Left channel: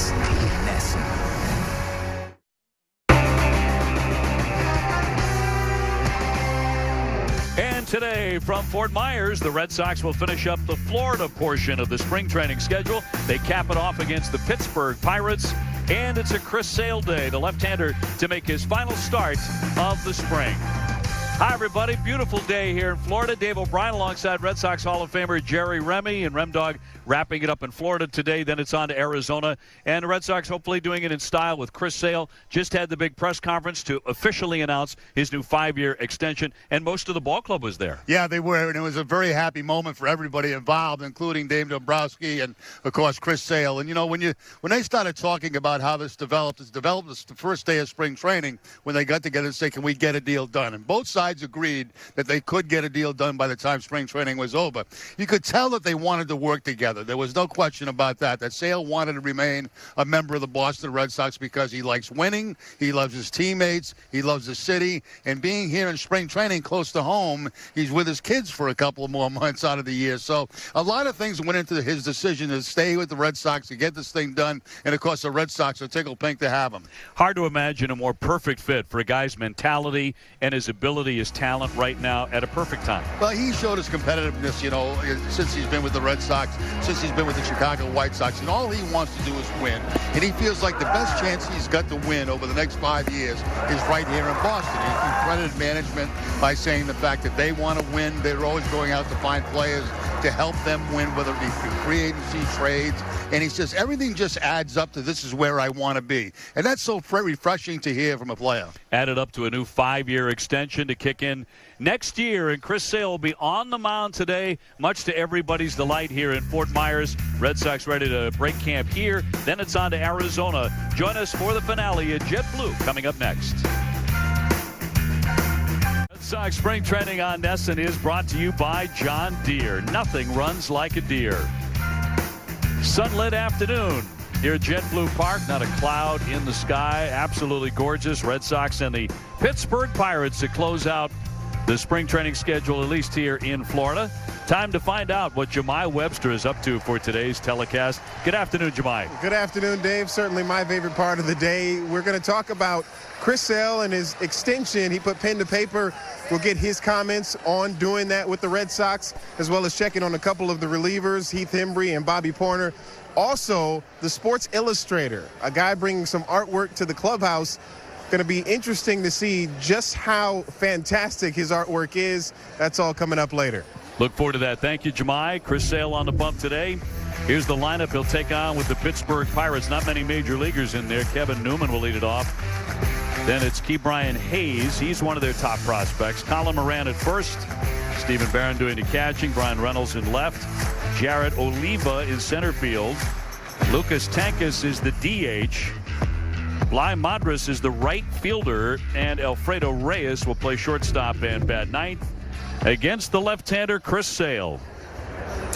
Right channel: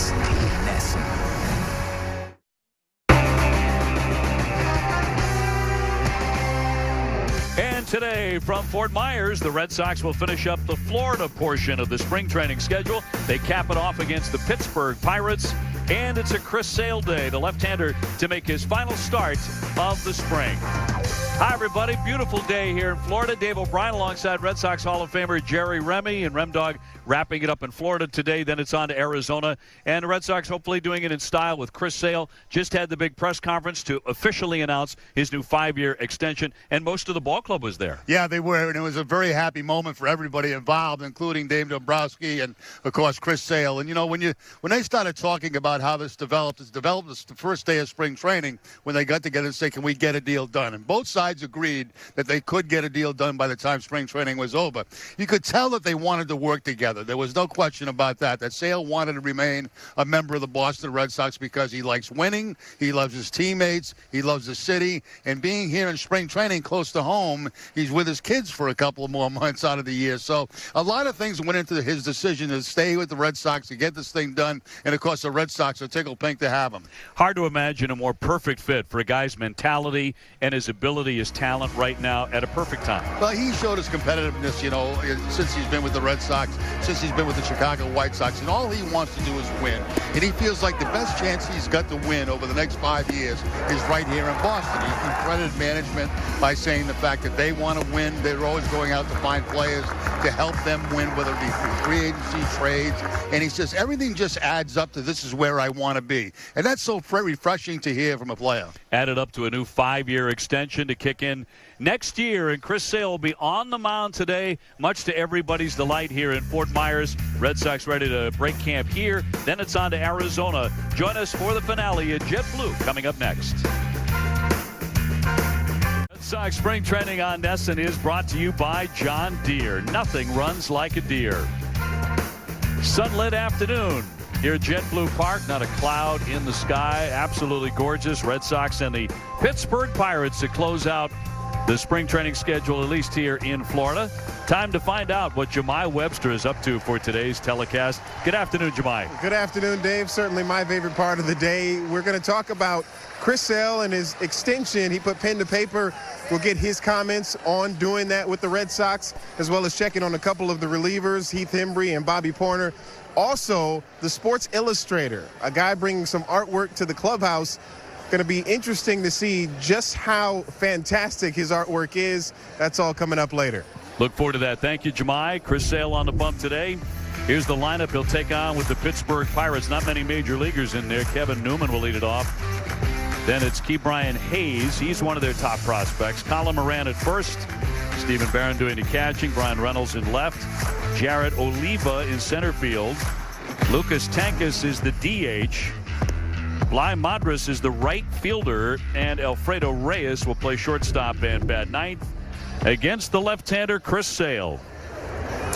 is NESN. And today from Fort Myers, the Red Sox will finish up the Florida portion of the spring training schedule. They cap it off against the Pittsburgh Pirates. And it's a Chris Sale day, the left-hander, to make his final start of the spring. Hi, everybody. Beautiful day here in Florida. Dave O'Brien alongside Red Sox Hall of Famer Jerry Remy and Remdog wrapping it up in Florida today. Then it's on to Arizona. And the Red Sox hopefully doing it in style with Chris Sale. Just had the big press conference to officially announce his new 5-year extension. And most of the ball club was there. Yeah, they were. And it was a very happy moment for everybody involved, including Dave Dombrowski and, of course, Chris Sale. And, you know, when they started talking about how this developed the first day of spring training when they got together and said, can we get a deal done? And both sides agreed that they could get a deal done by the time spring training was over. You could tell that they wanted to work together. There was no question about that Sale wanted to remain a member of the Boston Red Sox because he likes winning, he loves his teammates, he loves the city, and being here in spring training close to home, he's with his kids for a couple of more months out of the year. So a lot of things went into his decision to stay with the Red Sox, to get this thing done, and of course the Red Sox are tickled pink to have him. Hard to imagine a more perfect fit for a guy's mentality and his ability, his talent right now at a perfect time. Well, he showed his competitiveness, you know, since he's been with the Red Sox, since he's been with the Chicago White Sox, and all he wants to do is win. And he feels like the best chance he's got to win over the next 5 years is right here in Boston. He credited management by saying the fact that they want to win. They're always going out to find players to help them win, whether it be through free agency trades. And he says everything just adds up to this is where I want to be. And that's so very refreshing to hear from a player. Added up to a new 5-year extension to kick in next year, and Chris Sale will be on the mound today, much to everybody's delight here in Fort Myers. Red Sox ready to break camp here. Then it's on to Arizona. Join us for the finale at JetBlue coming up next. Red Sox spring training on NESN is brought to you by John Deere. Nothing runs like a deer. Sunlit afternoon here at JetBlue Park. Not a cloud in the sky. Absolutely gorgeous. Red Sox and the Pittsburgh Pirates to close out the spring training schedule, at least here in Florida. Time to find out what Jemai Webster is up to for today's telecast. Good afternoon, Jemai. Good afternoon, Dave. Certainly my favorite part of the day. We're going to talk about Chris Sale and his extension. He put pen to paper. We'll get his comments on doing that with the Red Sox, as well as checking on a couple of the relievers, Heath Hembree and Bobby Porter. Also, the Sports Illustrator, a guy bringing some artwork to the clubhouse. Going to be interesting to see just how fantastic his artwork is. That's all coming up later. Look forward to that. Thank you, Jemai. Chris Sale on the bump today. Here's the lineup he'll take on with the Pittsburgh Pirates. Not many major leaguers in there. Kevin Newman will lead it off. Then it's Ke'Bryan Hayes. He's one of their top prospects. Colin Moran at first. Stephen Barron doing the catching. Brian Reynolds in left. Jared Oliva in center field. Lucas Tankas is the DH. Bly Madras is the right fielder, and Alfredo Reyes will play shortstop and bat ninth against the left-hander Chris Sale.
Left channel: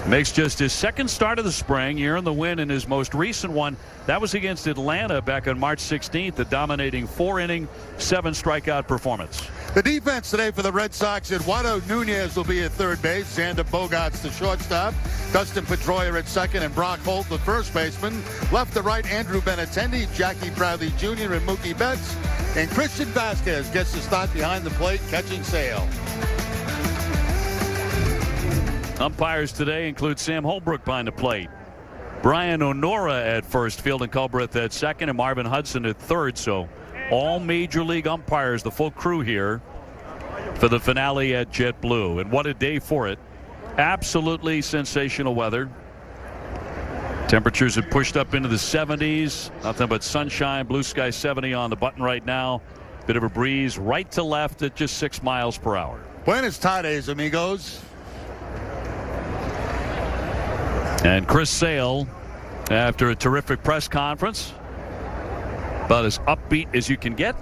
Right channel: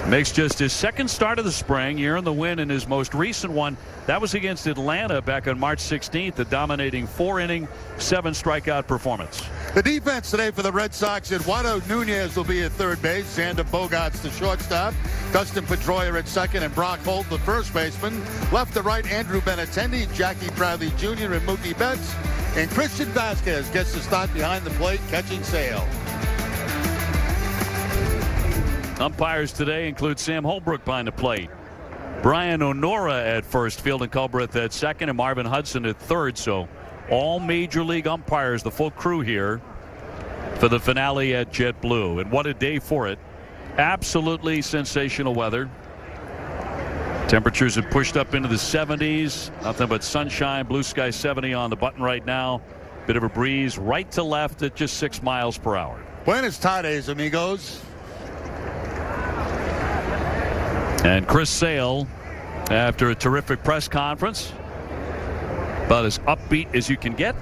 Makes just his second start of the spring. He earned the win in his most recent one. That was against Atlanta back on March 16th, a dominating 4-inning, 7-strikeout performance. The defense today for the Red Sox, Eduardo Nunez will be at third base, Xander Bogaerts the shortstop, Dustin Pedroia at second, and Brock Holt the first baseman. Left to right, Andrew Benintendi, Jackie Bradley Jr., and Mookie Betts. And Christian Vasquez gets the start behind the plate, catching Sale. Umpires today include Sam Holbrook behind the plate, Brian Onora at first, Field and Culbreth at second, and Marvin Hudson at third. So all major league umpires, the full crew here for the finale at JetBlue. And what a day for it. Absolutely sensational weather. Temperatures have pushed up into the 70s. Nothing but sunshine, blue sky 70 on the button right now. Bit of a breeze right to left at just 6 miles per hour. Buenas tardes, amigos. And Chris Sale, after a terrific press conference, about as upbeat as you can get,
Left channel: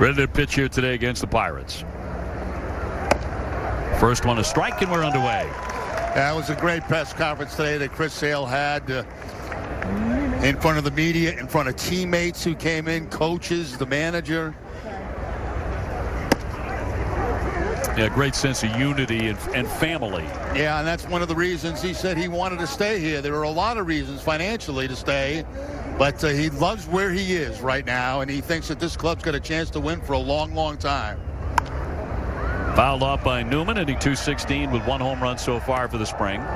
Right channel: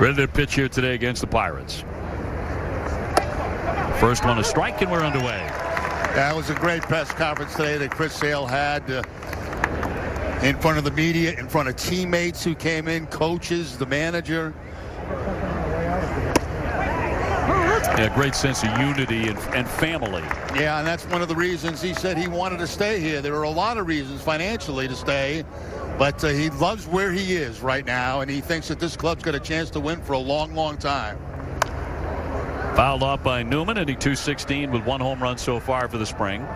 ready to pitch here today against the Pirates. First one a strike, and we're underway. That was a great press conference today that Chris Sale had in front of the media, in front of teammates who came in, coaches, the manager. Yeah, great sense of unity and family. Yeah, and that's one of the reasons he said he wanted to stay here. There are a lot of reasons financially to stay, but he loves where he is right now, and he thinks that this club's got a chance to win for a long, long time. Fouled off by Newman, hitting .216 with 1 home run so far for the spring.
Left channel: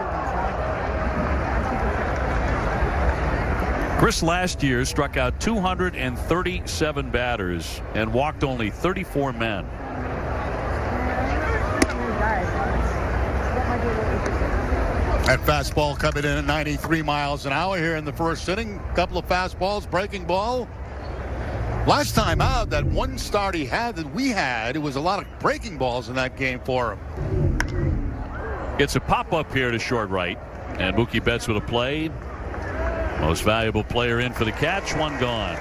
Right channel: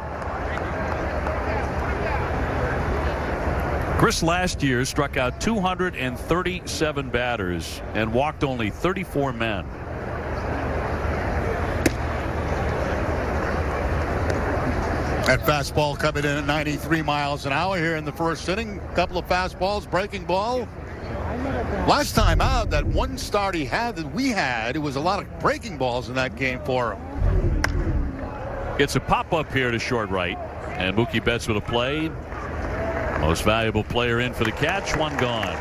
Chris last year struck out 237 batters and walked only 34 men. That fastball coming in at 93 miles an hour here in the first inning. Couple of fastballs, breaking ball. Last time out, that one start he had that we had, it was a lot of breaking balls in that game for him. Gets a pop-up here to short right. And Mookie Betts with a play. Most valuable player in for the catch. 1 gone.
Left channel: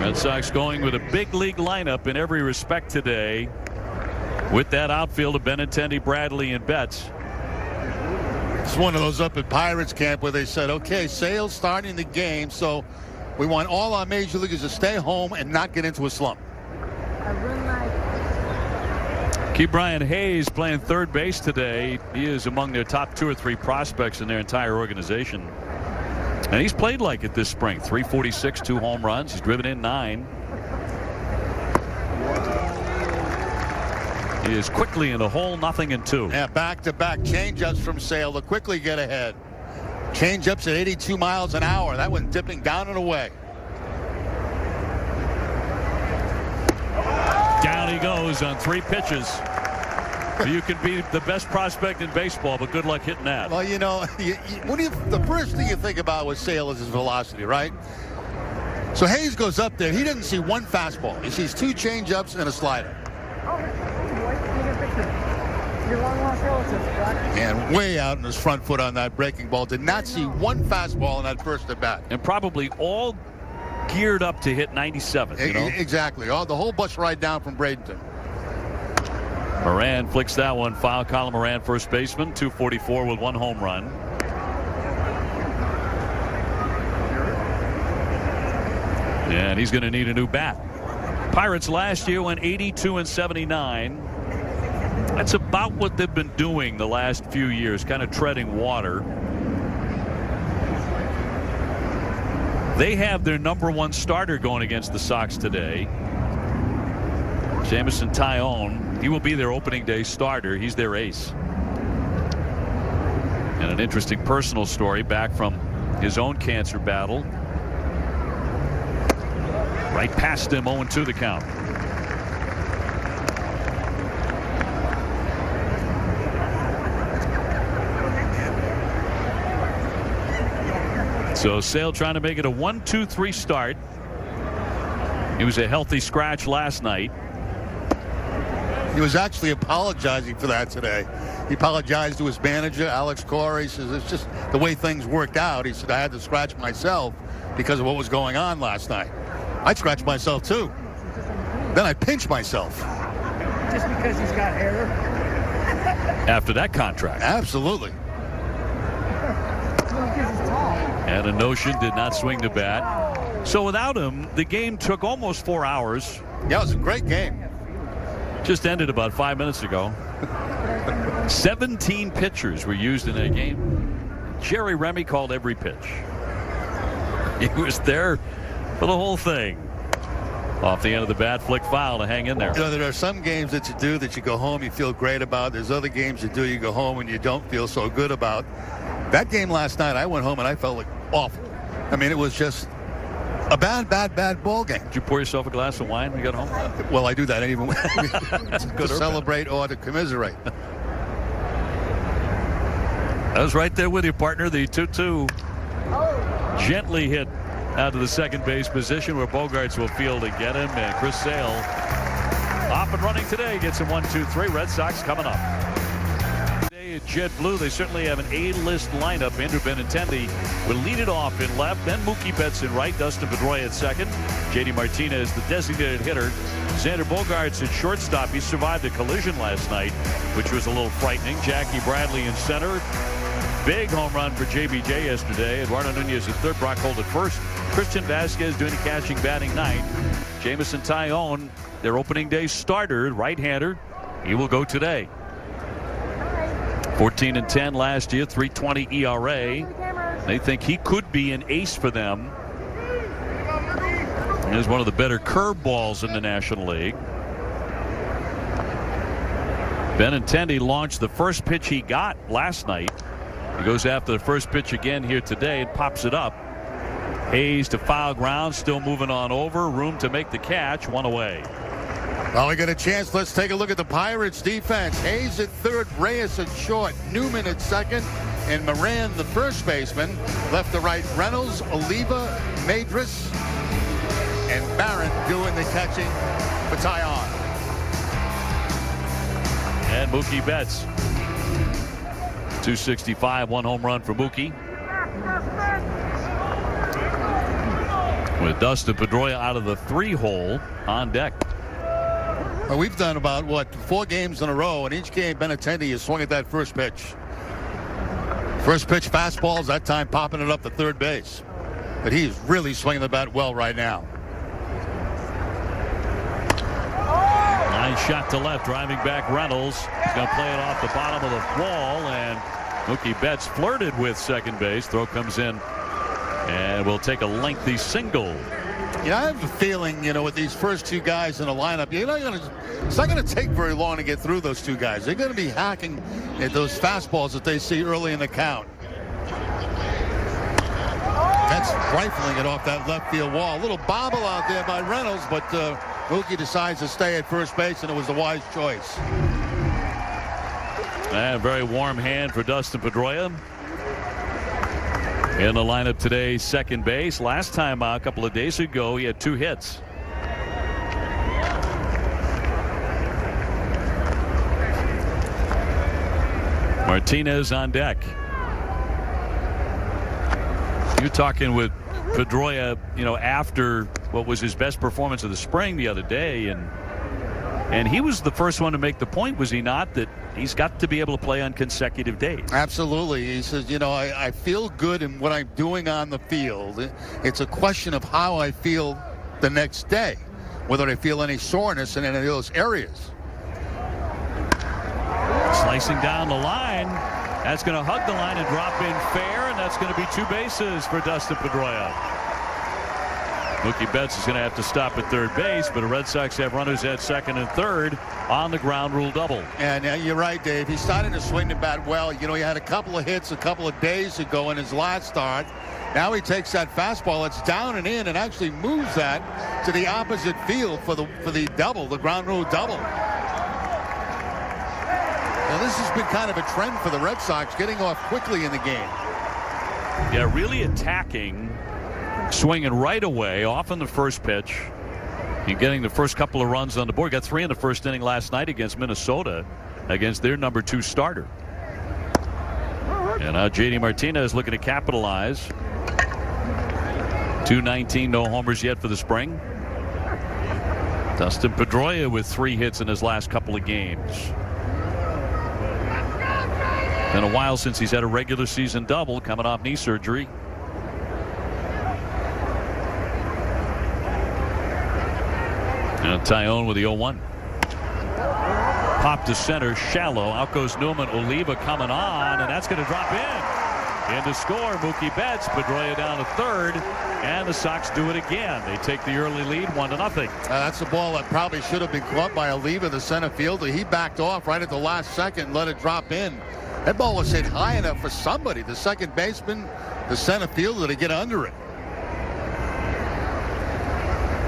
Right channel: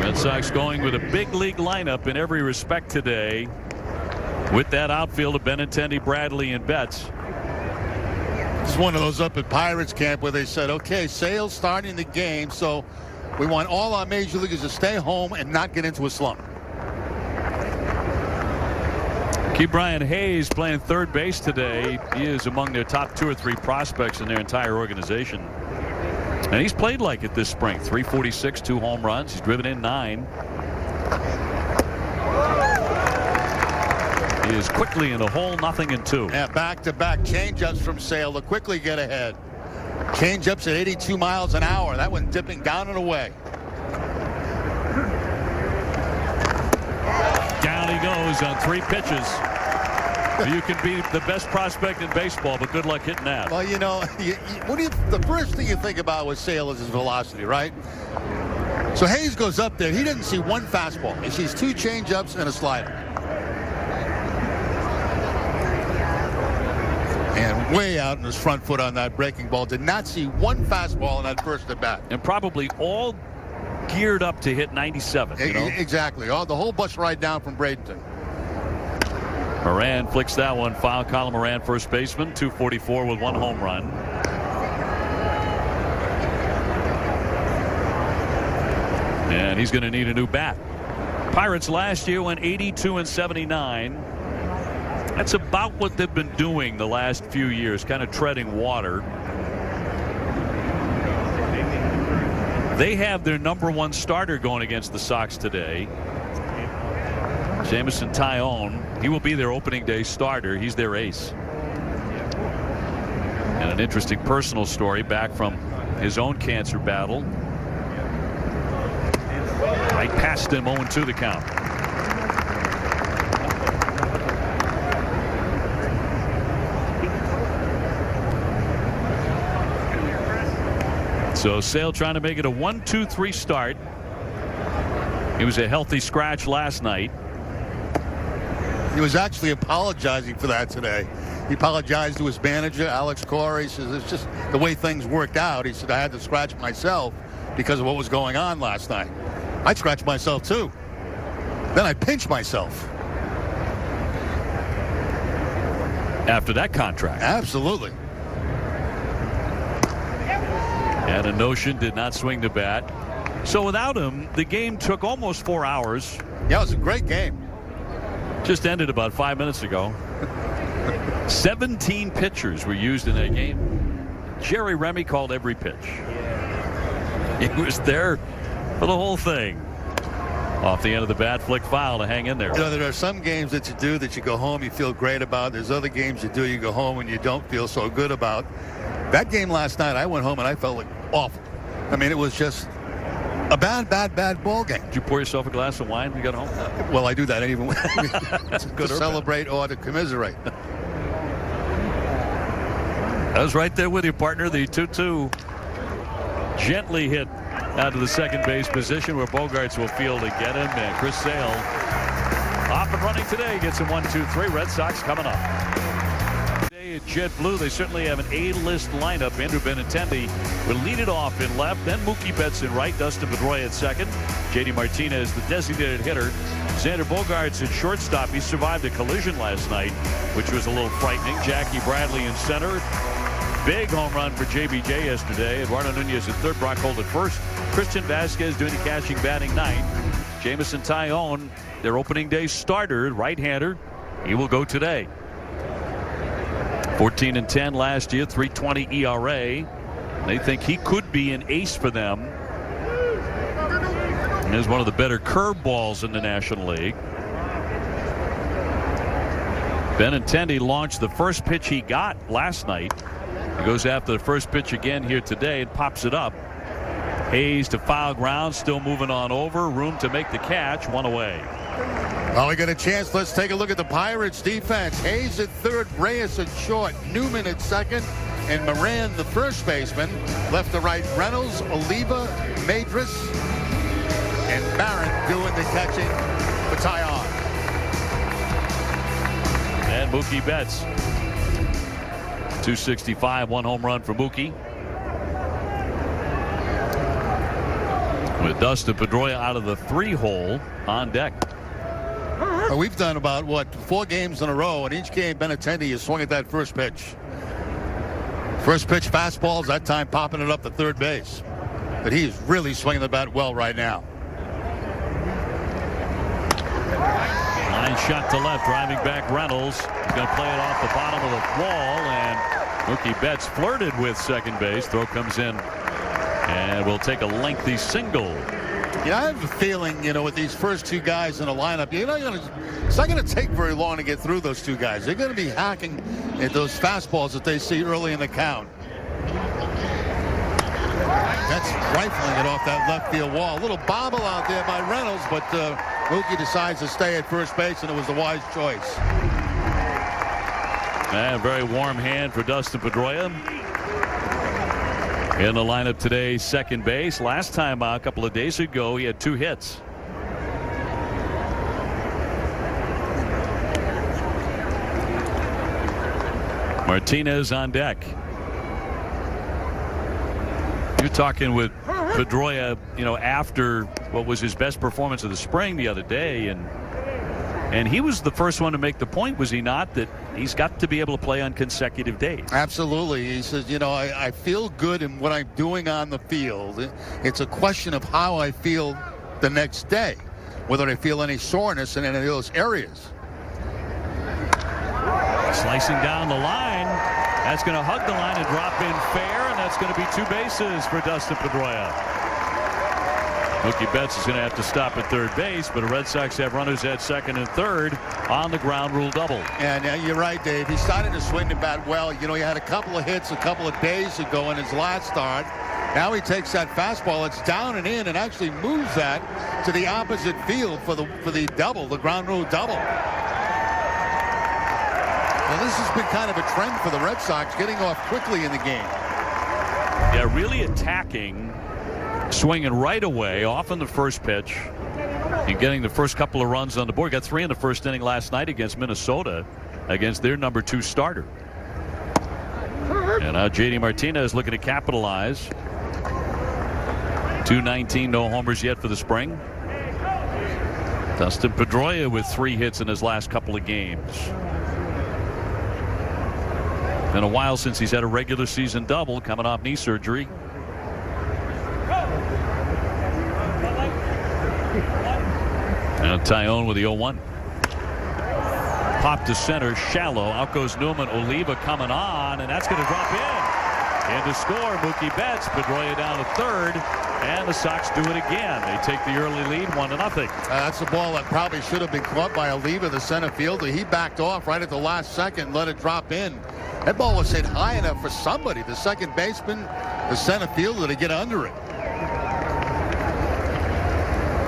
Red Sox going with a big league lineup in every respect today. With that outfield of Benintendi, Bradley, and Betts. It's one of those up at Pirates camp where they said, okay, Sale's starting the game, so we want all our major leaguers to stay home and not get into a slump. Ke'Bryan Hayes playing third base today. He is among their top 2 or 3 prospects in their entire organization. And he's played like it this spring. 346, 2 home runs. He's driven in 9. He is quickly in the hole, 0-2. Yeah, back-to-back changeups from Sale to quickly get ahead. Changeups at 82 miles an hour. That one dipping down and away. Down he goes on 3 pitches. You can be the best prospect in baseball, but good luck hitting that. Well, you know, the first thing you think about with Sale is his velocity, right? So Hayes goes up there. He didn't see 1 fastball. He sees 2 changeups and a slider. And way out in his front foot on that breaking ball. Did not see 1 fastball in that first at bat. And probably all geared up to hit 97. You know? Exactly. The whole bus ride down from Bradenton. Moran flicks that one foul. Colin Moran, first baseman, 244 with 1 home run. And he's going to need a new bat. Pirates last year went 82-79. That's about what they've been doing the last few years, kind of treading water. They have their #1 starter going against the Sox today. Jameson Taillon. He will be their opening day starter. He's their ace. And an interesting personal story back from his own cancer battle. Right past him, 0-2 the count. So Sale trying to make it a 1-2-3 start. He was a healthy scratch last night. He was actually apologizing for that today. He apologized to his manager, Alex Cora. He says, it's just the way things worked out. He said, I had to scratch myself because of what was going on last night. I scratched myself, too. Then I pinched myself. Just because he's got hair? After that contract. Absolutely. And a notion did not swing the bat. So without him, the game took almost 4 hours. Yeah, it was a great game. Just ended about 5 minutes ago. 17 pitchers were used in that game. Jerry Remy called every pitch. He was there for the whole thing. Off the end of the bat, flick foul to hang in there. You know, there are some games that you do that you go home, you feel great about. There's other games you do, you go home and you don't feel so good about. That game last night, I went home and I felt like awful. I mean, it was just a bad ball game. Did you pour yourself a glass of wine when you got home? Well, I do that even when To celebrate or to commiserate. I was right there with you, partner. The 2-2 gently hit out of the second base position where Bogaerts will field to get him. And Chris Sale off and running today. Gets him 1-2-3. Red Sox coming up. Today at Jet Blue, they certainly have an A-list lineup. Andrew Benintendi will lead it off in left. Then Mookie Betts in right. Dustin Pedroia at second. J.D. Martinez, the designated hitter. Xander Bogaerts at shortstop. He survived a collision last night, which was a little frightening. Jackie Bradley in center. Big home run for JBJ yesterday. Eduardo Nunez at third. Brock Holt at first. Christian Vasquez doing the catching, batting ninth. Jameson Taillon, their opening day starter, right-hander. He will go today. 14-10 last year, 3.20 ERA. They think he could be an ace for them. He is one of the better curveballs in the National League. Benintendi launched the first pitch he got last night. He goes after the first pitch again here today and pops it up. Hayes to foul ground, still moving on over. Room to make the catch, one away. Well, we got a chance. Let's take a look at the Pirates defense. Hayes at third, Reyes at short, Newman at second, and Moran, the first baseman. Left to right, Reynolds, Oliva, Madras, and Barron doing the catching for Taillon. And Mookie Betts. 265, one home run for Mookie. With Dustin Pedroia out of the 3-hole on deck. Well, we've done about, 4 games in a row, and each game Benintendi has swung at that first pitch. First pitch fastballs, that time popping it up to third base. But he's really swinging the bat well right now. Line shot to left, driving back Reynolds. He's going to play it off the bottom of the wall, and Mookie Betts flirted with second base. Throw comes in, and will take a lengthy single. Yeah, I have a feeling, with these first 2 guys in the lineup, it's not going to take very long to get through those 2 guys. They're going to be hacking at those fastballs that they see early in the count. That's rifling it off that left field wall. A little bobble out there by Reynolds, but Mookie decides to stay at first base, and it was the wise choice. A very warm hand for Dustin Pedroia. In the lineup today, second base. Last time a couple of days ago, he had 2 hits. Martinez on deck. You're talking with Pedroia, after what was his best performance of the spring the other day, and he was the first one to make the point, was he not, that he's got to be able to play on consecutive days. Absolutely. He says, I feel good in what I'm doing on the field. It's a question of how I feel the next day, whether I feel any soreness in any of those areas. Slicing down the line. That's going to hug the line and drop in fair, and that's going to be 2 bases for Dustin Pedroia. Mookie Betts is going to have to stop at third base, but the Red Sox have runners at second and third on the ground rule double. And you're right, Dave. He started to swing the bat well. He had a couple of hits a couple of days ago in his last start. Now he takes that fastball. It's down and in, and actually moves that to the opposite field for the double, the ground rule double. Well, this has been kind of a trend for the Red Sox, getting off quickly in the game. Yeah, really attacking, swinging right away off in the first pitch and getting the first couple of runs on the board. Got 3 in the first inning last night against Minnesota, against their number 2 starter. And now J.D. Martinez looking to capitalize. 219, no homers yet for the spring. Dustin Pedroia with 3 hits in his last couple of games. Been a while since he's had a regular season double, coming off knee surgery. And Taillon with the 0-1. Pop to center, shallow. Out goes Newman. Oliva coming on, and that's going to drop in. In to score, Mookie Betts. Pedroia down to third, and the Sox do it again. They take the early lead, 1-0. That's the ball that probably should have been caught by Oliva, the center fielder. He backed off right at the last second and let it drop in. That ball was hit high enough for somebody, the second baseman, the center fielder, to get under it.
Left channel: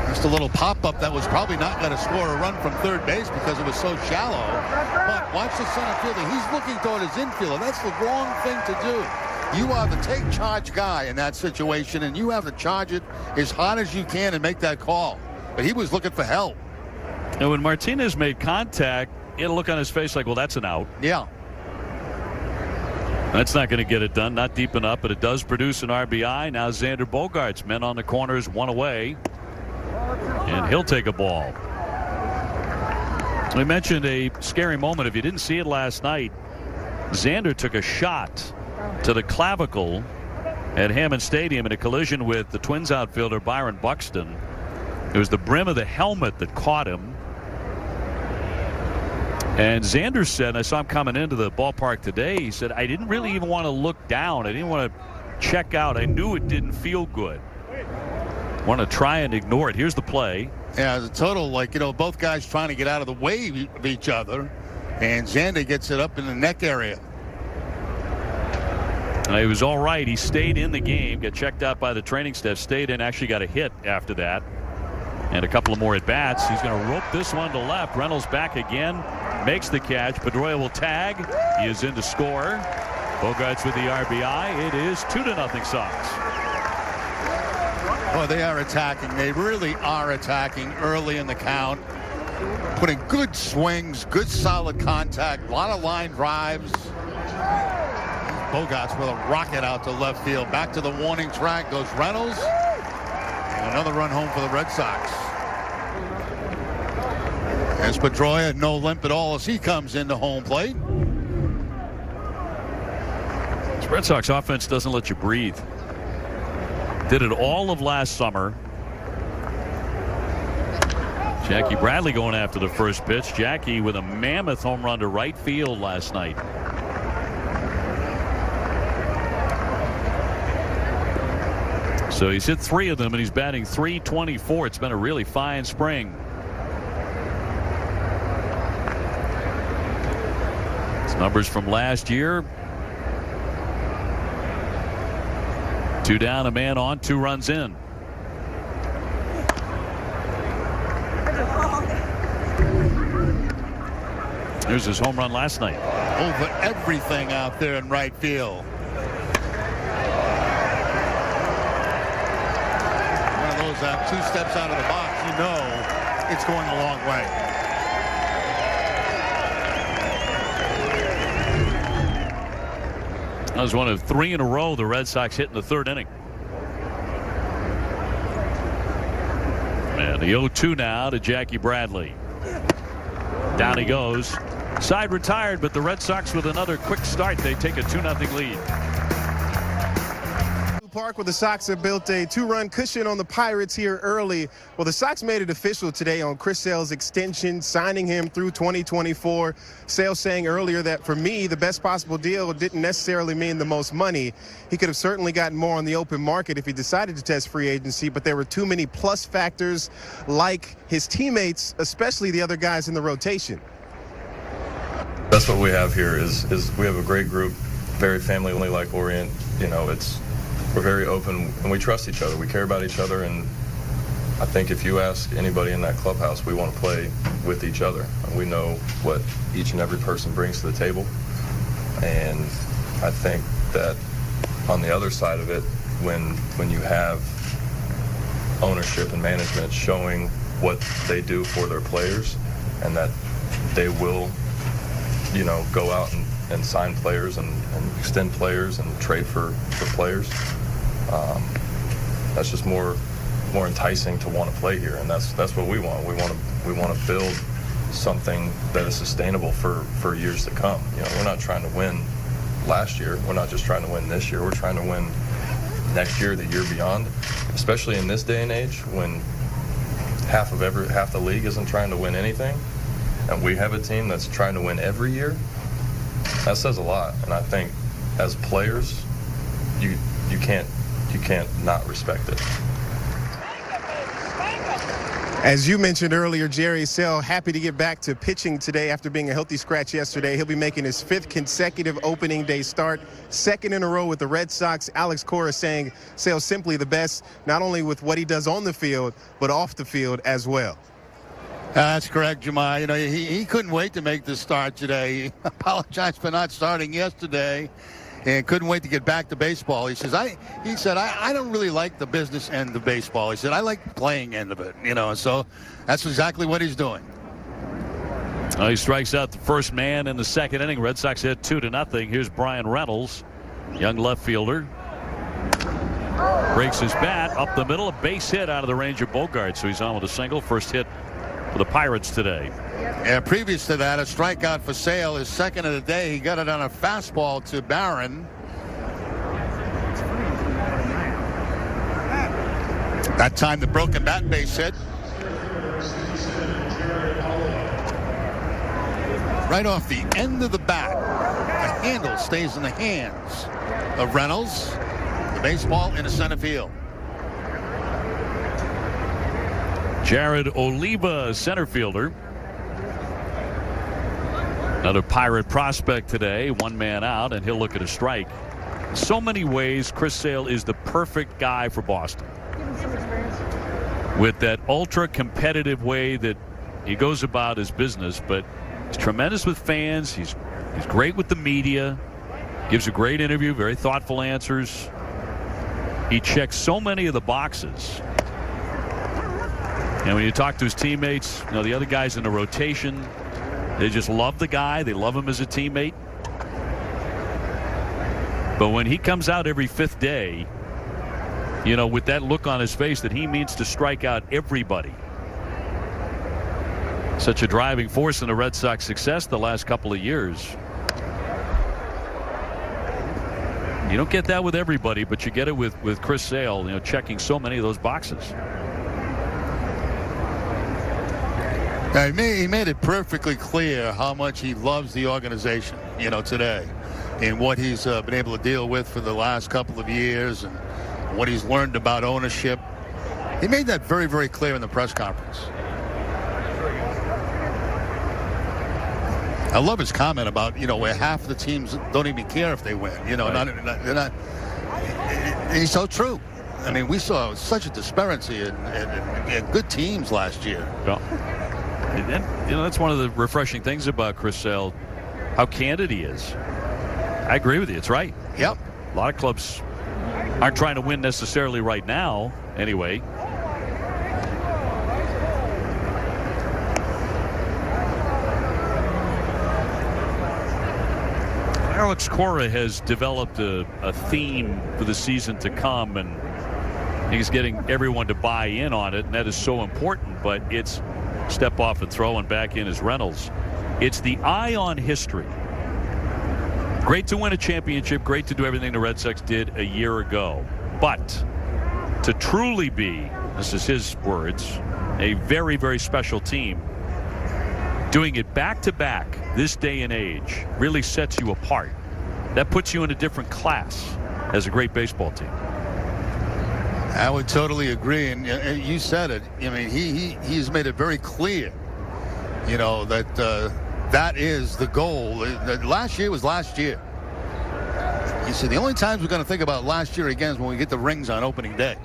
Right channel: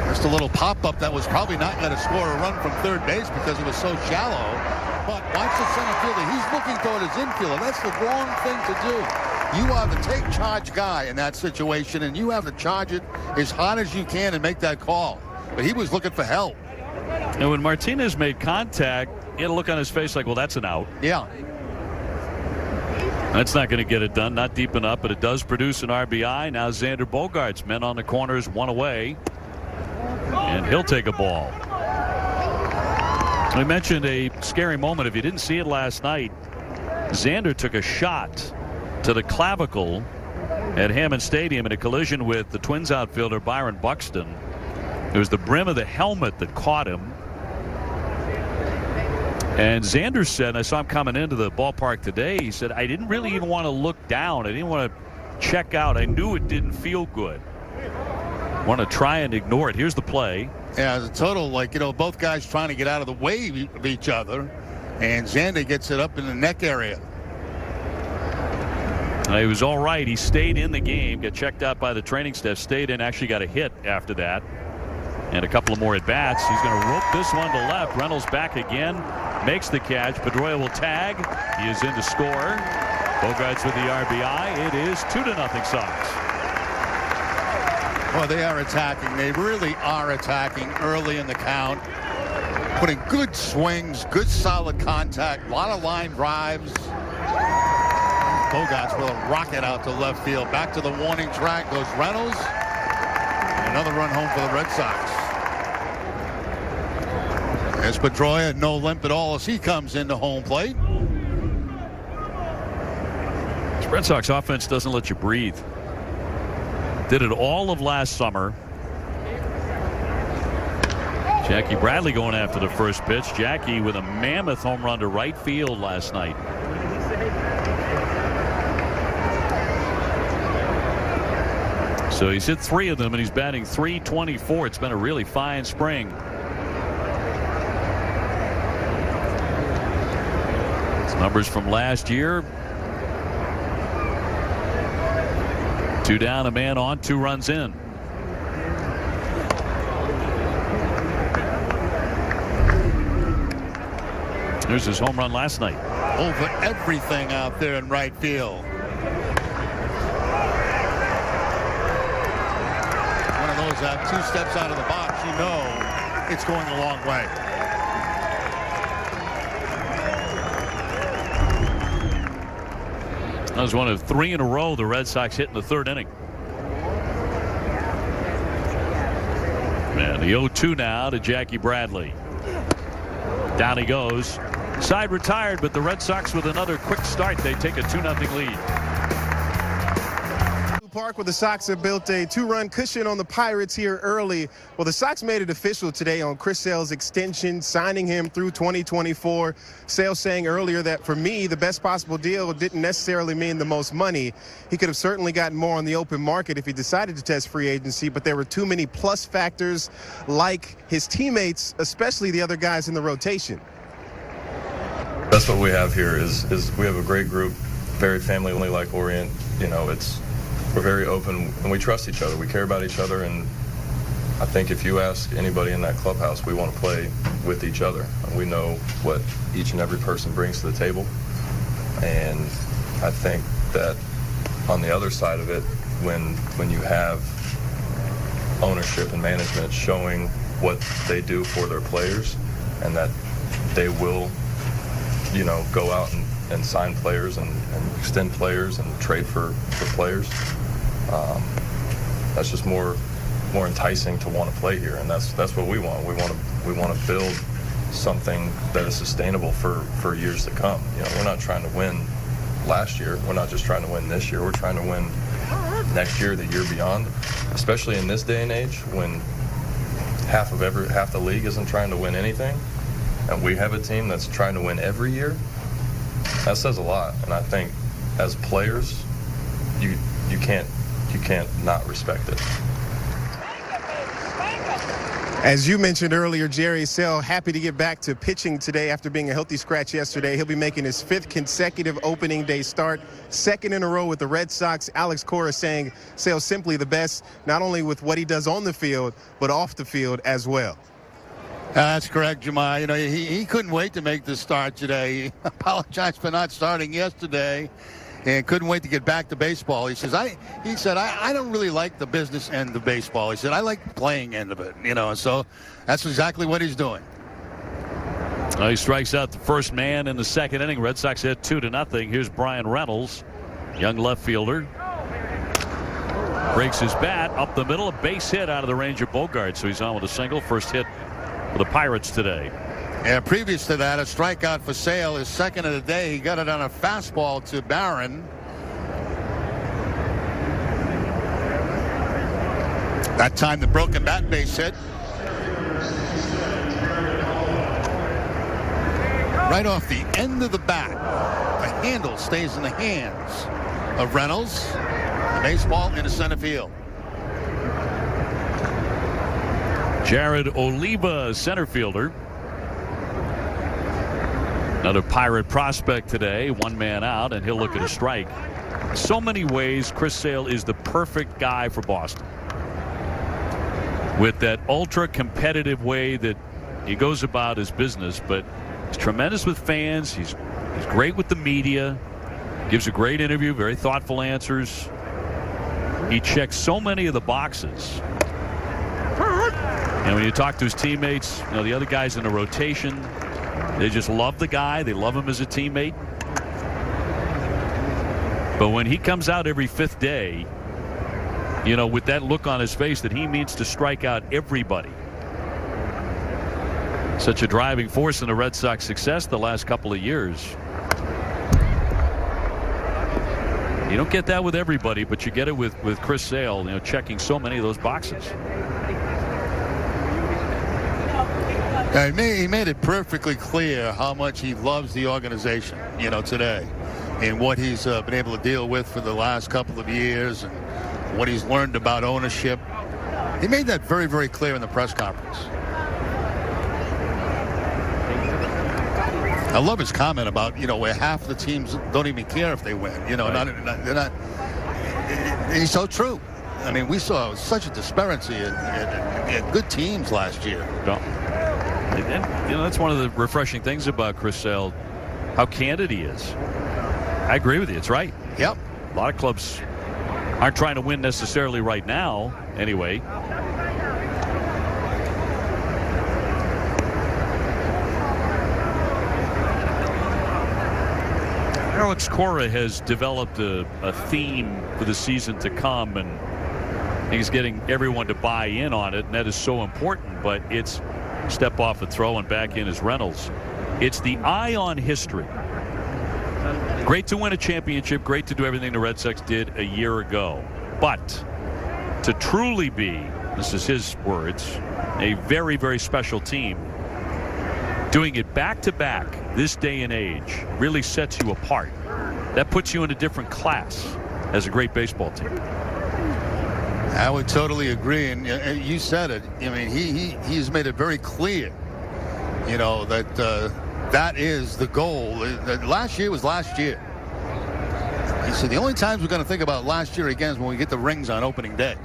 Just a little pop-up that was probably not going to score a run from third base because it was so shallow. But watch the center fielder. He's looking toward his infielder. That's the wrong thing to do. You are the take-charge guy in that situation, and you have to charge it as hard as you can and make that call. But he was looking for help. And when Martinez made contact, he had a look on his face like, well, that's an out. Yeah. That's not going to get it done, not deep enough, but it does produce an RBI. Now Xander Bogaerts, men on the corners, 1 away, and he'll take a ball. We mentioned a scary moment. If you didn't see it last night, Xander took a shot to the clavicle at Hammond Stadium in a collision with the Twins outfielder Byron Buxton. It was the brim of the helmet that caught him. And Xander said, I saw him coming into the ballpark today, he said, I didn't really even want to look down. I didn't want to check out. I knew it didn't feel good. Want to try and ignore it. Here's the play. Yeah, the total, both guys trying to get out of the way of each other. And Xander gets it up in the neck area. He was all right. He stayed in the game, got checked out by the training staff, stayed in, actually got a hit after that. And a couple of more at-bats. He's going to rope this one to left. Reynolds back again. Makes the catch. Pedroia will tag. He is in to score. Bogaerts with the RBI. It is 2-0 Sox. Well, they are attacking. They really are attacking early in the count. Putting good swings, good solid contact, a lot of line drives. Bogaerts with a rocket out to left field. Back to the warning track goes Reynolds. And another run home for the Red Sox. As Pedroia, no limp at all as he comes into home plate. This Red Sox offense doesn't let you breathe. Did it all of last summer. Jackie Bradley going after the first pitch. Jackie with a mammoth home run to right field last night. So he's hit 3 of them, and he's batting .324. It's been a really fine spring. His numbers from last year. 2 down, a man on, 2 runs in. There's his home run last night. Over everything out there in right field. One of those 2 steps out of the box, it's going a long way. That was one of 3 in a row the Red Sox hit in the 3rd inning. And the 0-2 now to Jackie Bradley. Down he goes. Side retired, but the Red Sox with another quick start. They take a 2-0 lead. Park, where the Sox have built a 2-run cushion on the Pirates here early. Well, the Sox made it official today on Chris Sale's extension, signing him through 2024. Sale saying earlier that for me, the best possible deal didn't necessarily mean the most money. He could have certainly gotten more on the open market if he decided to test free agency, but there were too many plus factors like his teammates, especially the other guys in the rotation. That's what we have here is we have a great group, very family-like orient. We're very open and we trust each other. We care about each other, and I think if you ask anybody in that clubhouse, we want to play with each other. And we know what each and every person brings to the table. And I think that on the other side of it, when you have ownership and management showing what they do for their players and that they will, go out and sign players and extend players and trade for players, that's just more enticing to want to play here, and that's what we want. We want to build something that is sustainable for years to come. We're not trying to win last year. We're not just trying to win this year. We're trying to win next year, the year beyond, especially in this day and age when half the league isn't trying to win anything, and we have a team that's trying to win every year. That says a lot, and I think as players, you can't not respect it. As you mentioned earlier, Jerry Sale happy to get back to pitching today after being a healthy scratch yesterday. He'll be making his 5th consecutive opening day start, 2nd in a row with the Red Sox. Alex Cora saying Sale's simply the best, not only with what he does on the field, but off the field as well. That's correct, Jamal. He couldn't wait to make the start today. He apologized for not starting yesterday and couldn't wait to get back to baseball. He said, I don't really like the business end of baseball. He said, I like the playing end of it, so that's exactly what he's doing. He strikes out the first man in the 2nd inning. Red Sox hit 2-0. Here's Brian Reynolds, young left fielder. Breaks his bat up the middle, a base hit out of the range of Bogaerts. So he's on with a single. First hit for the Pirates today. Yeah, previous to that, a strikeout for Sale, his 2nd of the day. He got it on a fastball to Barron. That time the broken bat base hit. right off the end of the bat. The handle stays in the hands of Reynolds. The baseball into center field. Jared Oliva, center fielder. Another Pirate prospect today. One man out, and he'll look at a strike. In so many ways, Chris Sale is the perfect guy for Boston. With that ultra-competitive way that he goes about his business, but he's tremendous with fans. He's great with the media. Gives a great interview, very thoughtful answers. He checks so many of the boxes. And when you talk to his teammates, the other guys in the rotation, they just love the guy. They love him as a teammate. But when he comes out every fifth day, with that look on his face that he means to strike out everybody. Such a driving force in the Red Sox success the last couple of years. You don't get that with everybody, but you get it with Chris Sale, checking so many of those boxes. He made it perfectly clear how much he loves the organization, today, and what he's been able to deal with for the last couple of years and what he's learned about ownership. He made that very, very clear in the press conference. I love his comment about, where half of the teams don't even care if they win. They're not. He's so true. I mean, we saw such a disparity in good teams last year. Yeah. And, that's one of the refreshing things about Chris Sale, how candid he is. I agree with you. It's right. Yep. A lot of clubs aren't trying to win necessarily right now, anyway. Alex Cora has developed a theme for the season to come, and he's getting everyone to buy in on it, and that is so important. But it's step off and throw and back in as Reynolds. It's the eye on history. Great to win a championship, great to do everything the Red Sox did a year ago. But to truly be, this is his words, a very, very special team, doing it back-to-back this day and age really sets you apart. That puts you in a different class as a great baseball team. I would totally agree, and you said it. I mean, he's made it very clear, that that is the goal. Last year was last year. He said the only times we're going to think about last year again is when we get the rings on opening day.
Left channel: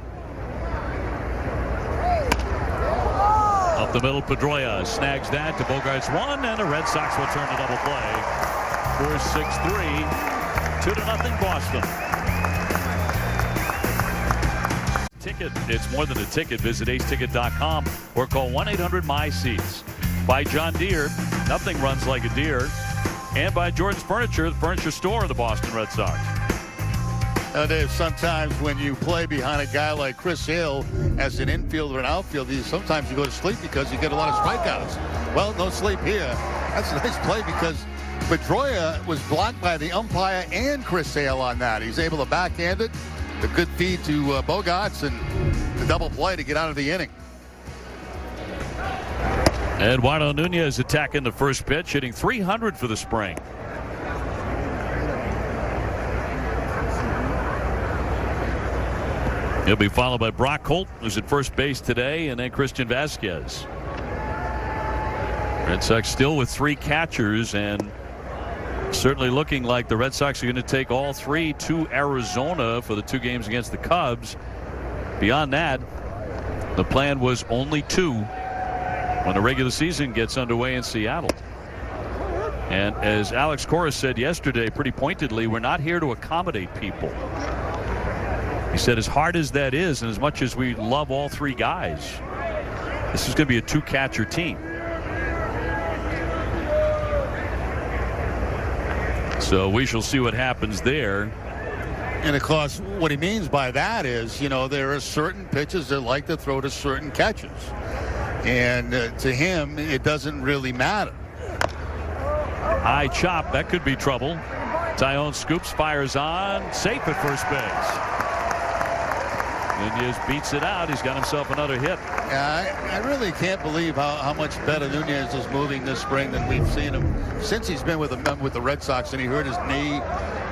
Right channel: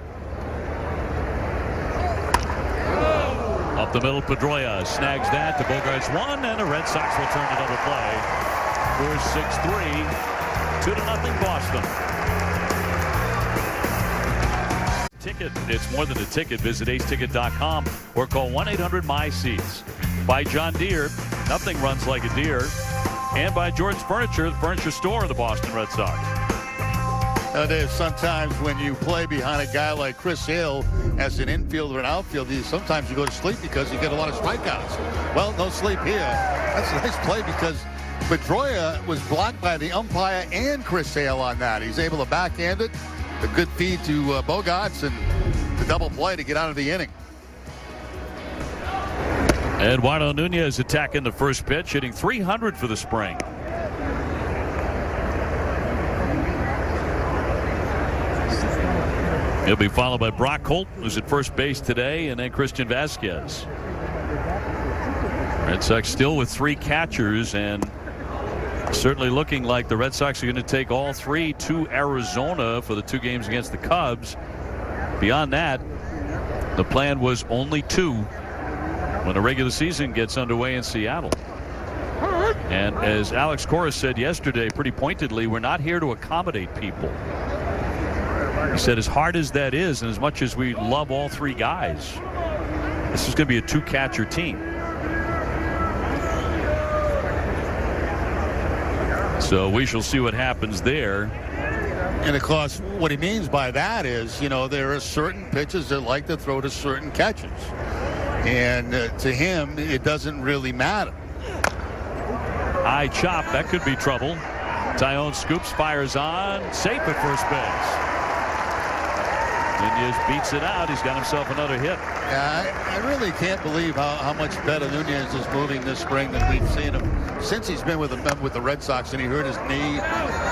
Up the middle, Pedroia snags that to Bogaerts one, and the Red Sox will turn to double play. 4-6-3, 2-0 Boston. Ticket. It's more than a ticket. Visit aceticket.com or call 1-800-MY-SEATS. By John Deere, nothing runs like a deer. And by Jordan's Furniture, the furniture store of the Boston Red Sox. There's sometimes when you play behind a guy like Chris Sale as an infielder and outfielder, sometimes you go to sleep because you get a lot of strikeouts. Well, no sleep here. That's a nice play because Pedroia was blocked by the umpire and Chris Sale on that. He's able to backhand it. A good feed to Bogaerts and the double play to get out of the inning. Eduardo Nunez attacking the first pitch, hitting 300 for the spring. He'll be followed by Brock Holt, who's at first base today, and then Christian Vasquez. Red Sox still with three catchers, and certainly looking like the Red Sox are going to take all three to Arizona for the 2 games against the Cubs. Beyond that, the plan was only 2 when the regular season gets underway in Seattle. And as Alex Cora said yesterday pretty pointedly, we're not here to accommodate people. He said as hard as that is, and as much as we love all 3 guys, this is going to be a 2-catcher team. So we shall see what happens there. And, of course, what he means by that is, there are certain pitches that like to throw to certain catchers. And to him, it doesn't really matter. High chop. That could be trouble. Tyone scoops, fires on. Safe at first base. Nunez beats it out. He's got himself another hit. Yeah, I really can't believe how much better Nunez is moving this spring than we've seen him since he's been with the Red Sox, and he hurt his knee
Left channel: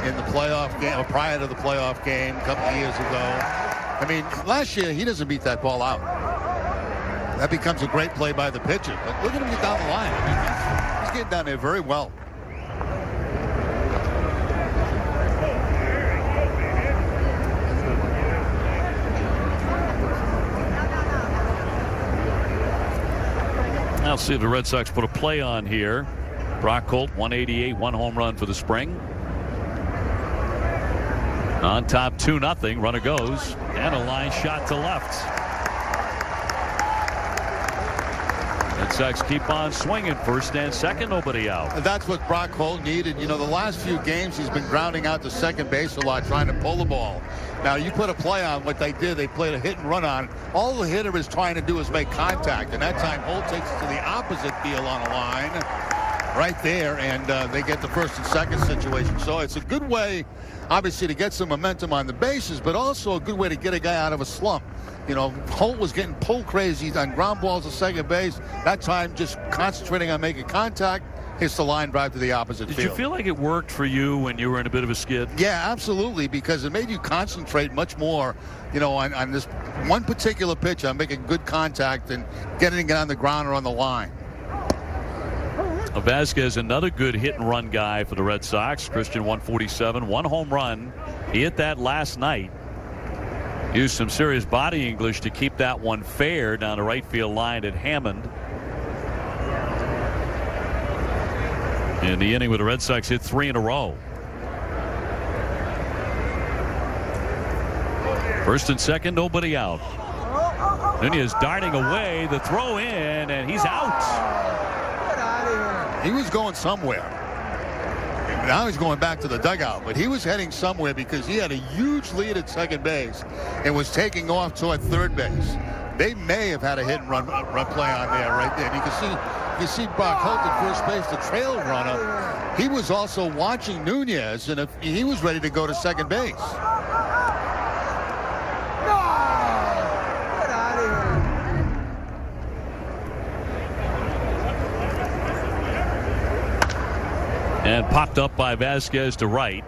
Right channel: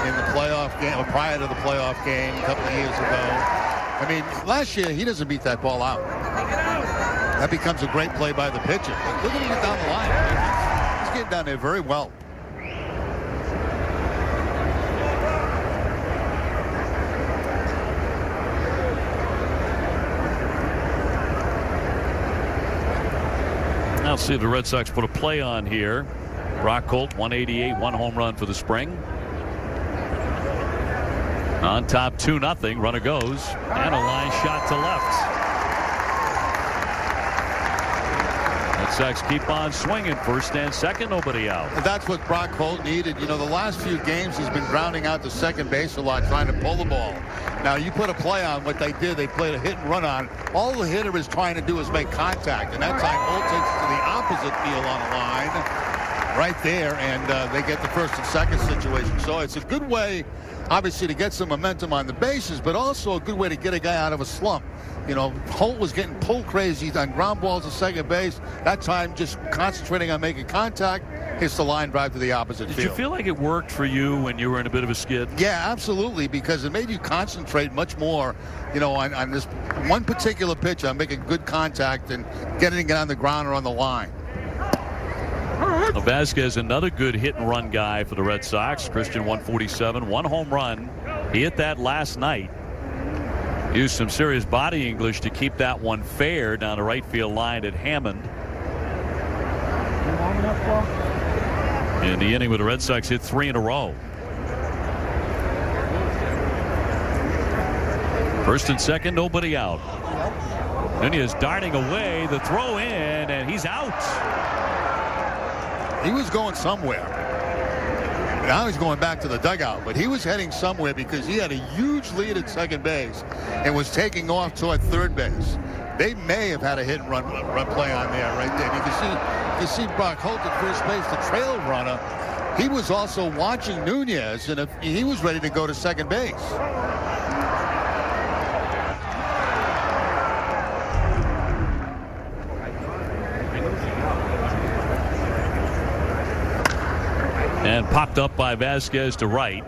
in the playoff game, or prior to the playoff game a couple of years ago. I mean, last year he doesn't beat that ball out. That becomes a great play by the pitcher. But look at him get down the line. I mean, he's getting down there very well. I'll see if the Red Sox put a play on here. Brock Holt, 188, 1 home run for the spring. On top 2-0. Runner goes. And a line shot to left. Red Sox keep on swinging. First and second, nobody out. And that's what Brock Holt needed. You know, the last few games he's been grounding out to second base a lot, trying to pull the ball. Now, you put a play on what they did. They played a hit and run on. All the hitter is trying to do is make contact. And that time, Holt takes it to the opposite field on a line right there. And they get the first and second situation. So it's a good way, obviously, to get some momentum on the bases, but also a good way to get a guy out of a slump. You know, Holt was getting pull crazy on ground balls to second base. That time, just concentrating on making contact, hits the line drive to the opposite field. Did you feel like it worked for you when you were in a bit of a skid? Yeah, absolutely, because it made you concentrate much more, you know, on this one particular pitch, on making good contact and getting it on the ground or on the line. Vasquez, another good hit and run guy for the Red Sox. Christian, 147, 1 home run. He hit that last night. Used some serious body English to keep that one fair down the right field line at Hammond. In the inning where the Red Sox hit 3 in a row. First and second, nobody out. Nunez darting away, the throw in, and he's out. He was going somewhere. Now he's going back to the dugout, but he was heading somewhere because he had a huge lead at second base and was taking off toward third base. They may have had a hit and run play on there right there. And you see Brock Holt at first base, the trail runner. He was also watching Nunez, and he was ready to go to second base. And popped up by Vasquez to right.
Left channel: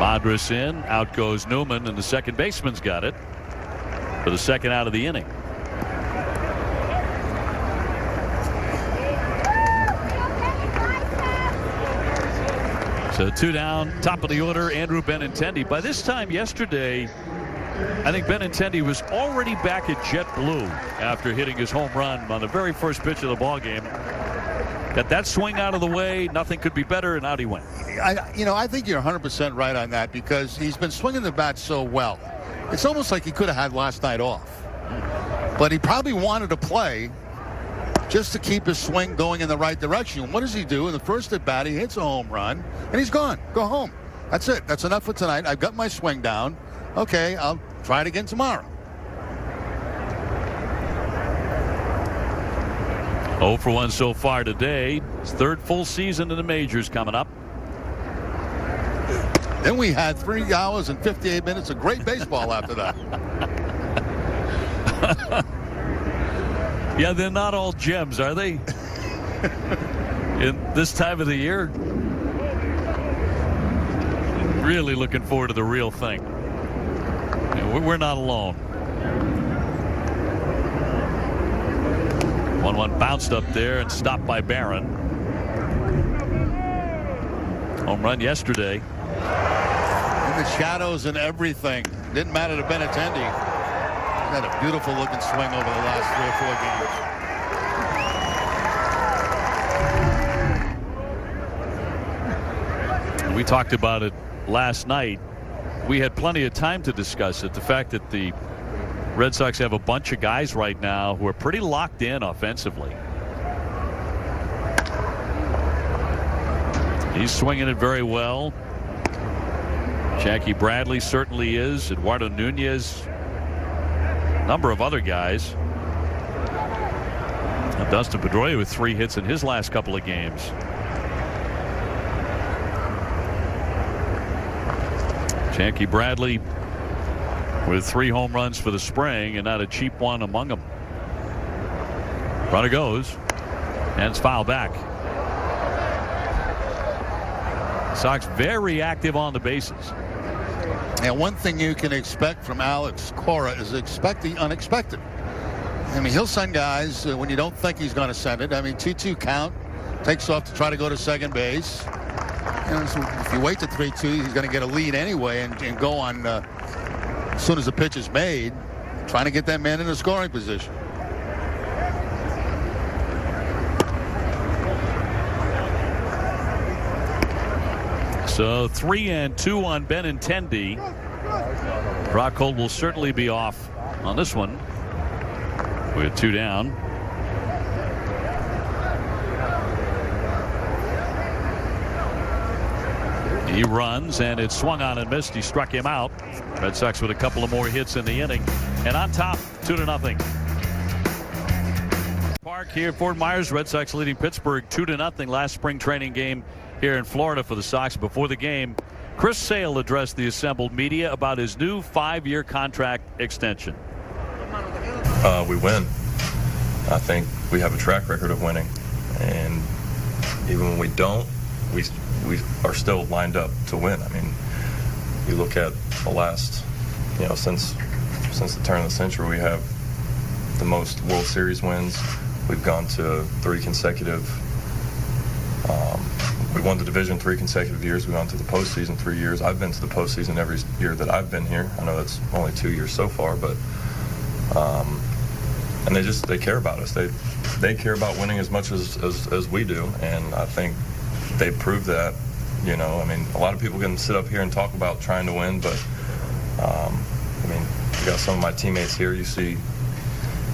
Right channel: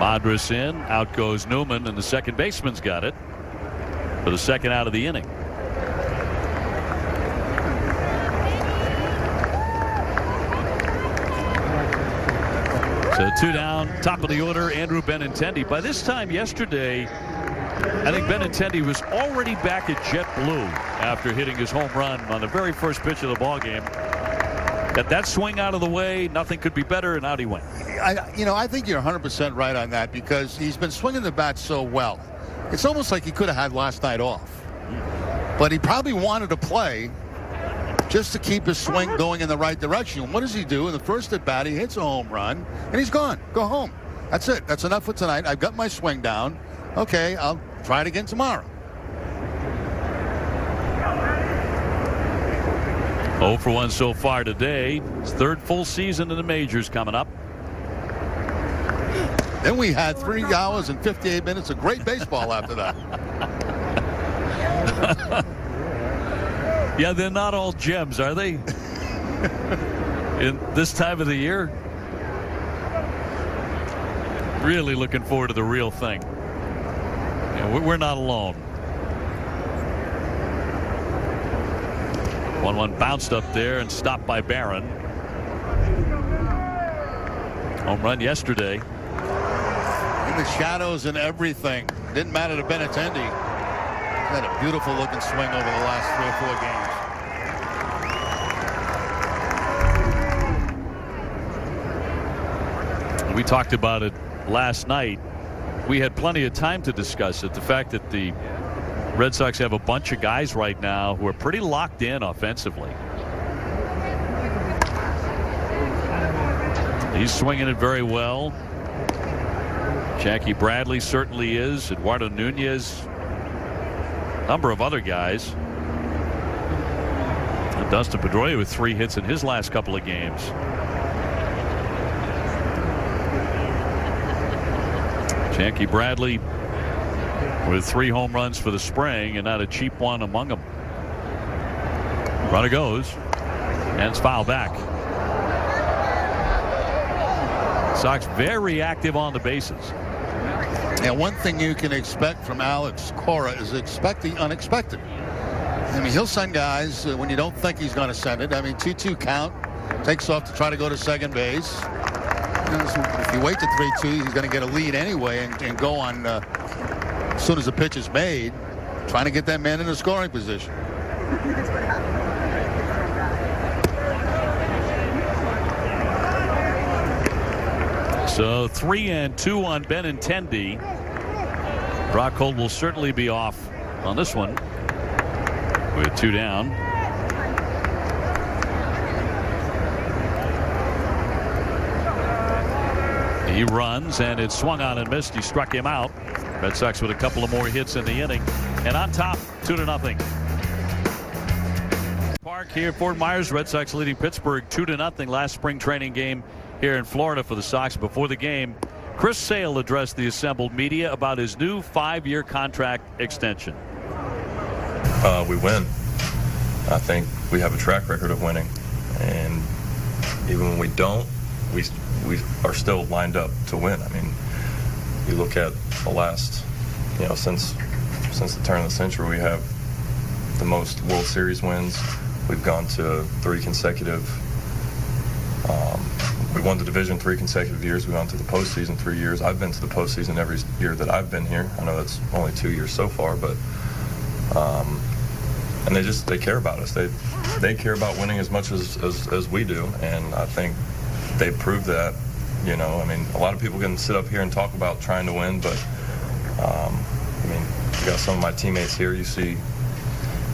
Madras in. Out goes Newman, and the second baseman's got it for the second out of the inning. So 2 down, top of the order, Andrew Benintendi. By this time yesterday, I think Benintendi was already back at JetBlue after hitting his home run on the very first pitch of the ball game. Got that swing out of the way, nothing could be better, and out he went. I think you're 100% right on that because he's been swinging the bat so well. It's almost like he could have had last night off. But he probably wanted to play just to keep his swing going in the right direction. What does he do? In the first at bat, he hits a home run, and he's gone. Go home. That's it. That's enough for tonight. I've got my swing down. Okay, I'll try it again tomorrow. 0 for 1 so far today. His third full season in the majors coming up. Then we had 3 hours and 58 minutes of great baseball after that. Yeah, they're not all gems, are they? In this time of the year? Really looking forward to the real thing. We're not alone. 1-1 bounced up there and stopped by Barron. Home run yesterday. In the shadows and everything. Didn't matter to Benintendi. He's had a beautiful looking swing over the last 3 or 4 games. We talked about it last night. We had plenty of time to discuss it. The fact that the Red Sox have a bunch of guys right now who are pretty locked in offensively. He's swinging it very well. Jackie Bradley certainly is. Eduardo Nunez. A number of other guys. And Dustin Pedroia with 3 hits in his last couple of games. Jackie Bradley with 3 home runs for the spring, and not a cheap one among them. Runner goes, and it's fouled back. Sox very active on the bases. And one thing you can expect from Alex Cora is expect the unexpected. I mean, he'll send guys when you don't think he's going to send it. I mean, 2-2 count, takes off to try to go to second base. You know, so if you wait to 3-2, he's going to get a lead anyway and go on as soon as the pitch is made, trying to get that man in a scoring position. So 3-2 on Benintendi. Brock Holt will certainly be off on this one with 2 down. He runs, and it's swung on and missed. He struck him out. Red Sox with a couple of more hits in the inning, and on top, 2-0. Park here at Fort Myers. Red Sox leading Pittsburgh 2-0 last spring training game here in Florida for the Sox. Before the game, Chris Sale addressed the assembled media about his new 5-year contract extension. We win. I think we have a track record of winning, and even when we don't, we are still lined up to win. I mean, you look at the last, since the turn of the century, we have the most World Series wins. We've gone to 3 consecutive. We won the division 3 consecutive years. We've gone to the postseason 3 years. I've been to the postseason every year that I've been here. I know that's only 2 years so far, but and they care about us. They care about winning as much as we do, and I think they proved that. I mean, a lot of people can sit up here and talk about trying to win, but I mean, you got some of my teammates here. You see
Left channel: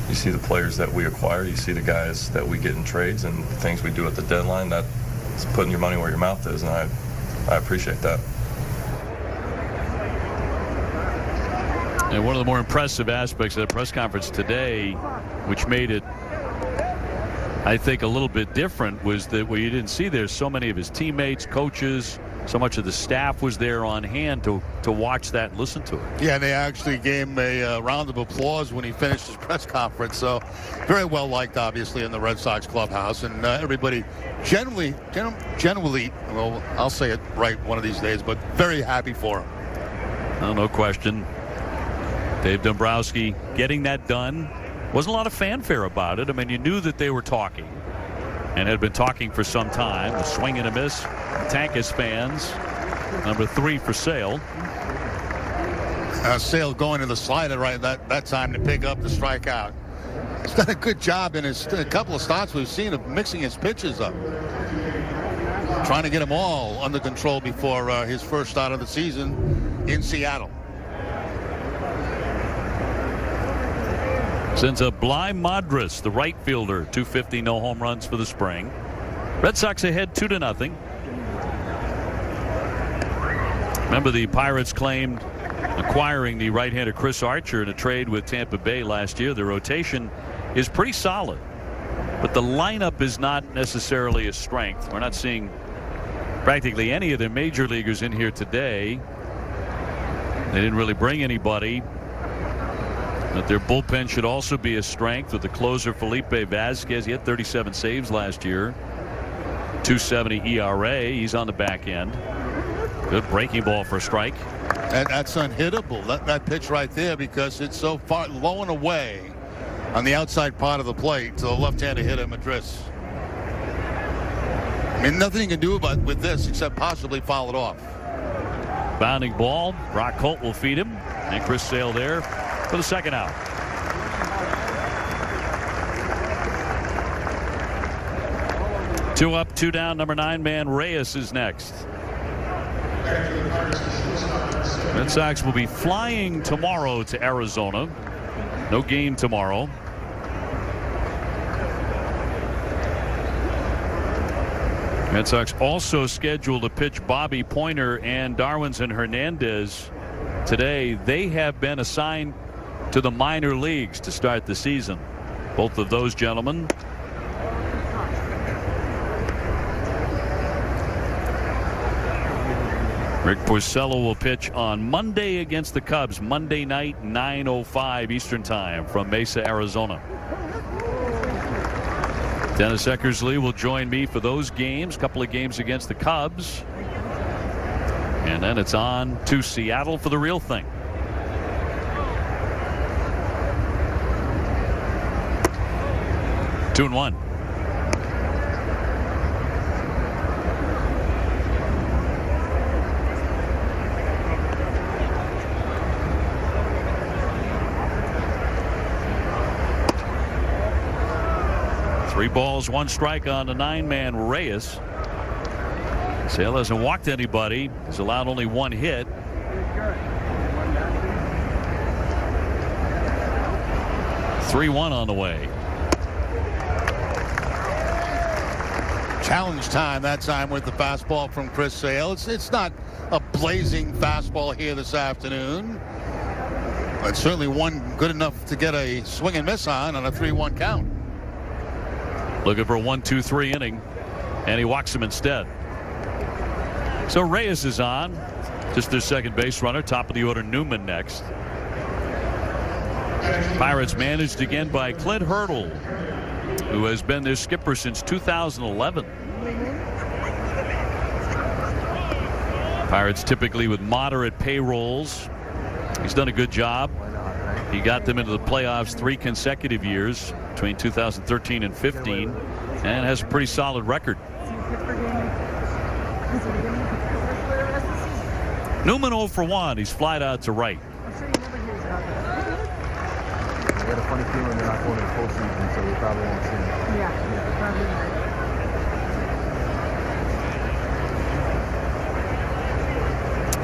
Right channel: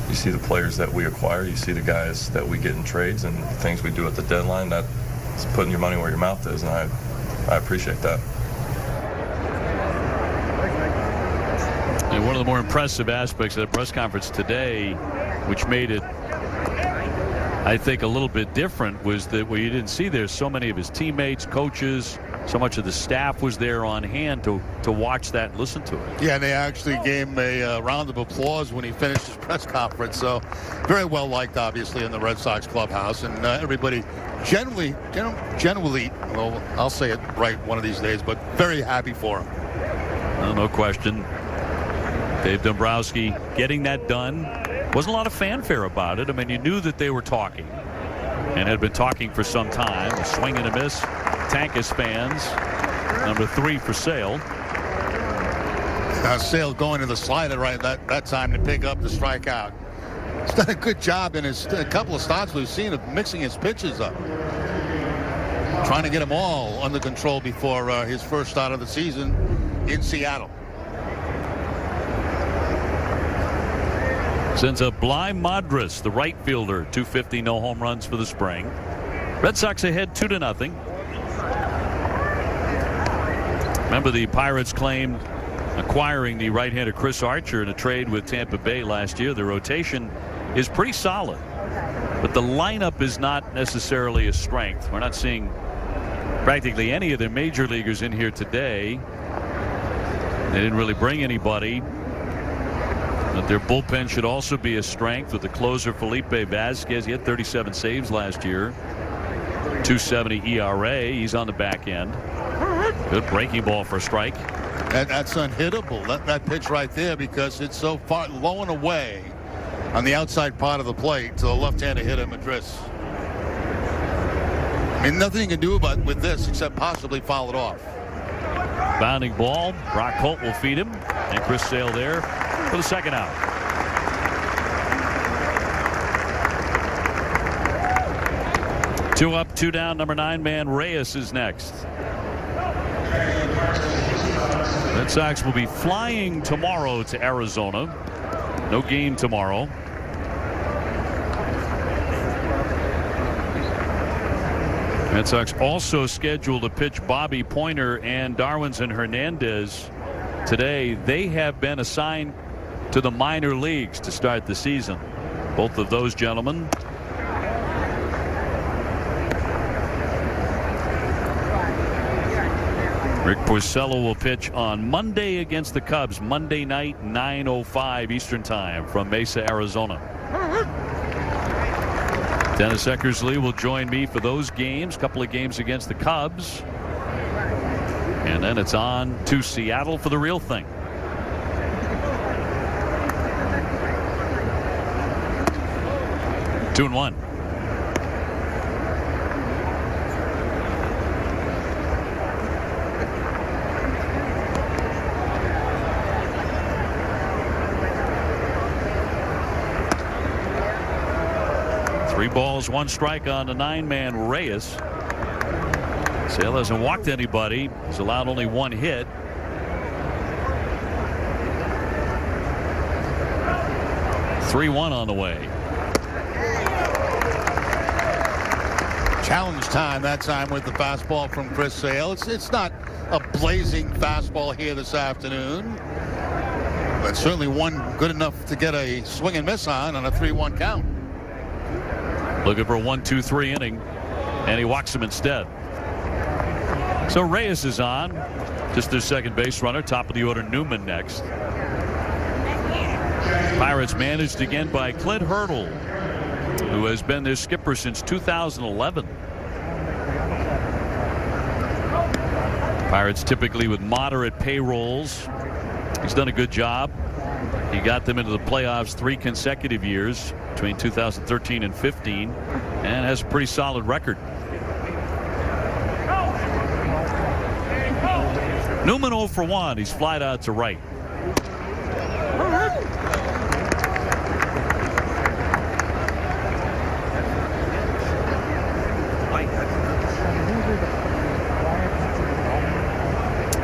the players that we acquire. You see the guys that we get in trades and things we do at the deadline. That's putting your money where your mouth is, and I appreciate that. And one of the more impressive aspects of the press conference today, which made it, I think, a little bit different, was that what you didn't see there, so many of his teammates, coaches, so much of the staff was there on hand to watch that and listen to it. Yeah, and they actually gave him a round of applause when he finished his press conference. So very well liked, obviously, in the Red Sox clubhouse. And everybody generally, well, I'll say it right one of these days, but very happy for him. Oh, no question. Dave Dombrowski getting that done. Wasn't a lot of fanfare about it. I mean, you knew that they were talking and had been talking for some time. A swing and a miss. Tankas fans. Number 3 for Sale. Sale going to the slider right that time to pick up the strikeout. He's done a good job in a couple of starts we've seen of mixing his pitches up. Trying to get them all under control before his first start of the season in Seattle. Sends up Bly Madras, the right fielder, 250, no home runs for the spring. Red Sox ahead 2-0. Remember, the Pirates claimed acquiring the right-hander Chris Archer in a trade with Tampa Bay last year. The rotation is pretty solid, but the lineup is not necessarily a strength. We're not seeing practically any of their major leaguers in here today. They didn't really bring anybody. But their bullpen should also be a strength with the closer Felipe Vasquez. He had 37 saves last year. 2.70 ERA. He's on the back end. Good breaking ball for a strike. That's unhittable. That pitch right there, because it's so far low and away on the outside part of the plate to the left-handed hitter Madras. I mean, nothing you can do with this except possibly foul it off. Bounding ball. Brock Holt will feed him. And Chris Sale there for the second out. Two up, 2 down. Number 9 man Reyes is next. Red Sox will be flying tomorrow to Arizona. No game tomorrow. Red Sox also scheduled to pitch Bobby Pointer and Darwinzon Hernandez today. They have been assigned to the minor leagues to start the season. Both of those gentlemen Rick Porcello will pitch on Monday against the Cubs. Monday night, 9:05 Eastern Time from Mesa, Arizona. Dennis Eckersley will join me for those games. A couple of games against the Cubs. And then it's on to Seattle for the real thing. Two and one. Three balls, one strike on the 9-man Reyes. Sale hasn't walked anybody. He's allowed only one hit. Three-one on the way. Challenge time that time with the fastball from Chris Sale. It's not a blazing fastball here this afternoon, but certainly one good enough to get a swing and miss on a 3-1 count. Looking for a 1-2-3 inning, and he walks him instead. So Reyes is on, just their second base runner. Top of the order, Newman next. Pirates managed again by Clint Hurdle, who has been their skipper since 2011. Pirates typically with moderate payrolls. He's done a good job. He got them into the playoffs 3 consecutive years between 2013 and 15, and has a pretty solid record. Newman 0 for 1. He's flied out to right.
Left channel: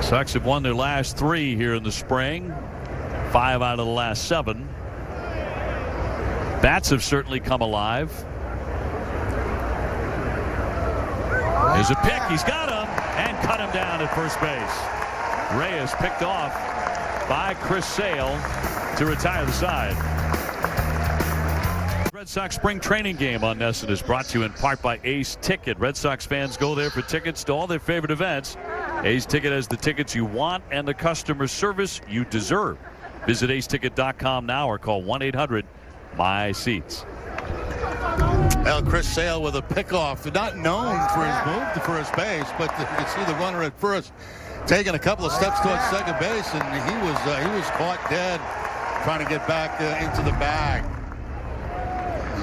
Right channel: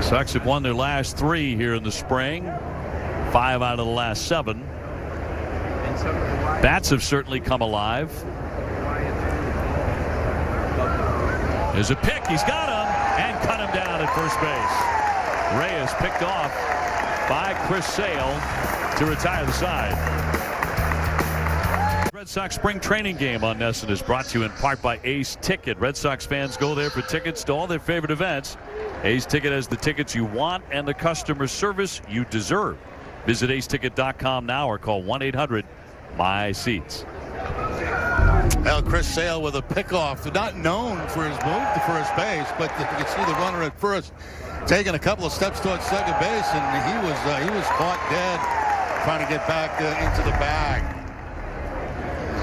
Sox have won their last 3 here in the spring. 5 out of the last 7. Bats have certainly come alive. There's a pick. He's got him and cut him down at first base. Reyes picked off by Chris Sale to retire the side. Red Sox spring training game on NESN is brought to you in part by Ace Ticket. Red Sox fans go there for tickets to all their favorite events. Ace Ticket has the tickets you want and the customer service you deserve. Visit aceticket.com now or call 1-800-MY-SEATS. Well, Chris Sale with a pickoff, not known for his move to first base, but you can see the runner at first taking a couple of steps towards second base, and he was caught dead trying to get back into the bag.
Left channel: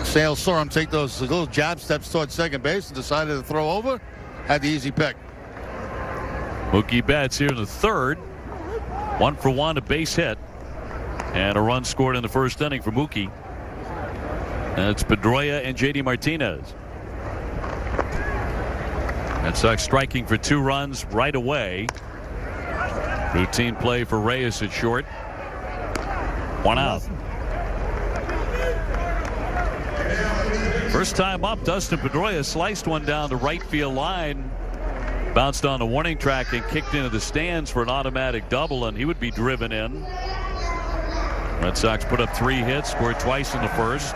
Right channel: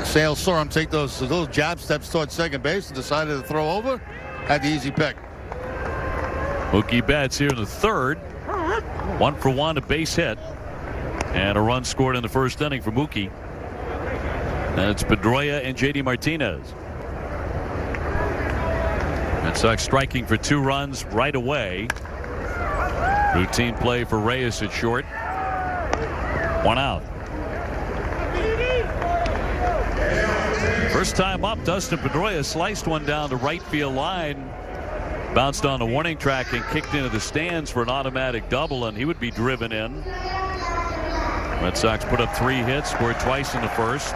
Sale saw him take those little jab steps towards second base and decided to throw over. Had the easy pick. Mookie Betts here in the third. 1 for 1, a base hit. And a run scored in the first inning for Mookie. And it's Pedroia and J.D. Martinez. Red Sox striking for 2 runs right away. Routine play for Reyes at short. 1 out. First time up, Dustin Pedroia sliced one down the right field line. Bounced on the warning track and kicked into the stands for an automatic double, and he would be driven in. Red Sox put up 3 hits, scored twice in the first.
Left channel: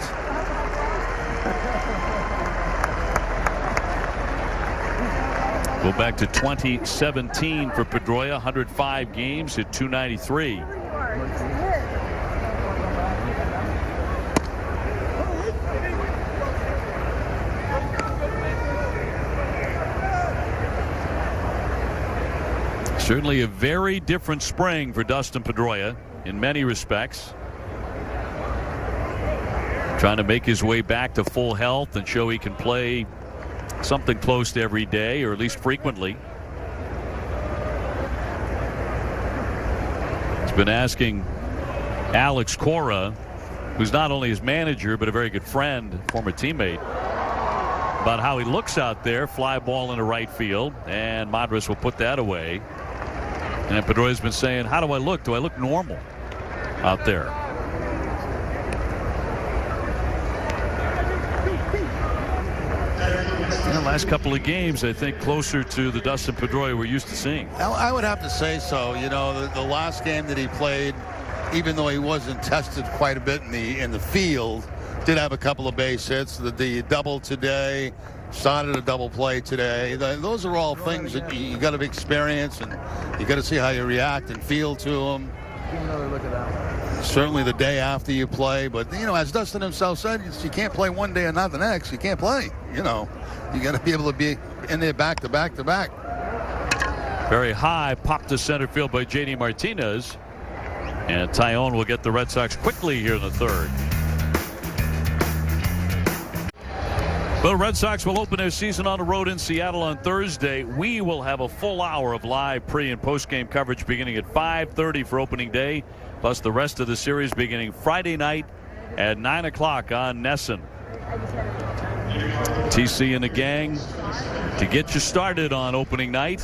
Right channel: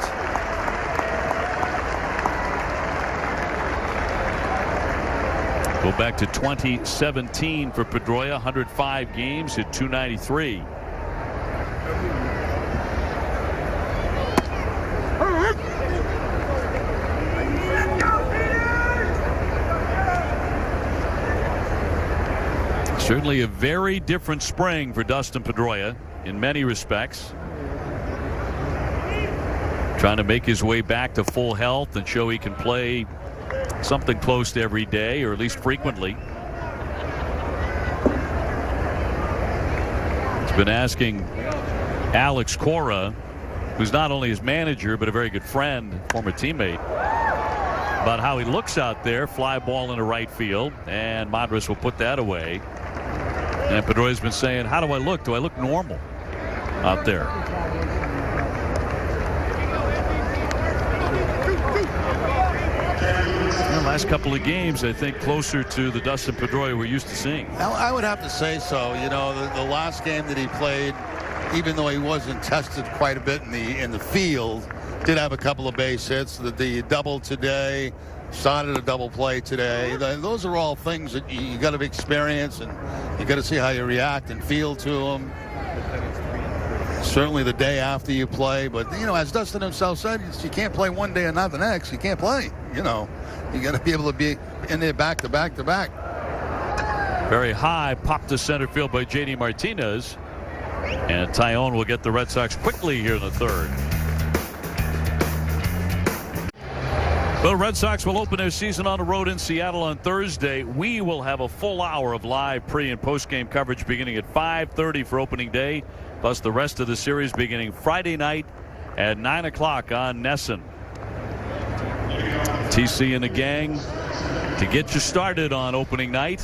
Go back to 2017 for Pedroia, 105 games, hit .293. Certainly a very different spring for Dustin Pedroia in many respects. Trying to make his way back to full health and show he can play something close to every day, or at least frequently. He's been asking Alex Cora, who's not only his manager but a very good friend, former teammate, about how he looks out there. Fly ball into right field, and Madras will put that away. And Pedroia's been saying, how do I look? Do I look normal out there? The last couple of games, I think, closer to the Dustin Pedroia we're used to seeing. I would have to say so. You know, the last game that he played, even though he wasn't tested quite a bit in the field, did have a couple of base hits. The double today, started a double play today. Those are all things that you got to experience, and you got to see how you react and feel to them. Certainly the day after you play, but as Dustin himself said, you can't play one day and not the next. You can't play. You got to be able to be in there back to back to back. Very high pop to center field by J.D. Martinez, and Taillon will get the Red Sox quickly here in the third. The Red Sox will open their season on the road in Seattle on Thursday. We will have a full hour of live pre- and post-game coverage beginning at 5:30 for opening day, plus the rest of the series beginning Friday night at 9 o'clock on NESN. TC and the gang to get you started on opening night.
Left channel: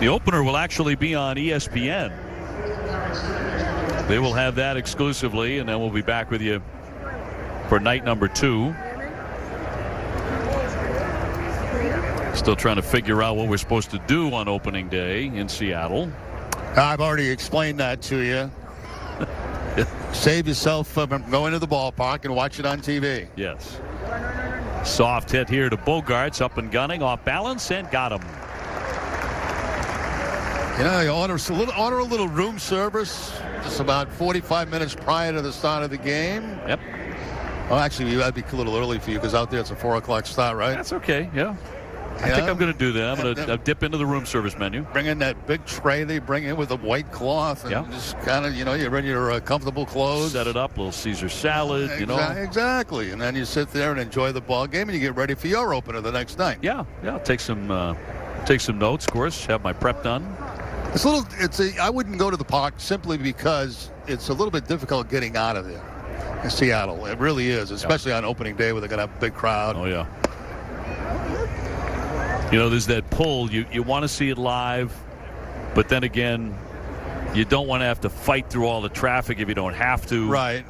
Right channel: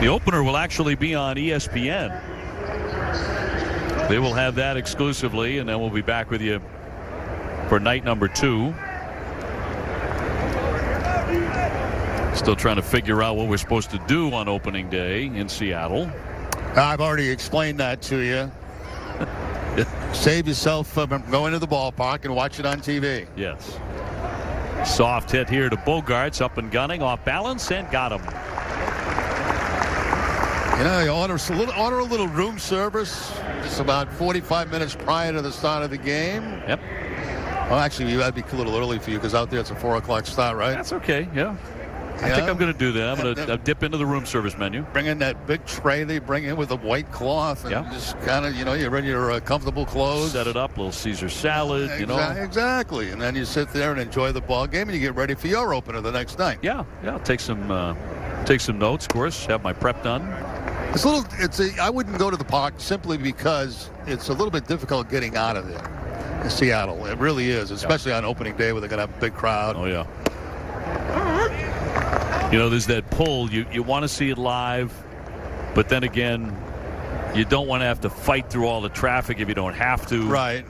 The opener will actually be on ESPN. They will have that exclusively, and then we'll be back with you for night number 2. Still trying to figure out what we're supposed to do on opening day in Seattle. I've already explained that to you. Save yourself from going to the ballpark and watch it on TV. Yes. Soft hit here to Bogaerts, up and gunning, off balance, and got him. You order a little room service just about 45 minutes prior to the start of the game. Yep. Well, actually, that'd be a little early for you because out there it's a 4 o'clock start, right? That's okay, yeah. I think I'm going to do that. I'm going to dip into the room service menu. Bring in that big tray they bring in with a white cloth and just kind of, you're in your comfortable clothes. Set it up, little Caesar salad, Exactly. And then you sit there and enjoy the ball game and you get ready for your opener the next night. Yeah. Take some notes, of course, have my prep done. I wouldn't go to the park simply because it's a little bit difficult getting out of there in Seattle. It really is, especially on opening day where they're going to have a big crowd. Oh, yeah. There's that pull. You want to see it live, but then again, you don't want to have to fight through all the traffic if you don't have to. Right.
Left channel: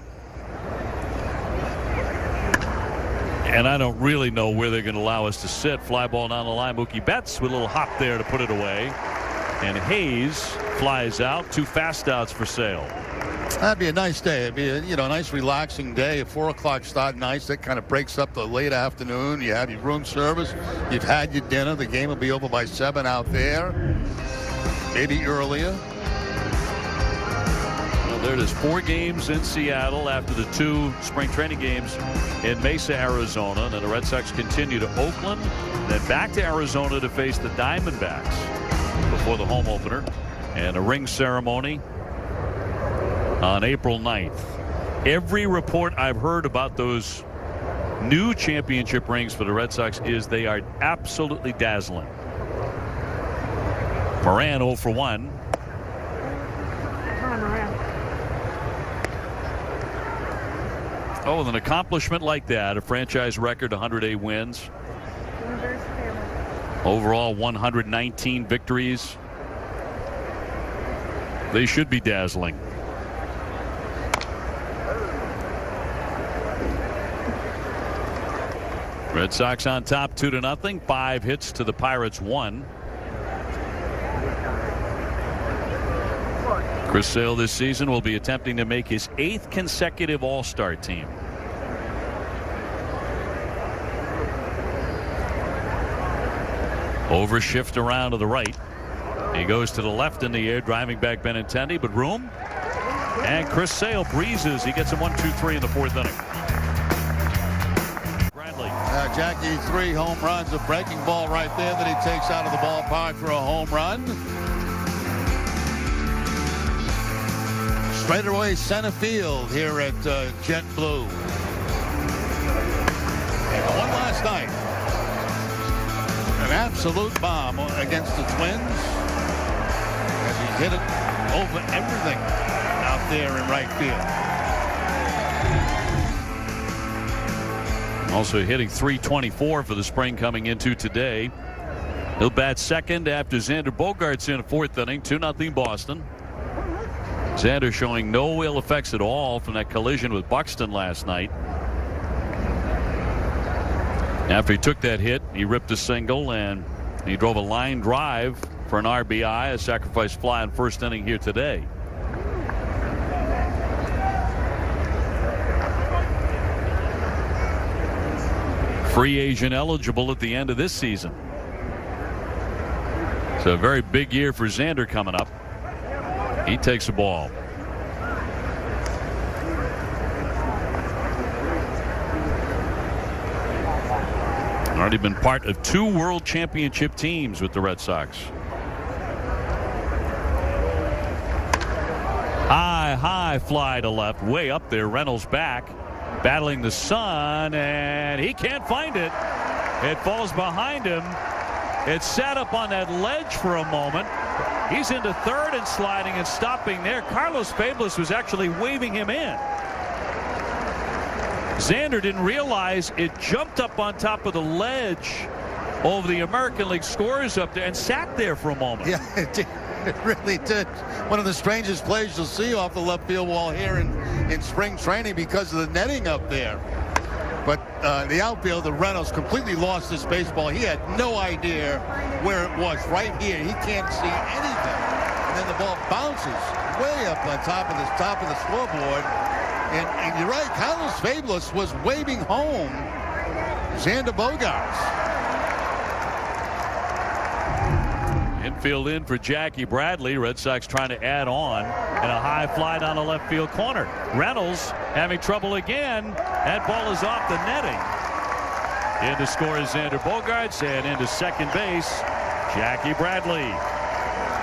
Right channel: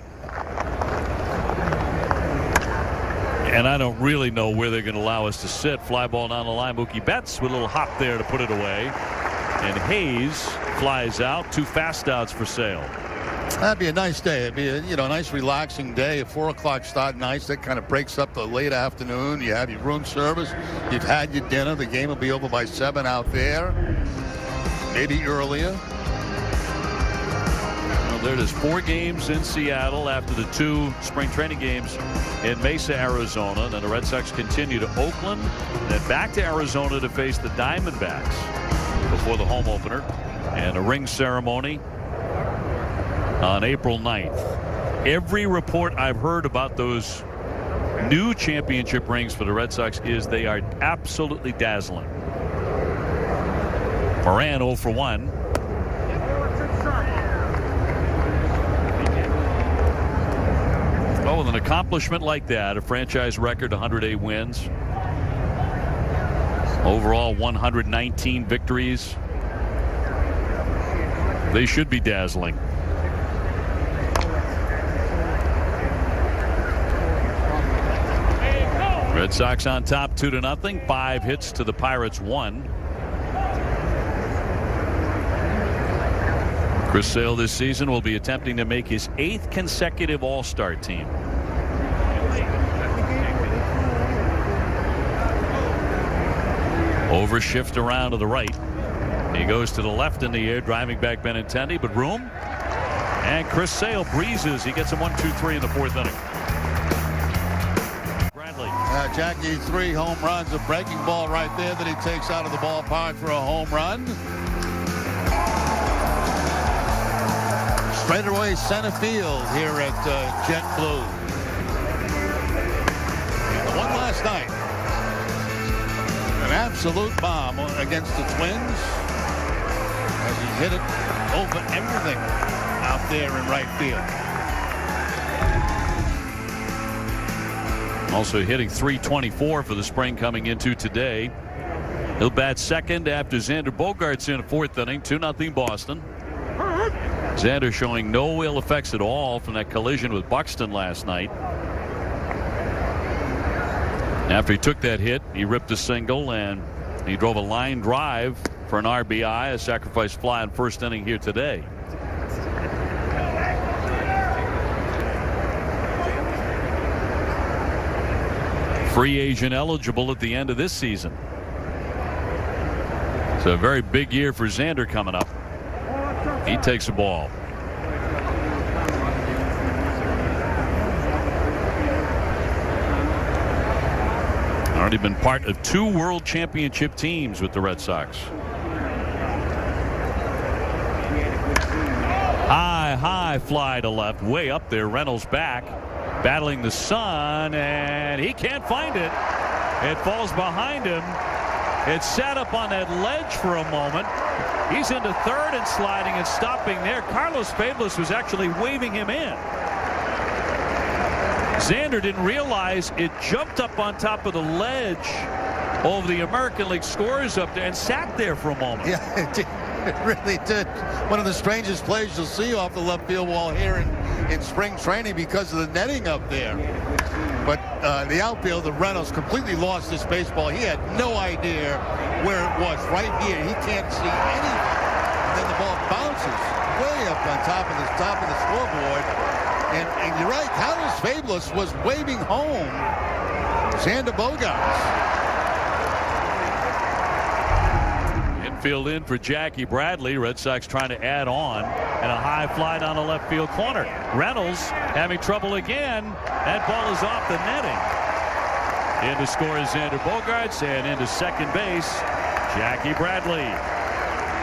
And I don't really know where they're going to allow us to sit. Fly ball down the line. Mookie Betts with a little hop there to put it away. And Hayes flies out. 2 fast outs for Sale. That'd be a nice day. It'd be a nice relaxing day. A 4 o'clock start, nice. That kind of breaks up the late afternoon. You have your room service. You've had your dinner. The game will be over by 7 out there. Maybe earlier. Well, there it is. 4 games in Seattle after the 2 spring training games in Mesa, Arizona. And then the Red Sox continue to Oakland, then back to Arizona to face the Diamondbacks before the home opener, and a ring ceremony on April 9th. Every report I've heard about those new championship rings for the Red Sox is they are absolutely dazzling. Moran 0 for 1. Oh, with an accomplishment like that, a franchise record, 108 wins. Overall, 119 victories. They should be dazzling. Red Sox on top 2-0. 5 hits to the Pirates 1. Chris Sale this season will be attempting to make his 8th consecutive All-Star team. Overshift around to the right. He goes to the left in the air, driving back Benintendi, but room. And Chris Sale breezes. He gets him 1-2-3 in the 4th inning. Bradley. Jackie, 3 home runs. A breaking ball right there that he takes out of the ballpark for a home run. Straight away center field here at JetBlue. And the one last night. An absolute bomb against the Twins as he hit it over everything out there in right field. Also hitting .324 for the spring coming into today. He'll bat second after Xander Bogaerts in the 4th inning. 2-0 Boston. Xander showing no ill effects at all from that collision with Buxton last night. After he took that hit, he ripped a single and he drove a line drive for an RBI, a sacrifice fly in 1st inning here today. free agent eligible at the end of this season. So a very big year for Xander coming up. He takes the ball. Already been part of 2 World Championship teams with the Red Sox. High fly to left, way up there. Reynolds back, battling the sun, and he can't find it. It falls behind him. It sat up on that ledge for a moment. He's into third and sliding and stopping there. Carlos Fablis was actually waving him in. Xander didn't realize it jumped up on top of the ledge over the American League scores up there and sat there for a moment. Yeah, it really did. One of the strangest plays you'll see off the left field wall here in spring training because of the netting up there. But the outfielder, Reynolds, completely lost his baseball. He had no idea where it was. Right here, he can't see anything. And then the ball bounces way up on top of the scoreboard. And you're right, Carlos Fablis was waving home Xander Bogaerts. Infield in for Jackie Bradley. Red Sox trying to add on, and a high fly down the left field corner. Reynolds having trouble again. That ball is off the netting. In to score is Xander Bogaerts, and into second base, Jackie Bradley.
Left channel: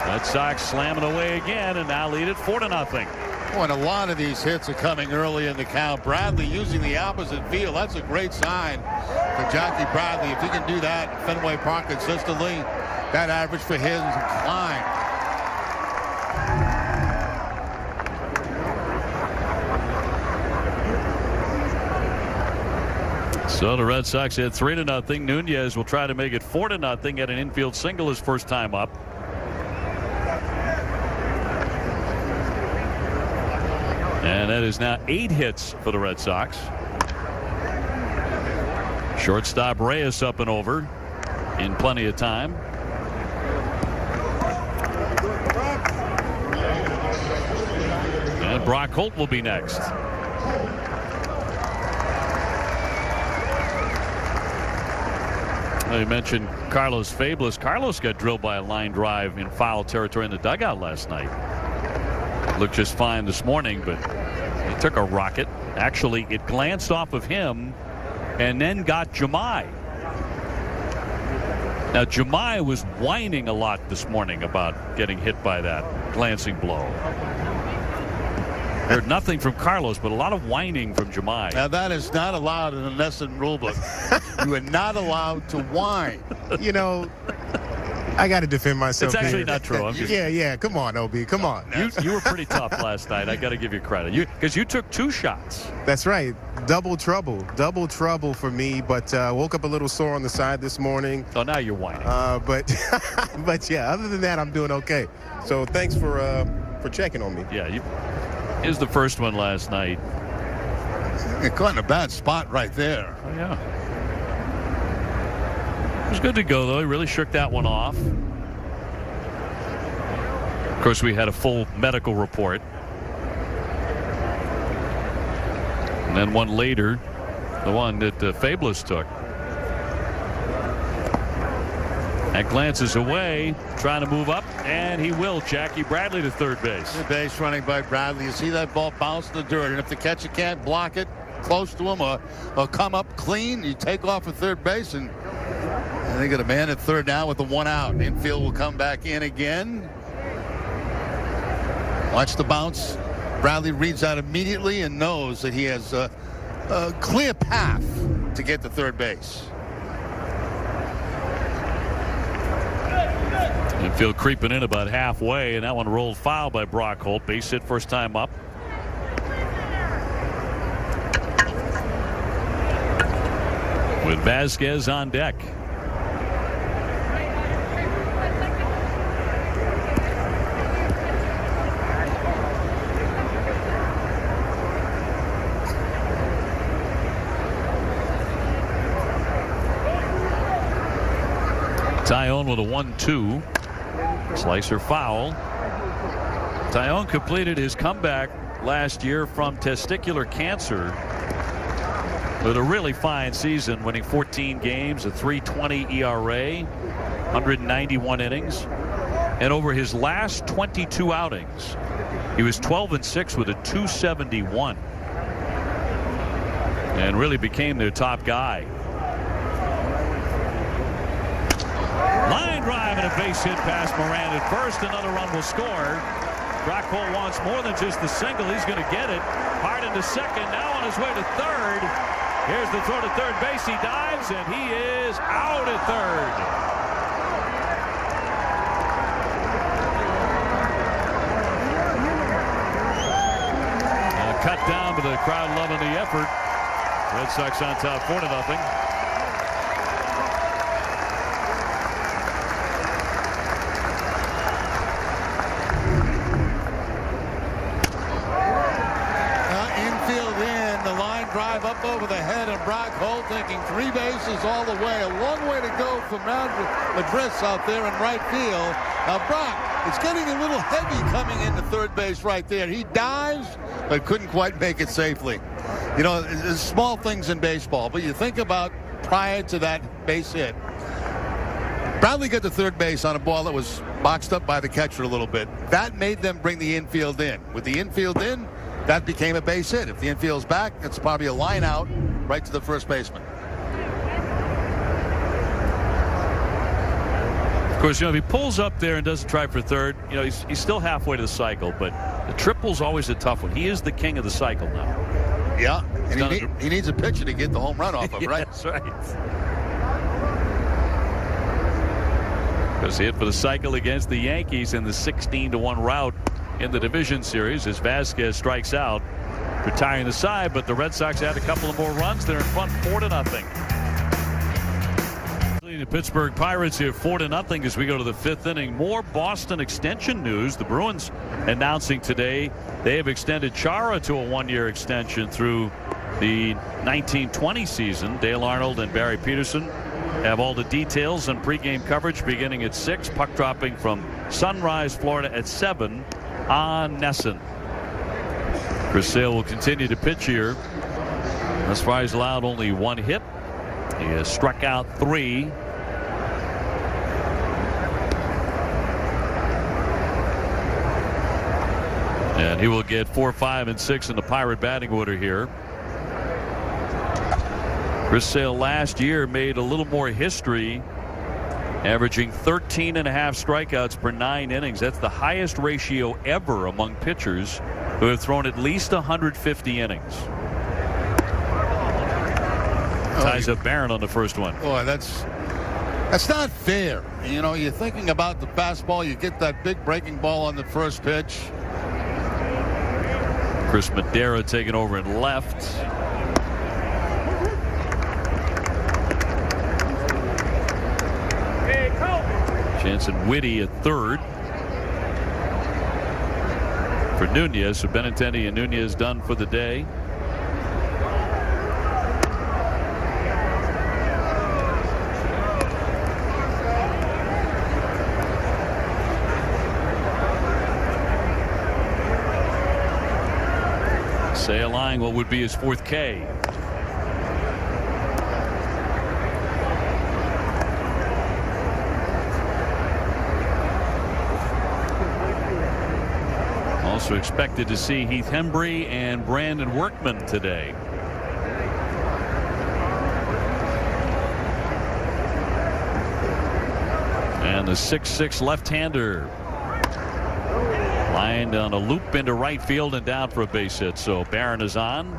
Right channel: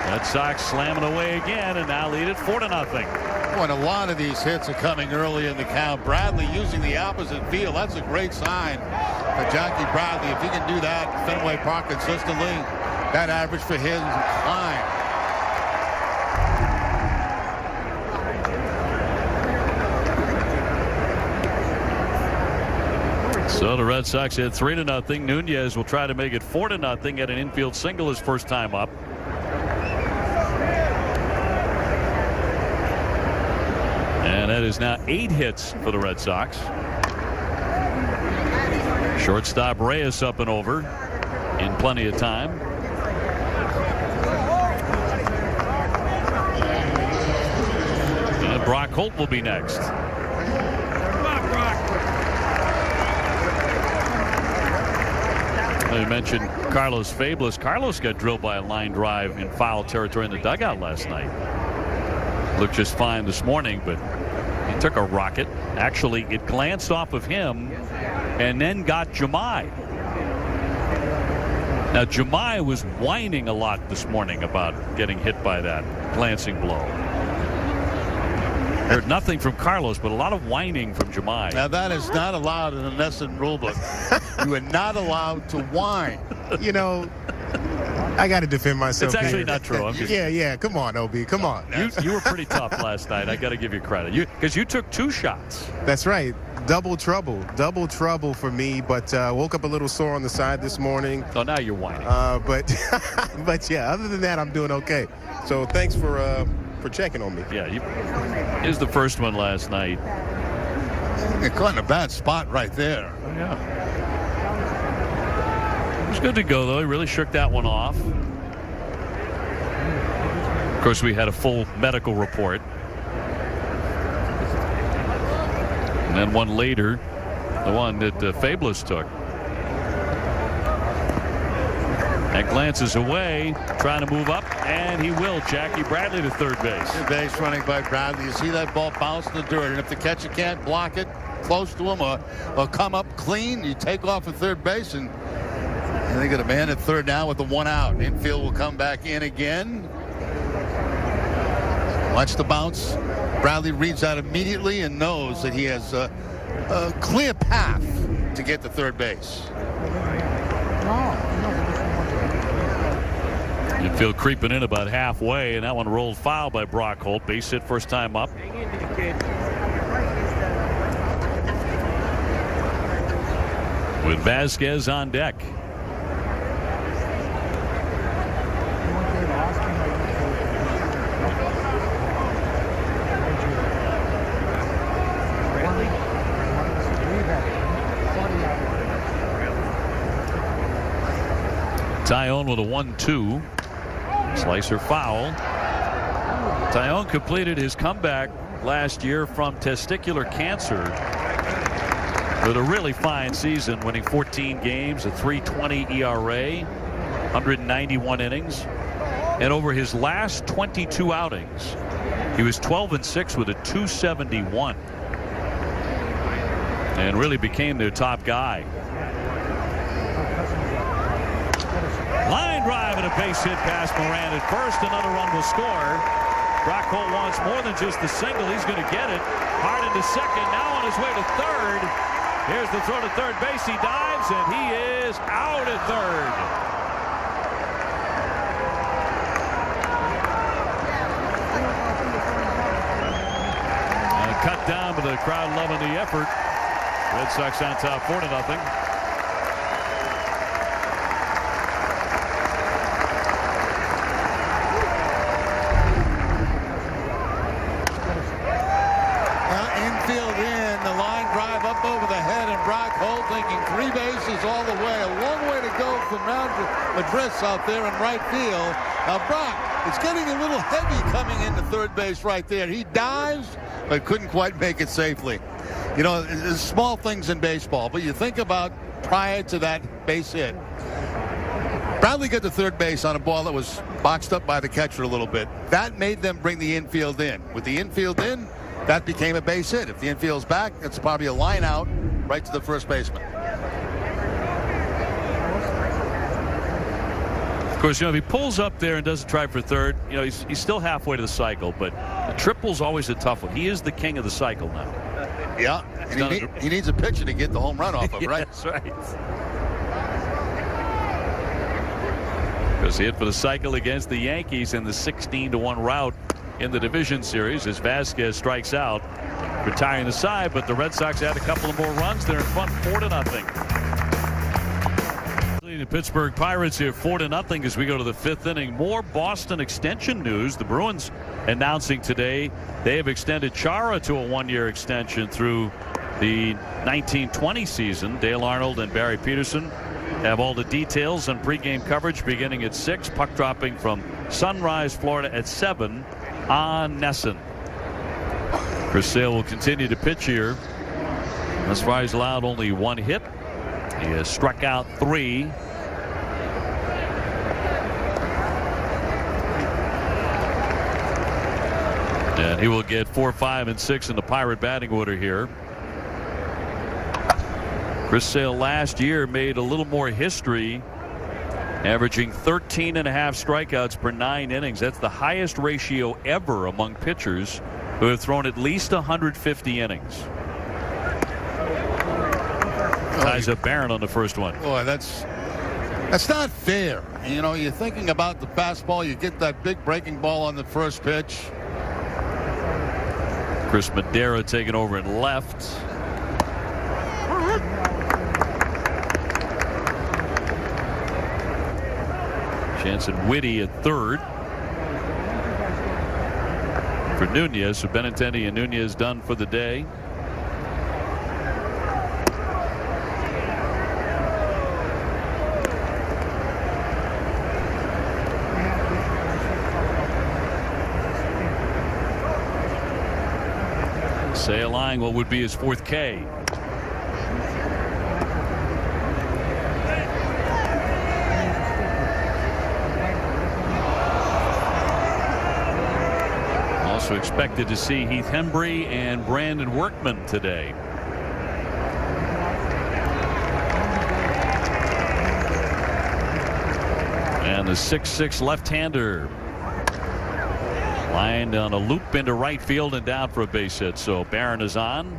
Red Sox slamming away again, and now lead it 4-0. Oh, and a lot of these hits are coming early in the count. Bradley using the opposite field. That's a great sign for Jackie Bradley. If he can do that at Fenway Park consistently, that average for his climb. So the Red Sox had 3-0. Nunez will try to make it 4-0 at an infield single his first time up. And that is now 8 hits for the Red Sox. Shortstop Reyes up and over in plenty of time. And Brock Holt will be next. I mentioned Carlos Fablis. Carlos got drilled by a line drive in foul territory in the dugout last night. Looked just fine this morning, but he took a rocket. Actually, it glanced off of him and then got Jahmai. Now, Jahmai was whining a lot this morning about getting hit by that glancing blow. Heard nothing from Carlos, but a lot of whining from Jahmai. Now, that is not allowed in the NESN rulebook. You are not allowed to whine. You know, I got to defend myself. It's actually here. not true. Yeah. Come on, OB. Come on. You were pretty tough last night. I got to give you credit. Because you took 2 shots. That's right. Double trouble for me. But woke up a little sore on the side this morning. So now you're whining. But yeah, other than that, I'm doing okay. So thanks for checking on me. Yeah. Here's the first one last night. You're caught in a bad spot right there. Oh, yeah. It was good to go, though. He really shook that one off. Of course, we had a full medical report. And then one later, the one that Fablis took. That glances away, trying to move up, and he will. Jackie Bradley to third base. Good base running by Bradley. You see that ball bounce in the dirt, and if the catcher can't block it close to him or come up clean, you take off at third base, and they got a man at third now with the 1 out. Infield will come back in again. Watch the bounce. Bradley reads out immediately and knows that he has a clear path to get to third base. Infield creeping in about halfway, and that one rolled foul by Brock Holt. Base hit first time up. With Vasquez on deck. Taillon with a 1-2. Slicer foul. Taillon completed his comeback last year from testicular cancer. with a really fine season, winning 14 games, a 3.20 ERA, 191 innings. And over his last 22 outings, he was 12-6 with a 2.71. And really became their top guy. Line drive and a base hit past Moran at first. Another run will score. Brock Holt wants more than just the single. He's going to get it. Hard into second. Now on his way to third. Here's the throw to third base. He dives, and he is out at third. Cut down, but the crowd loving the effort. Red Sox on top 4-0. Infield in, the line drive up over the head, and Brock Holt thinking 3 bases all the way. A long way to go from round to address out there in right field. Now Brock, it's getting a little heavy coming into third base right there. He dives, but couldn't quite make it safely. You know, there's small things in baseball, but you think about prior to that base hit. Bradley got to third base on a ball that was boxed up by the catcher a little bit. That made them bring the infield in. With the infield in, that became a base hit. If the infield's back, it's probably a line out right to the first baseman. Of course, you know, if he pulls up there and doesn't try for third, you know, he's still halfway to the cycle, but the triple's always a tough one. He is the king of the cycle now. Yeah, and he needs a pitcher to get the home run off of, yeah, right? That's right. Because he hit for the cycle against the Yankees in the 16-1 rout in the division series as Vasquez strikes out, retiring the side, but the Red Sox had a couple of more runs. They're in front 4-0. The Pittsburgh Pirates here 4-0 as we go to the 5th inning. More Boston extension news. The Bruins announcing today they have extended Chara to a 1-year extension through the 1920 season. Dale Arnold and Barry Peterson have all the details and pregame coverage beginning at 6. Puck dropping from Sunrise, Florida at 7 on Nesson. Chris Sale will continue to pitch here. Thus far he's allowed only 1 hit. He has struck out 3. And he will get 4, 5, and 6 in the Pirate batting order here. Chris Sale last year made a little more history, averaging 13.5 strikeouts per 9 innings. That's the highest ratio ever among pitchers who have thrown at least 150 innings. Ties up Barron on the first one. Boy, that's not fair. You know, you're thinking about the fastball. You get that big breaking ball on the first pitch. Chris Madera taking over in left. Jansen Whitty at third. For Nunez, so Benintendi and Nunez done for the day. Sale eyeing what would be his 4th K. Also expected to see Heath Hembree and Brandon Workman today. And the 6'6" left-hander lined on a loop into right field and down for a base hit. So Barron is on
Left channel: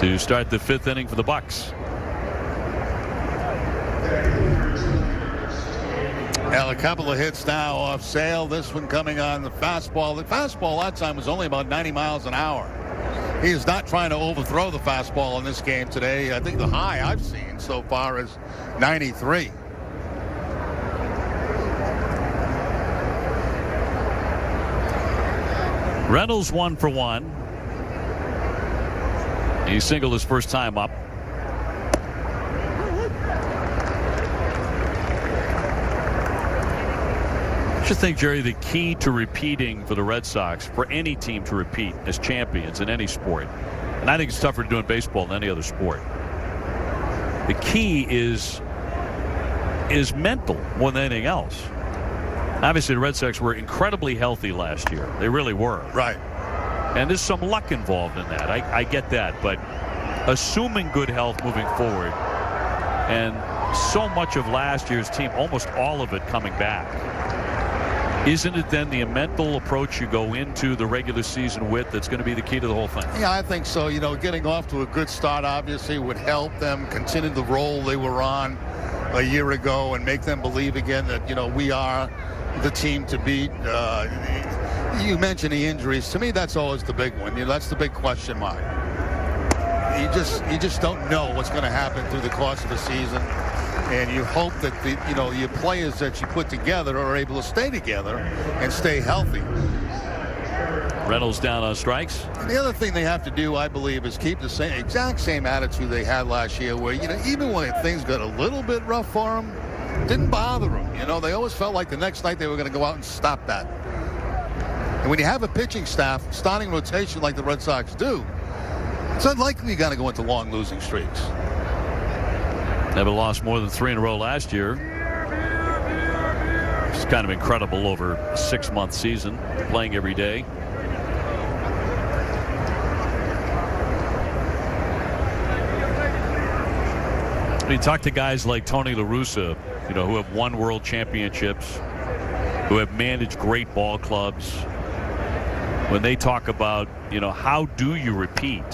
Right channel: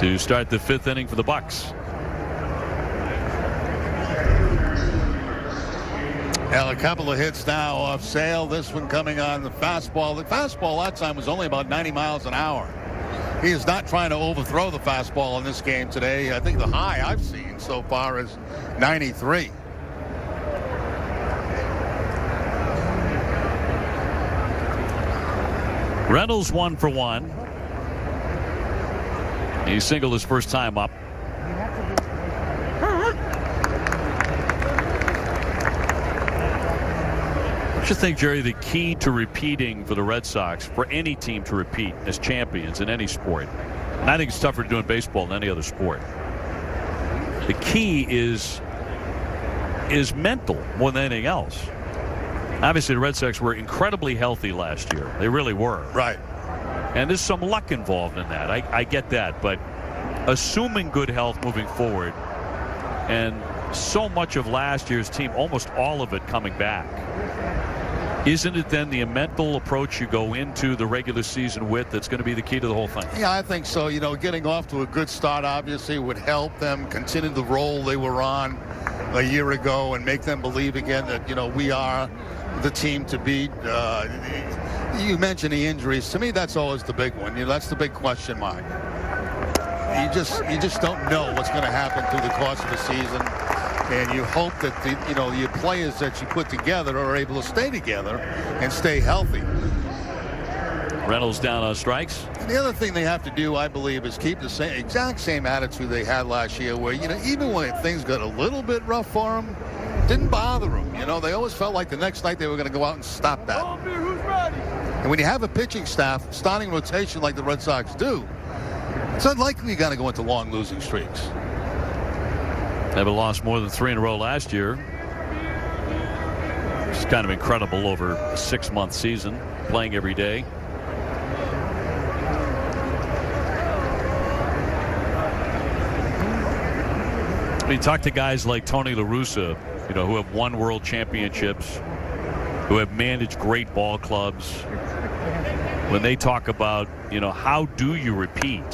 to start the 5th inning for the Bucks. Well, a couple of hits now off Sale. This one coming on the fastball. The fastball that time was only about 90 miles an hour. He is not trying to overthrow the fastball in this game today. I think the high I've seen so far is 93. Reynolds 1 for 1. He singled his first time up. What do you think, Jerry, the key to repeating for the Red Sox, for any team to repeat as champions in any sport, And I think it's tougher to do in baseball than any other sport. The key is mental more than anything else. Obviously, the Red Sox were incredibly healthy last year. They really were. Right. And there's some luck involved in that. I get that. But assuming good health moving forward, and so much of last year's team, almost all of it coming back, isn't it then the mental approach you go into the regular season with that's going to be the key to the whole thing? Yeah, I think so. Getting off to a good start obviously would help them continue the role they were on a year ago and make them believe again that, we are the team to beat. You mentioned the injuries. To me, that's always the big one. That's the big question mark. You just don't know what's going to happen through the course of the season. And you hope that your players that you put together are able to stay together and stay healthy. Reynolds down on strikes. And the other thing they have to do, I believe, is keep the exact same attitude they had last year, where even when things got a little bit rough for them, didn't bother them. They always felt like the next night they were going to go out and stop that. And when you have a pitching staff, starting rotation like the Red Sox do, it's unlikely you got to go into long losing streaks. Never lost more than 3 in a row last year. It's kind of incredible over a 6-month season, playing every day. You talk to guys like Tony La Russa, who have won world championships, who have managed great ball clubs. When they talk about, how do you repeat?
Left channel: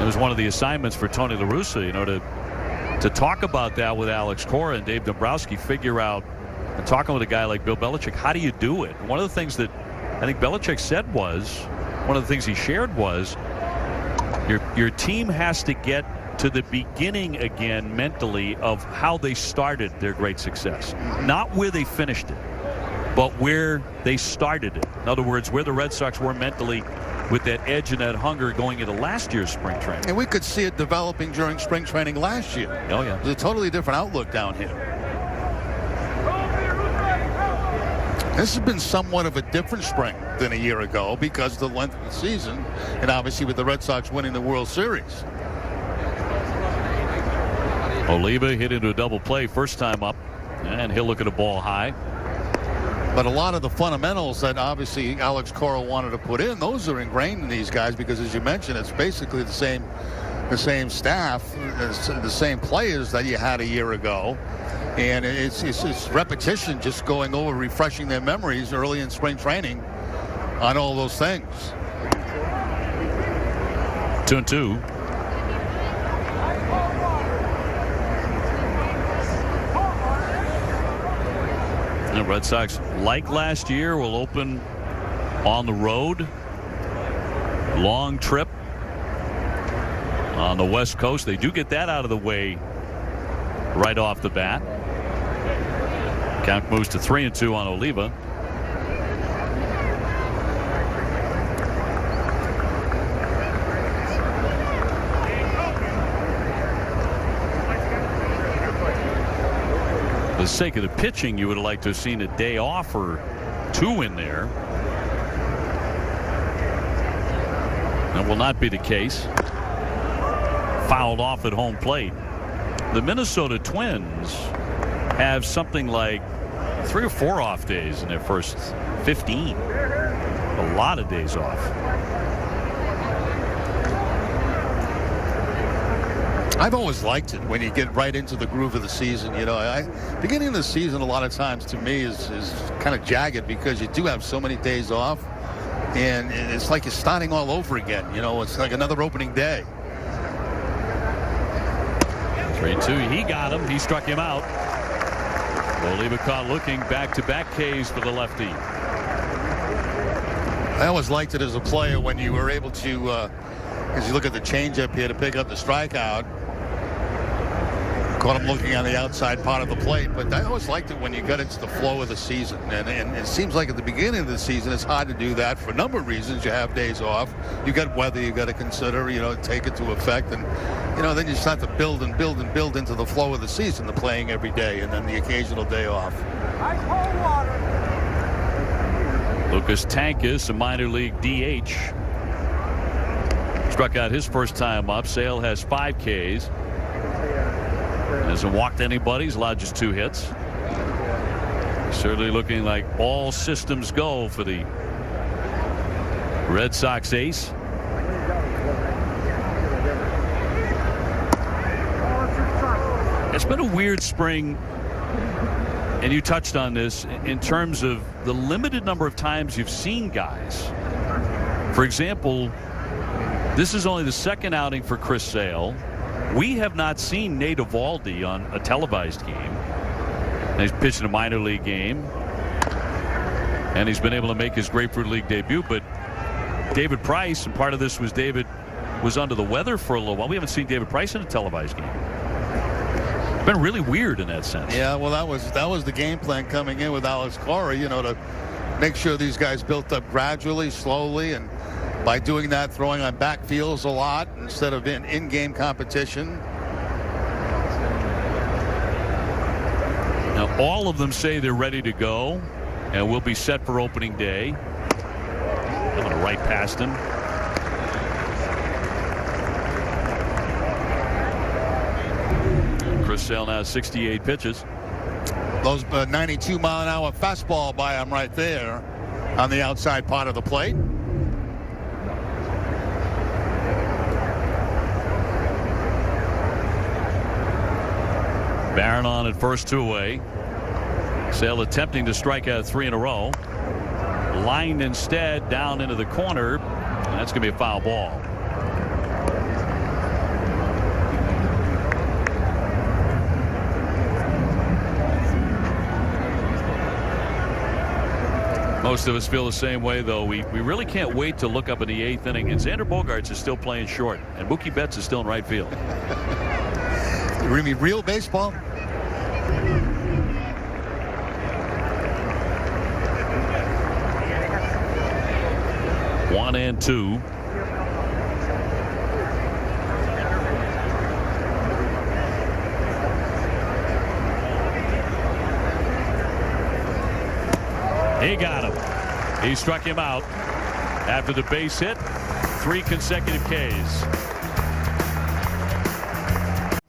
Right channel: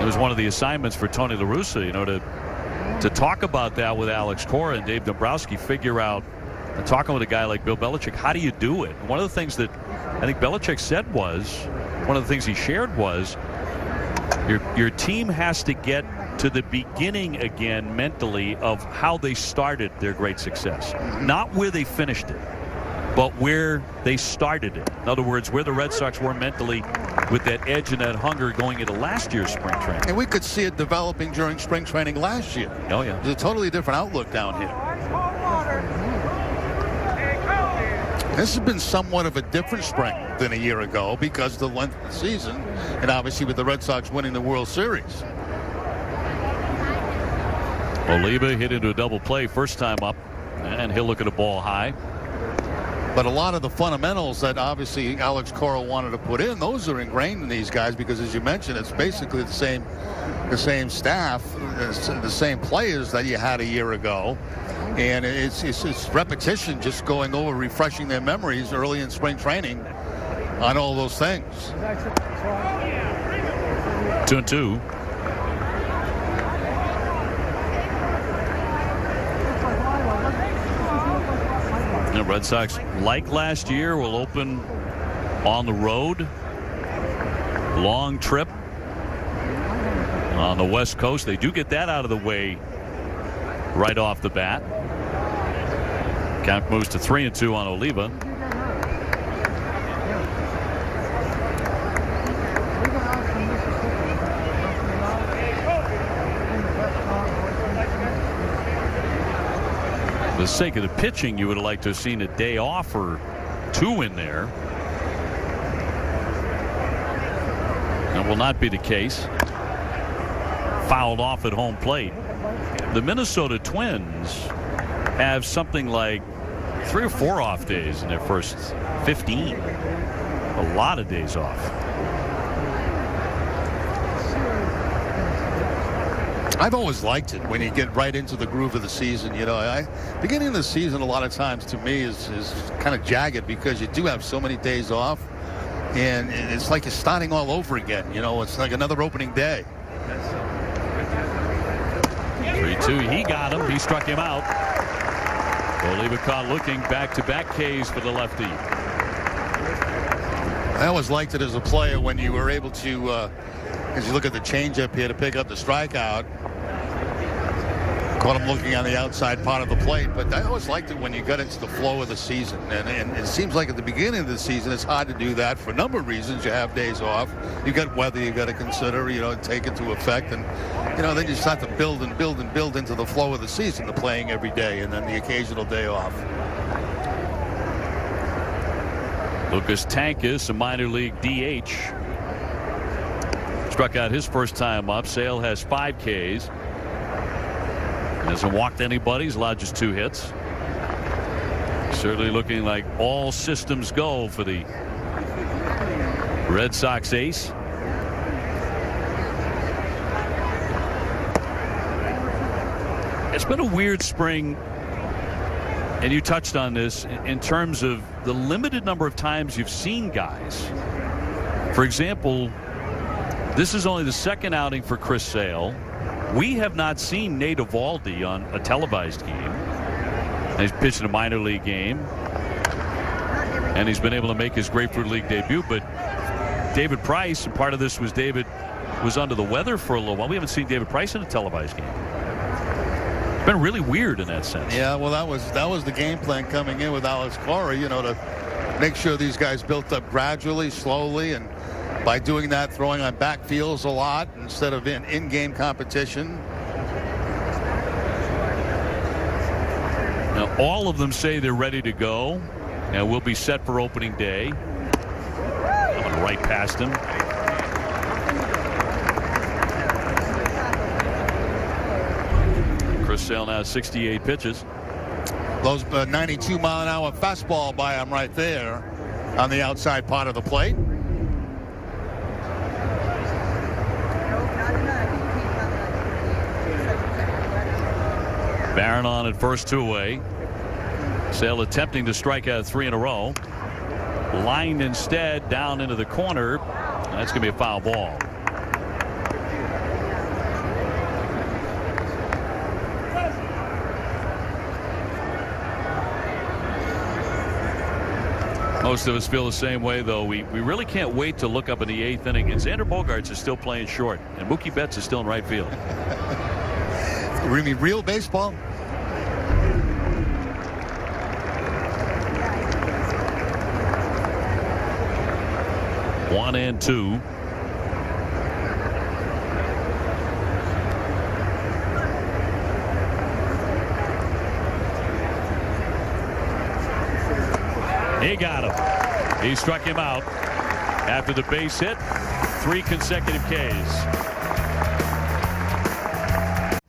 It was one of the assignments for Tony La Russa, to talk about that with Alex Cora and Dave Dombrowski, figure out, and talking with a guy like Bill Belichick, how do you do it? And one of the things that I think Belichick said was, one of the things he shared was, your team has to get to the beginning again mentally of how they started their great success. Not where they finished it, but where they started it. In other words, where the Red Sox were mentally with that edge and that hunger going into last year's spring training. And we could see it developing during spring training last year. Oh, yeah. There's a totally different outlook down here. This has been somewhat of a different spring than a year ago because of the length of the season, and obviously with the Red Sox winning the World Series. Oliva hit into a double play first time up, and he'll look at a ball high. But a lot of the fundamentals that obviously Alex Cora wanted to put in, those are ingrained in these guys because, as you mentioned, it's basically the same staff, the same players that you had a year ago. And it's repetition, just going over, refreshing their memories early in spring training on all those things. 2-2. The Red Sox, like last year, will open on the road. Long trip on the West Coast. They do get that out of the way right off the bat. Count moves to 3-2 on Oliva. For the sake of the pitching, you would have liked to have seen a day off or 2 in there. That will not be the case. Fouled off at home plate. The Minnesota Twins have something like 3 or 4 off days in their first 15. A lot of days off. I've always liked it when you get right into the groove of the season. Beginning of the season a lot of times to me is kind of jagged because you do have so many days off, and it's like you're starting all over again. It's like another opening day. 3-2. He got him. He struck him out. Oliva caught looking. Back-to-back Ks for the lefty. I always liked it as a player when you were able to, as you look at the changeup here, to pick up the strikeout. Caught him looking on the outside part of the plate, but I always liked it when you got into the flow of the season. And it seems like at the beginning of the season, it's hard to do that for a number of reasons. You have days off. You got weather you got to consider, take into effect. And, then you start to build and build and build into the flow of the season, the playing every day, and then the occasional day off. Lucas Tankus, a minor league DH. struck out his first time up. Sale has 5 Ks. Hasn't walked anybody. He's allowed just 2 hits. Certainly looking like all systems go for the Red Sox ace. It's been a weird spring, and you touched on this in terms of the limited number of times you've seen guys. For example, this is only the second outing for Chris Sale. We have not seen Nate Eovaldi on a televised game. And he's pitched in a minor league game, and he's been able to make his Grapefruit League debut. But David Price, and part of this was David was under the weather for a little while. We haven't seen David Price in a televised game. It's been really weird in that sense. Yeah, well, that was the game plan coming in with Alex Cora, to make sure these guys built up gradually, slowly, and by doing that, throwing on backfields a lot instead of in-game competition. Now, all of them say they're ready to go, and we'll be set for opening day. I'm going to right past him. Chris Sale now 68 pitches. Those 92-mile-an-hour fastball by him right there on the outside part of the plate. Barron on at first, 2 away. Sale attempting to strike out 3 in a row. Lined instead down into the corner, and that's going to be a foul ball. Most of us feel the same way, though. We really can't wait to look up in the 8th inning, and Xander Bogaerts is still playing short, and Mookie Betts is still in right field. You mean real baseball? One and 2. He got him. He struck him out after the base hit. 3 consecutive Ks.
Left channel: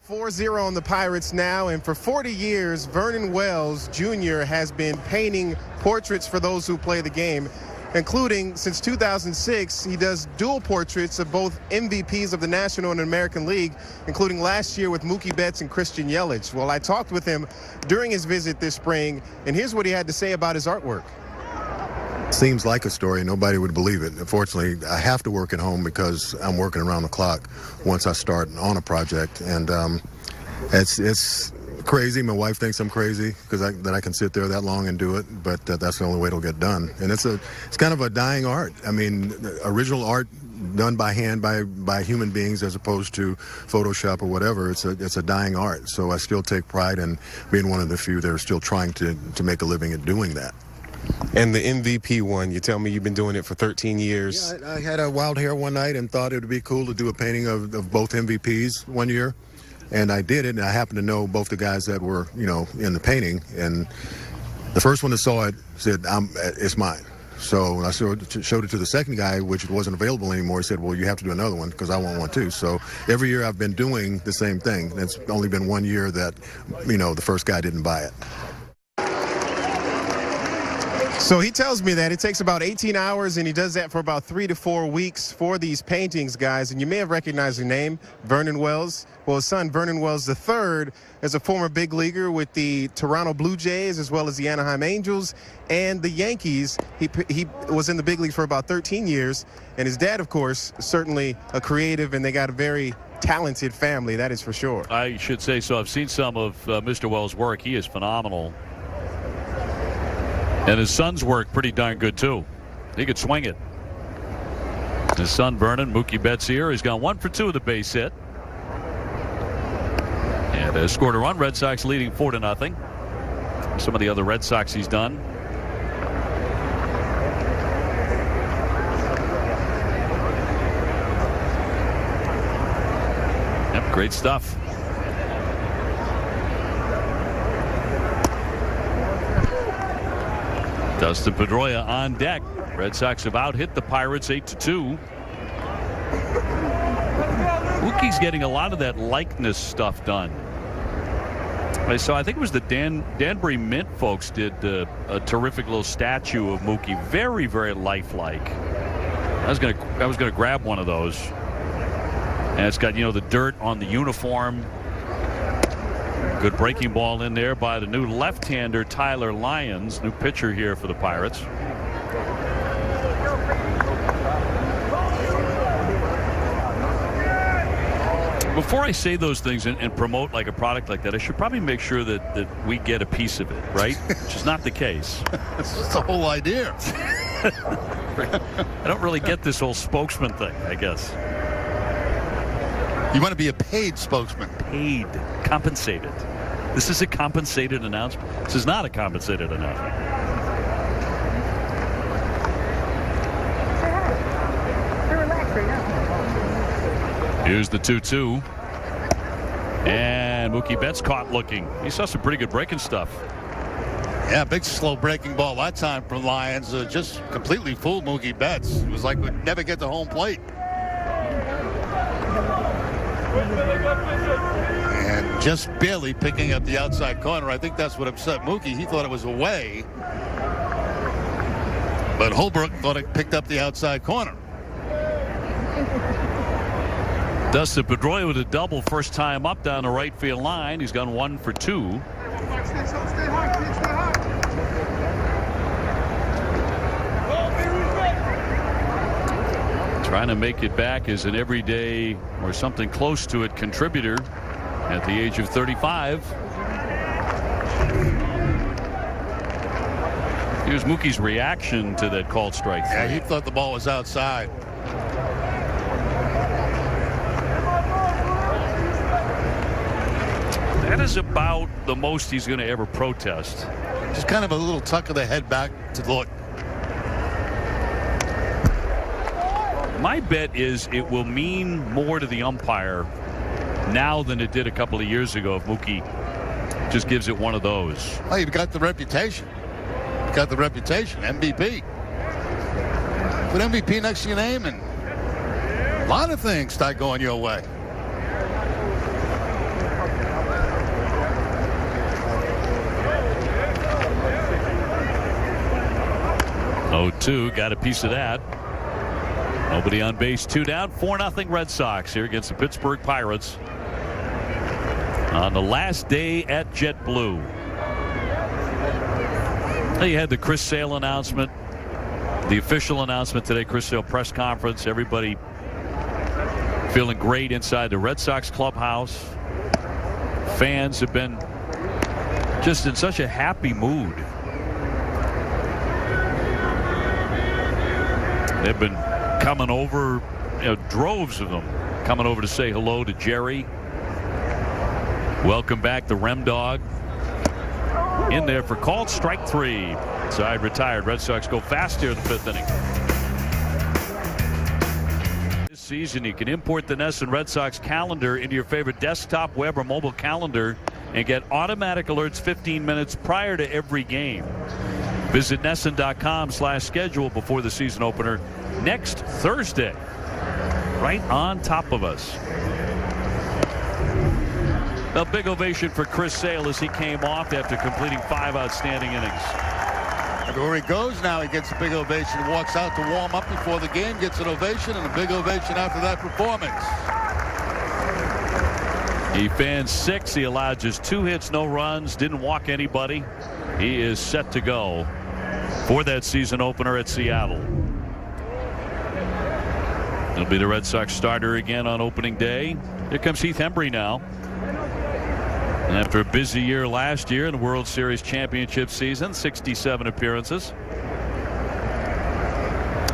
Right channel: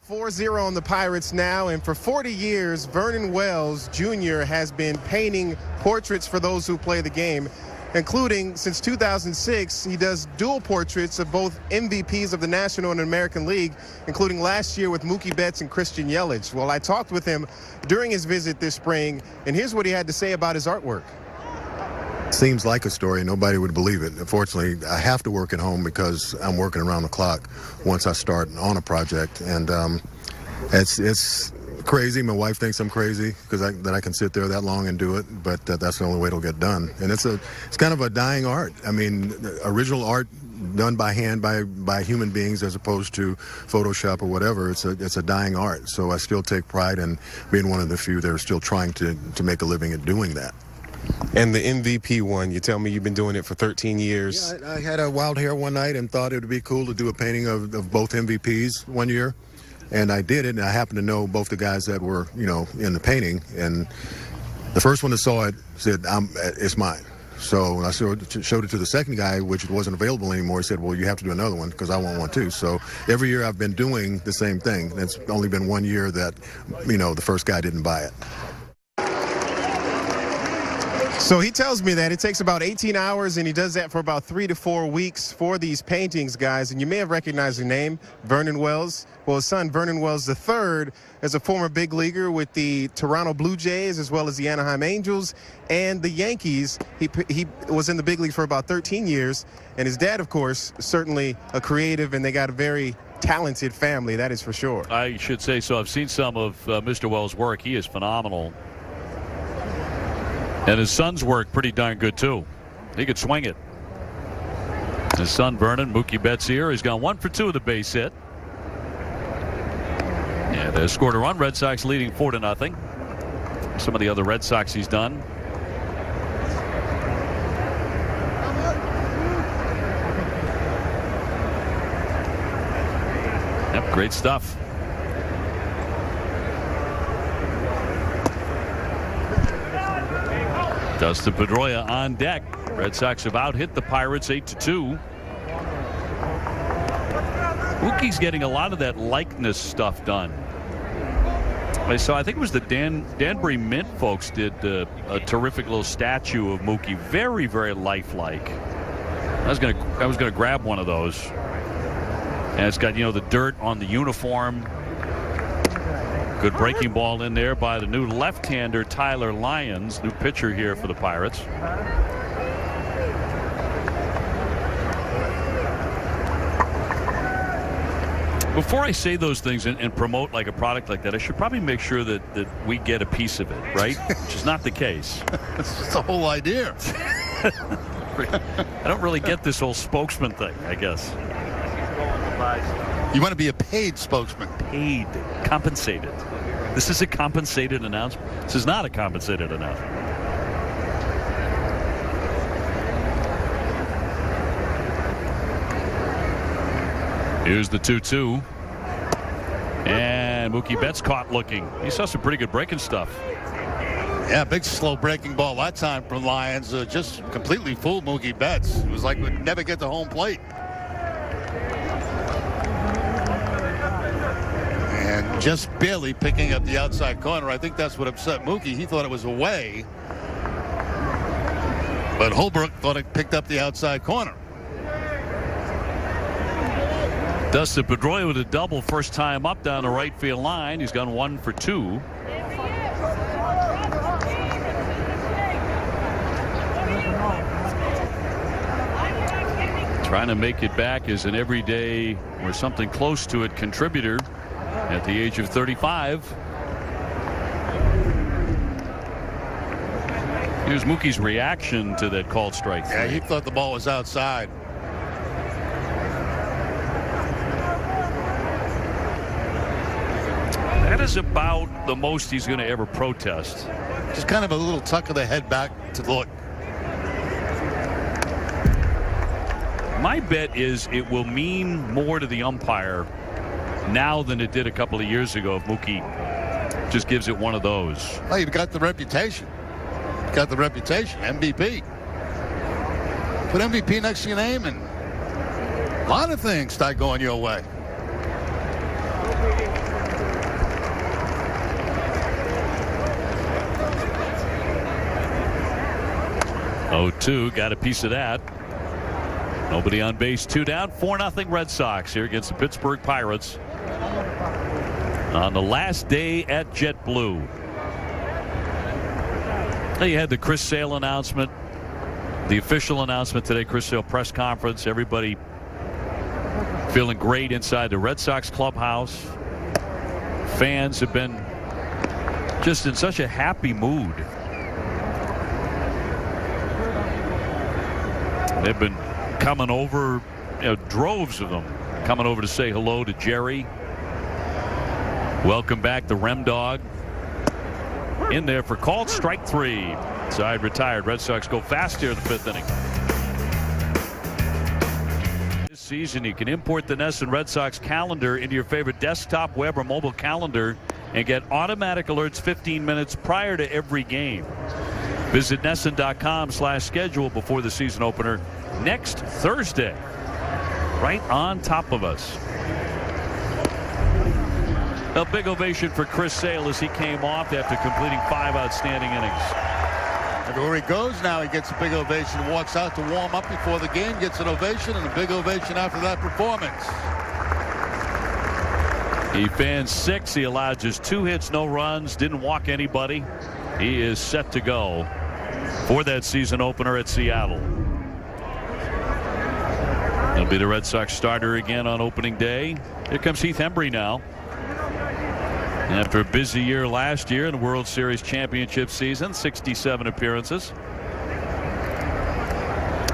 4-0 on the Pirates now, and for 40 years, Vernon Wells Jr. has been painting portraits for those who play the game, including, since 2006, he does dual portraits of both MVPs of the National and American League, including last year with Mookie Betts and Christian Yelich. Well, I talked with him during his visit this spring, and here's what he had to say about his artwork. Seems like a story. Nobody would believe it. Unfortunately, I have to work at home because I'm working around the clock once I start on a project. And it's crazy. My wife thinks I'm crazy because I can sit there that long and do it, but that's the only way it'll get done. And it's kind of a dying art. I mean, original art done by hand by human beings as opposed to Photoshop or whatever. It's a dying art. So I still take pride in being one of the few that are still trying to make a living at doing that. And the MVP one, you tell me you've been doing it for 13 years. Yeah, I had a wild hair one night and thought it would be cool to do a painting of both MVPs one year. And I did it, and I happened to know both the guys that were, in the painting. And the first one that saw it said, it's mine. So when I showed it to the second guy, which wasn't available anymore, he said, well, you have to do another one because I want one too. So every year I've been doing the same thing. It's only been 1 year that, the first guy didn't buy it. So he tells me that it takes about 18 hours, and he does that for about 3 to 4 weeks for these paintings, guys. And you may have recognized the name, Vernon Wells. Well, his son, Vernon Wells III, is a former big leaguer with the Toronto Blue Jays as well as the Anaheim Angels and the Yankees. He was in the big league for about 13 years. And his dad, of course, certainly a creative, and they got a very talented family, that is for sure. I should say so. I've seen some of Mr. Wells' work. He is phenomenal. And his son's work pretty darn good, too. He could swing it. His son, Vernon, Mookie Betts here. He's gone 1 for 2 with a base hit. And they scored a run. Red Sox leading 4-0. Some of the other Red Sox he's done. Yep, great stuff. Dustin Pedroia on deck. Red Sox have out-hit the Pirates 8-2. Mookie's getting a lot of that likeness stuff done. So I think it was the Danbury Mint folks did a terrific little statue of Mookie, very, very lifelike. I was gonna grab one of those, and it's got the dirt on the uniform. Good breaking ball in there by the new left-hander Tyler Lyons, new pitcher here for the Pirates. Before I say those things and promote like a product like that, I should probably make sure that we get a piece of it, right? Which is not the case. That's the whole idea. I don't really get this whole spokesman thing, I guess. You want to be a paid spokesman. Paid. Compensated. This is a compensated announcement. This is not a compensated announcement. Here's the 2-2. And Mookie Betts caught looking. He saw some pretty good breaking stuff. Yeah, big slow breaking ball that time from Lyons. Just completely fooled Mookie Betts. It was like we'd never get to home plate. And just barely picking up the outside corner. I think that's what upset Mookie. He thought it was away. But Holbrook thought it picked up the outside corner. Dustin Pedroia with a double first time up down the right field line. He's gone 1 for 2. Trying to make it back as an everyday or something close to it contributor at the age of 35. Here's Mookie's reaction to that called strike. Yeah, he thought the ball was outside. That is about the most he's going to ever protest. Just kind of a little tuck of the head back to look. My bet is it will mean more to the umpire now than it did a couple of years ago if Mookie just gives it one of those. Well, you've got the reputation. You've got the reputation. MVP. Put MVP next to your name and a lot of things start going your way. 0-2, got a piece of that. Nobody on base, 2 down, 4-0 Red Sox here against the Pittsburgh Pirates on the last day at JetBlue. You had the Chris Sale announcement, the official announcement today, Chris Sale press conference. Everybody feeling great inside the Red Sox clubhouse. Fans have been just in such a happy mood. They've been coming over, droves of them coming over to say hello to Jerry. Welcome back the Rem Dog. In there for called strike 3. Side retired. Red Sox go fast here in the 5th inning. This season you can import the NESN Red Sox calendar into your favorite desktop, web, or mobile calendar and get automatic alerts 15 minutes prior to every game. Visit NESN.com/schedule before the season opener next Thursday. Right on top of us. A big ovation for Chris Sale as he came off after completing 5 outstanding innings. Everywhere he goes now, he gets a big ovation. Walks out to warm up before the game, gets an ovation, and a big ovation after that performance. He fanned 6. He allowed just 2 hits, no runs, didn't walk anybody. He is set to go for that season opener at Seattle. He'll be the Red Sox starter again on opening day. Here comes Heath Hembree now. After a busy year last year in the World Series championship season, 67 appearances.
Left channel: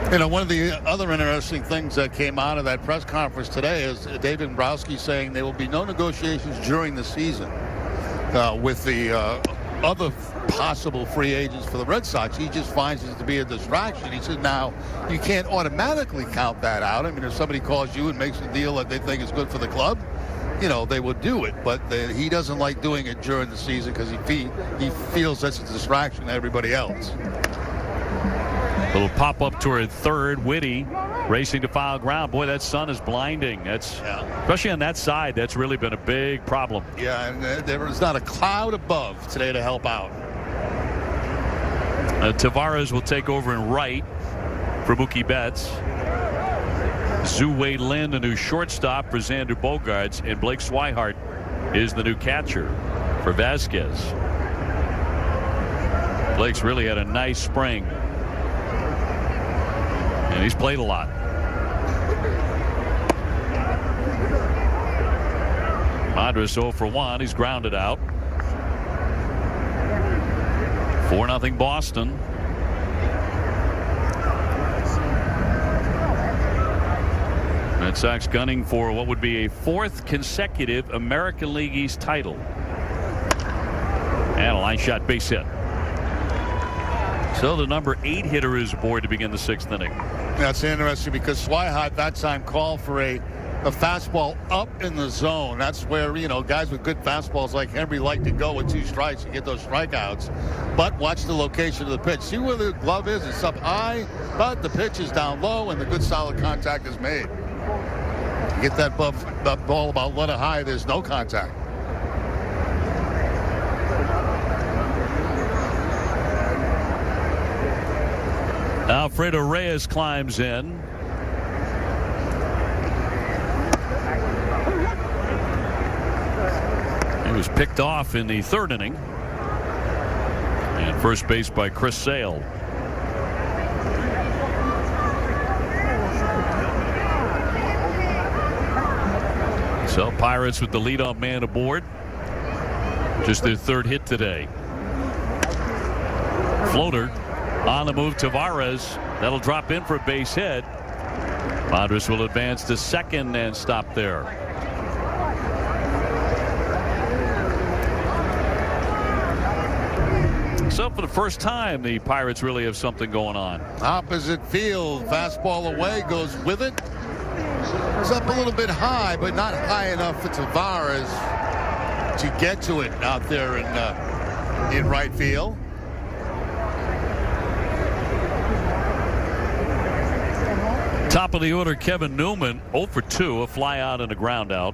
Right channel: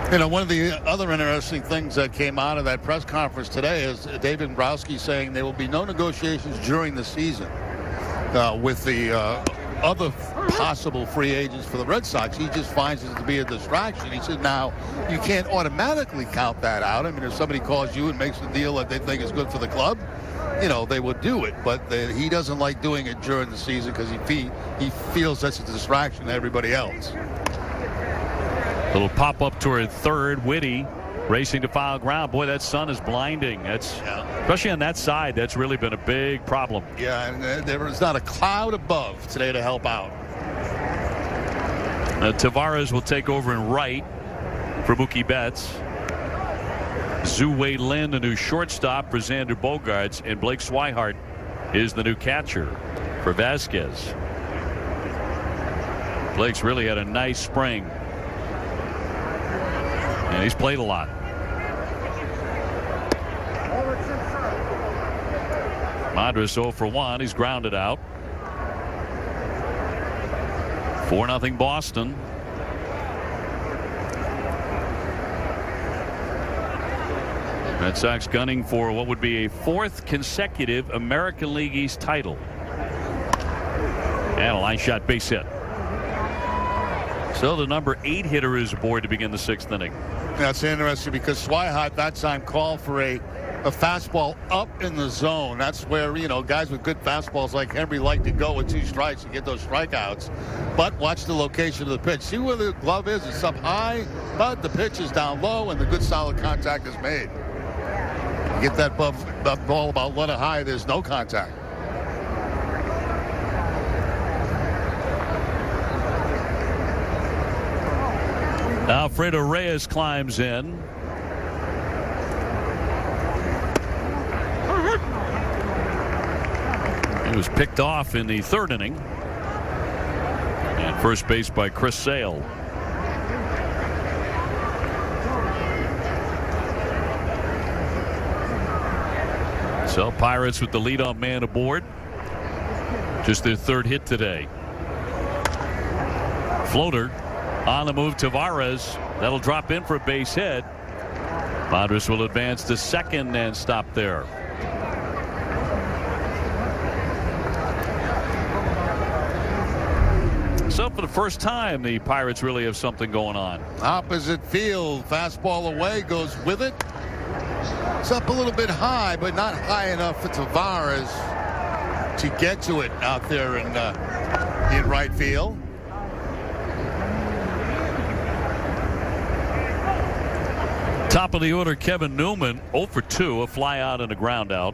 One of the other interesting things that came out of that press conference today is David Dombrowski saying there will be no negotiations during the season with the other possible free agents for the Red Sox. He just finds it to be a distraction. He says, now, you can't automatically count that out. I mean, if somebody calls you and makes a deal that they think is good for the club, they would do it. But he doesn't like doing it during the season because he feels that's a distraction to everybody else. Little pop-up toward third. Whitty racing to foul ground. Boy, that sun is blinding. Especially on that side, that's really been a big problem. Yeah, and there was not a cloud above today to help out. Tavares will take over in right for Mookie Betts. Zhu-Wei Lin, the new shortstop for Xander Bogaerts, and Blake Swihart is the new catcher for Vasquez. Blake's really had a nice spring, and he's played a lot. Madras 0 for 1. He's grounded out. 4-0 Boston. Red Sox gunning for what would be a 4th consecutive American League East title. And a line shot base hit. So the number 8 hitter is aboard to begin the 6th inning. That's interesting because Swihart that time called for a fastball up in the zone. That's where, guys with good fastballs like Henry like to go with 2 strikes and get those strikeouts. But watch the location of the pitch. See where the glove is. It's up high, but the pitch is down low and the good solid contact is made. Get that ball about letter high, there's no contact. Alfredo Reyes climbs in. He was picked off in the 3rd inning. And first base by Chris Sale. So Pirates with the leadoff man aboard. Just their 3rd hit today. Floater on the move. Tavares. That'll drop in for a base hit. Madras will advance to 2nd and stop there. So for the first time, the Pirates really have something going on. Opposite field. Fastball away. Goes with it. It's up a little bit high, but not high enough for Tavares to get to it out there in right field. Top of the order, Kevin Newman, 0 for 2, a fly out and a ground out.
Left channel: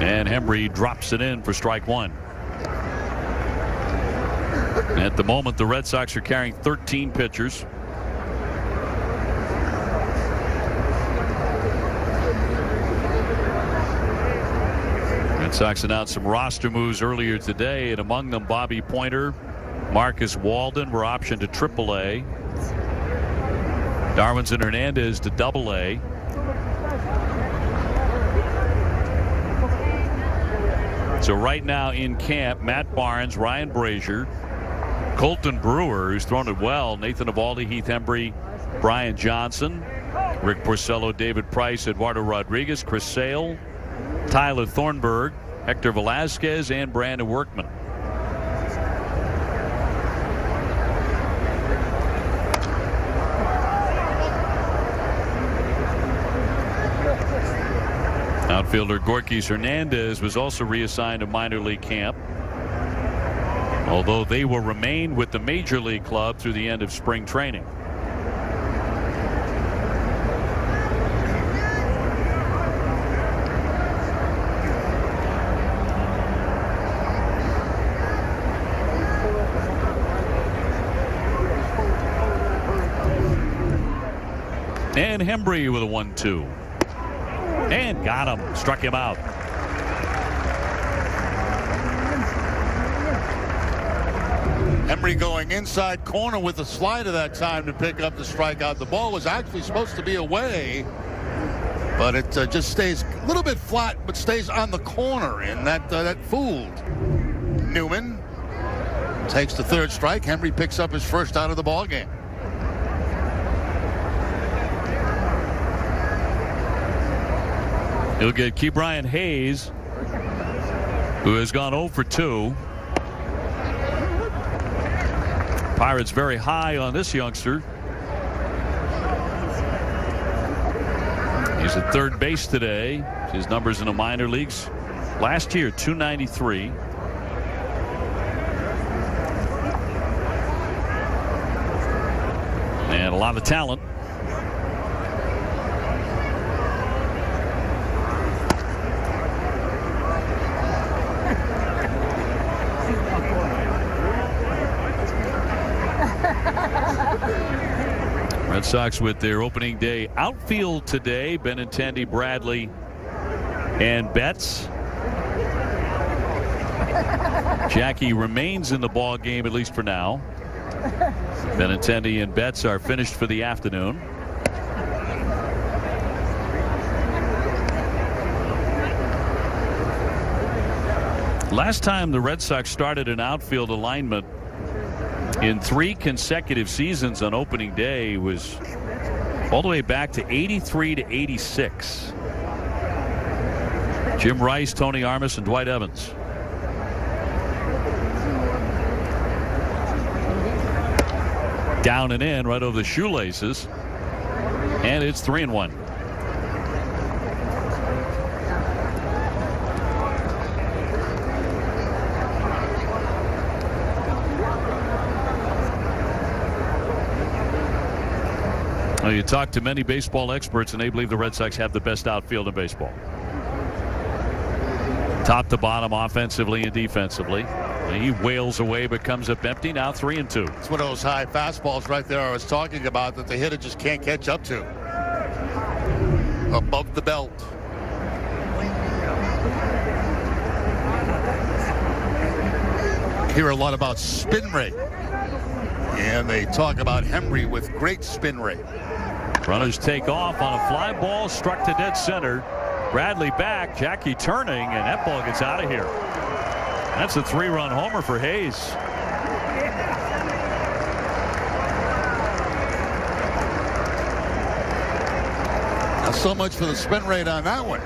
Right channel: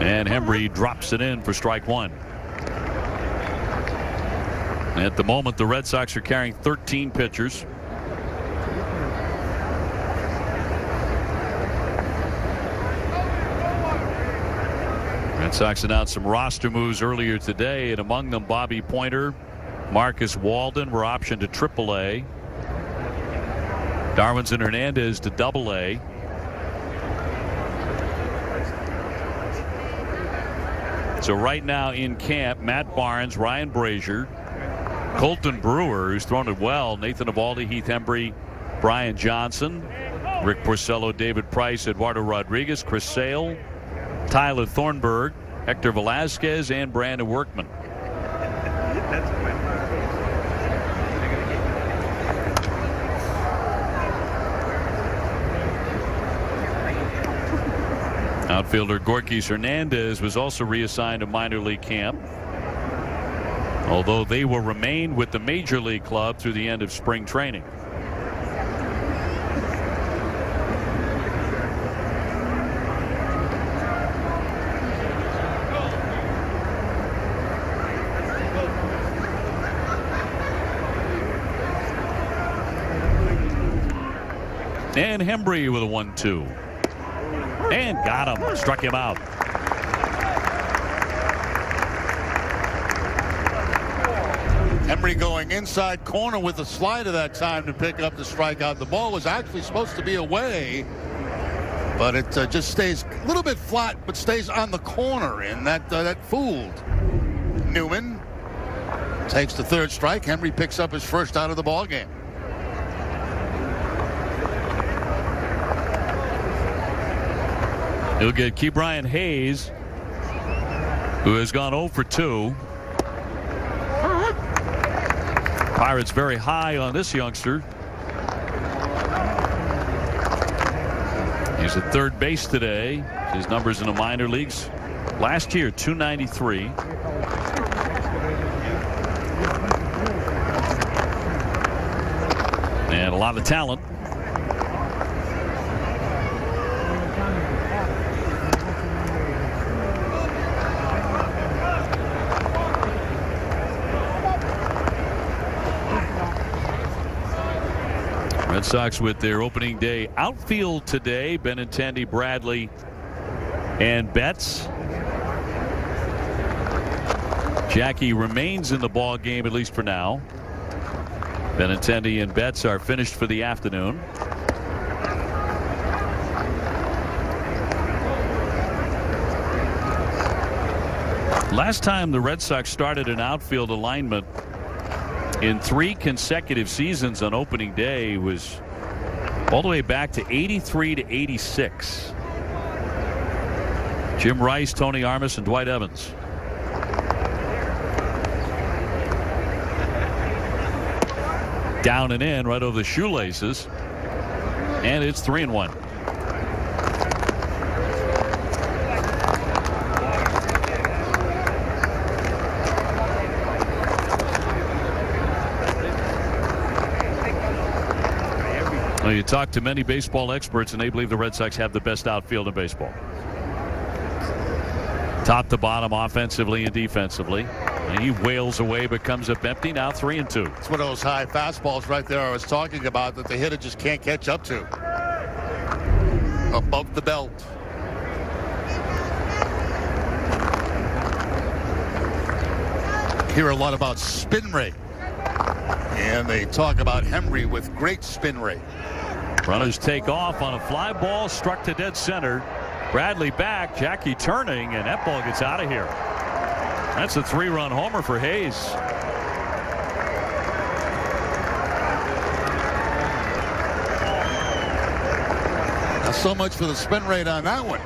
And Hembree drops it in for strike 1. At the moment, the Red Sox are carrying 13 pitchers. Red Sox announced some roster moves earlier today, and among them Bobby Pointer, Marcus Walden were optioned to AAA. Darwinson Hernandez to AA. So right now in camp, Matt Barnes, Ryan Brazier, Colton Brewer, who's thrown it well, Nathan Eovaldi, Heath Hembree, Brian Johnson, Rick Porcello, David Price, Eduardo Rodriguez, Chris Sale, Tyler Thornburg, Hector Velasquez, and Brandon Workman. Outfielder Gorkys Hernandez was also reassigned to minor league camp, although they will remain with the major league club through the end of spring training. And Hembree with a 1-2. And got him. Struck him out. Hembree going inside corner with a slider that time to pick up the strikeout. The ball was actually supposed to be away, but it just stays a little bit flat, but stays on the corner, and that fooled Newman. Takes the 3rd strike. Hembree picks up his first out of the ball game. He'll get Ke'Bryan Hayes, who has gone 0 for 2. Pirates very high on this youngster. He's at 3rd base today. His numbers in the minor leagues last year, 293. And a lot of talent. Red Sox with their opening day outfield today. Benintendi, Bradley, and Betts. Jackie remains in the ball game, at least for now. Benintendi and Betts are finished for the afternoon. Last time the Red Sox started an outfield alignment in 3 consecutive seasons on opening day was all the way back to 83 to 86. Jim Rice, Tony Armas, and Dwight Evans. Down and in right over the shoelaces. And it's 3-1. Well, you talk to many baseball experts, and they believe the Red Sox have the best outfield in baseball. Top to bottom, offensively and defensively. And he wails away but comes up empty. Now 3-2. It's one of those high fastballs right there I was talking about that the hitter just can't catch up to. Above the belt. Hear a lot about spin rate. And they talk about Hembree with great spin rate. Runners take off on a fly ball struck to dead center. Bradley back, Jackie turning, and that ball gets out of here. That's a 3-run homer for Hayes. Not so much for the spin rate on that one.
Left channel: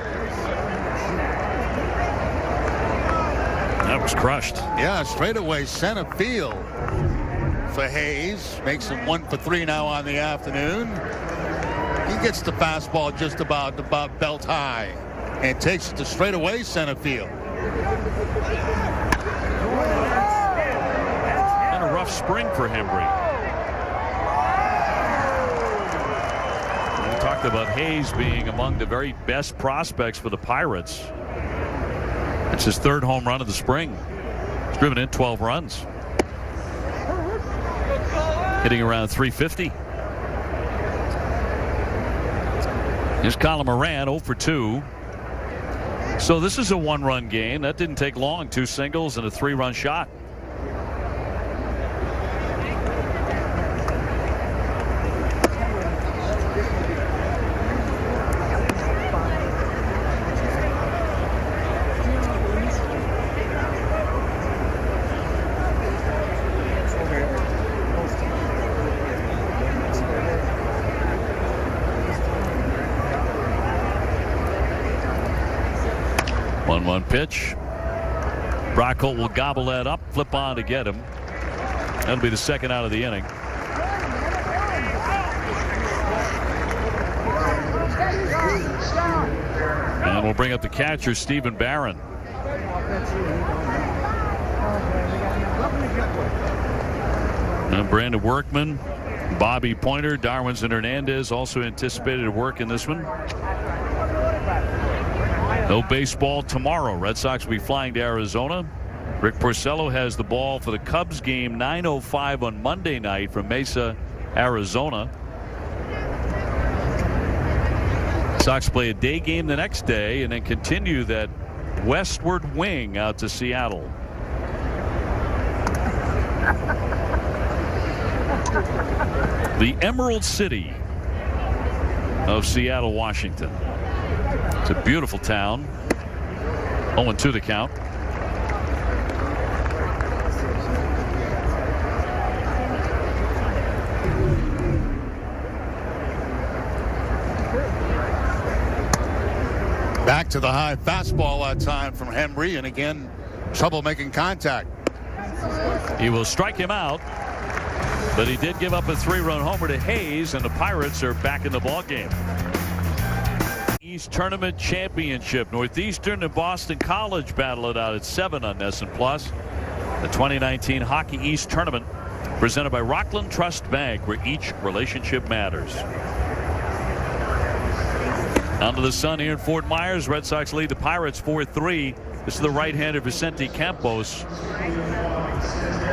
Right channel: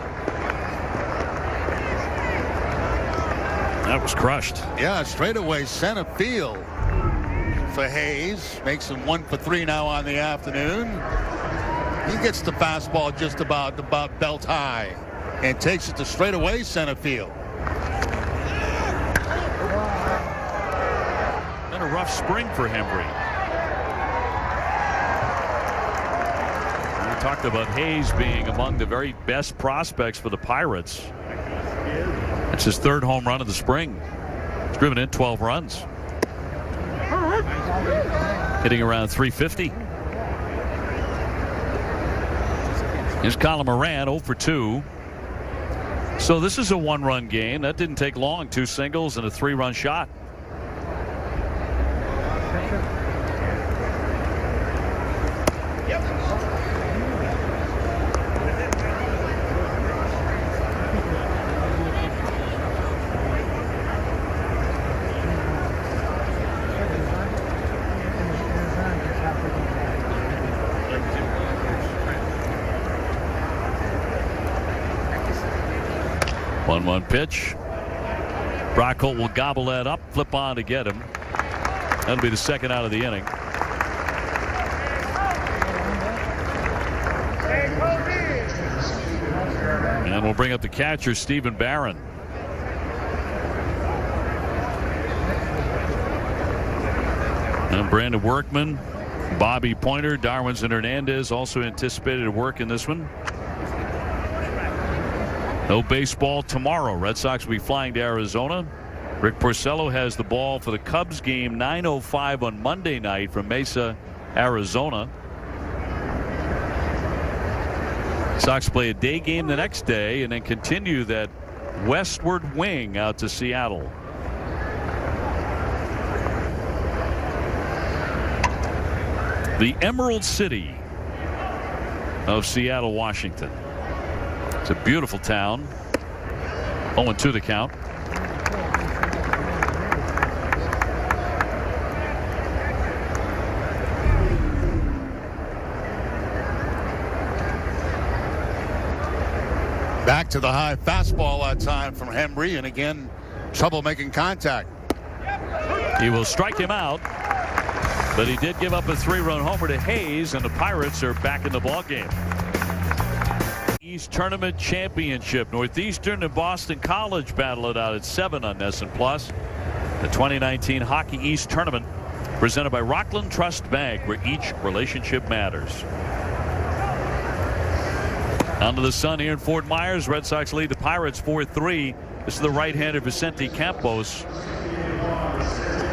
That was crushed. Yeah, straightaway center field for Hayes. Makes him 1 for 3 now on the afternoon. He gets the fastball just about belt high and takes it to straightaway center field. And a rough spring for Hembree. We talked about Hayes being among the very best prospects for the Pirates. It's his 3rd home run of the spring. He's driven in 12 runs. Hitting around 350. Here's Colin Moran, 0 for 2. So this is a 1-run game. That didn't take long. 2 singles and a 3-run shot. One pitch. Brock Holt will gobble that up, flip on to get him. That'll be the 2nd out of the inning. And we'll bring up the catcher, Stephen Barron. And Brandon Workman, Bobby Pointer, Darwinson Hernandez also anticipated to work in this one. No baseball tomorrow. Red Sox will be flying to Arizona. Rick Porcello has the ball for the Cubs game 9:05 on Monday night from Mesa, Arizona. Sox play a day game the next day and then continue that westward wing out to Seattle. The Emerald City of Seattle, Washington. It's a beautiful town. 0-2 the count. Back to the high fastball that time from Hembree, and again, trouble making contact. He will strike him out, but he did give up a 3-run homer to Hayes, and the Pirates are back in the ballgame. East Tournament Championship. Northeastern and Boston College battle it out at 7 on NESN Plus. The 2019 Hockey East Tournament. Presented by Rockland Trust Bank, where each relationship matters. Down to the sun here in Fort Myers. Red Sox lead the Pirates 4-3. This is the right-hander Vicente Campos.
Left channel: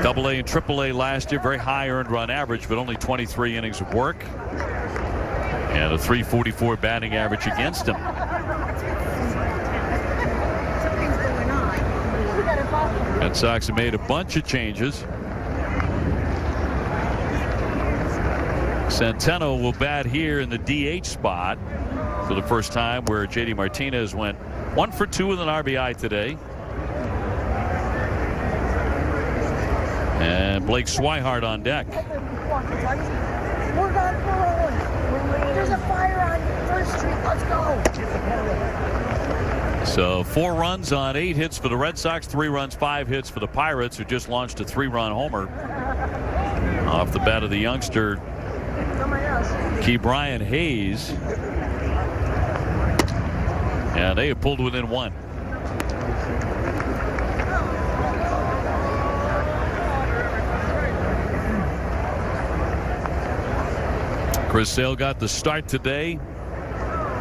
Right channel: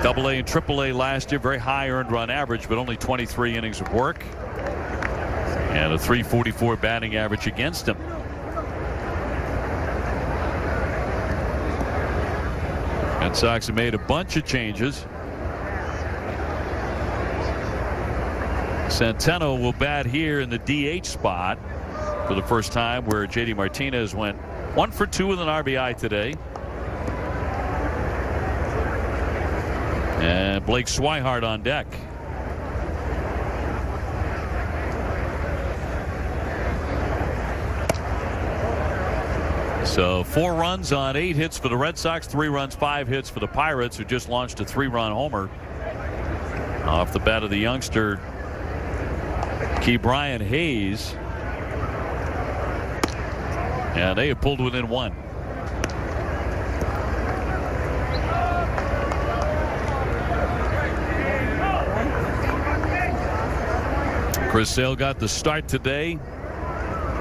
AA and AAA last year. Very high earned run average, but only 23 innings of work. And a .344 batting average against him. Red Sox have made a bunch of changes. Centeno will bat here in the DH spot for the first time, where JD Martinez went 1 for 2 with an RBI today. And Blake Swihart on deck. So 4 runs on 8 hits for the Red Sox, 3 runs, 5 hits for the Pirates, who just launched a 3-run homer off the bat of the youngster Ke'Bryan Hayes. And they have pulled within 1. Chris Sale got the start today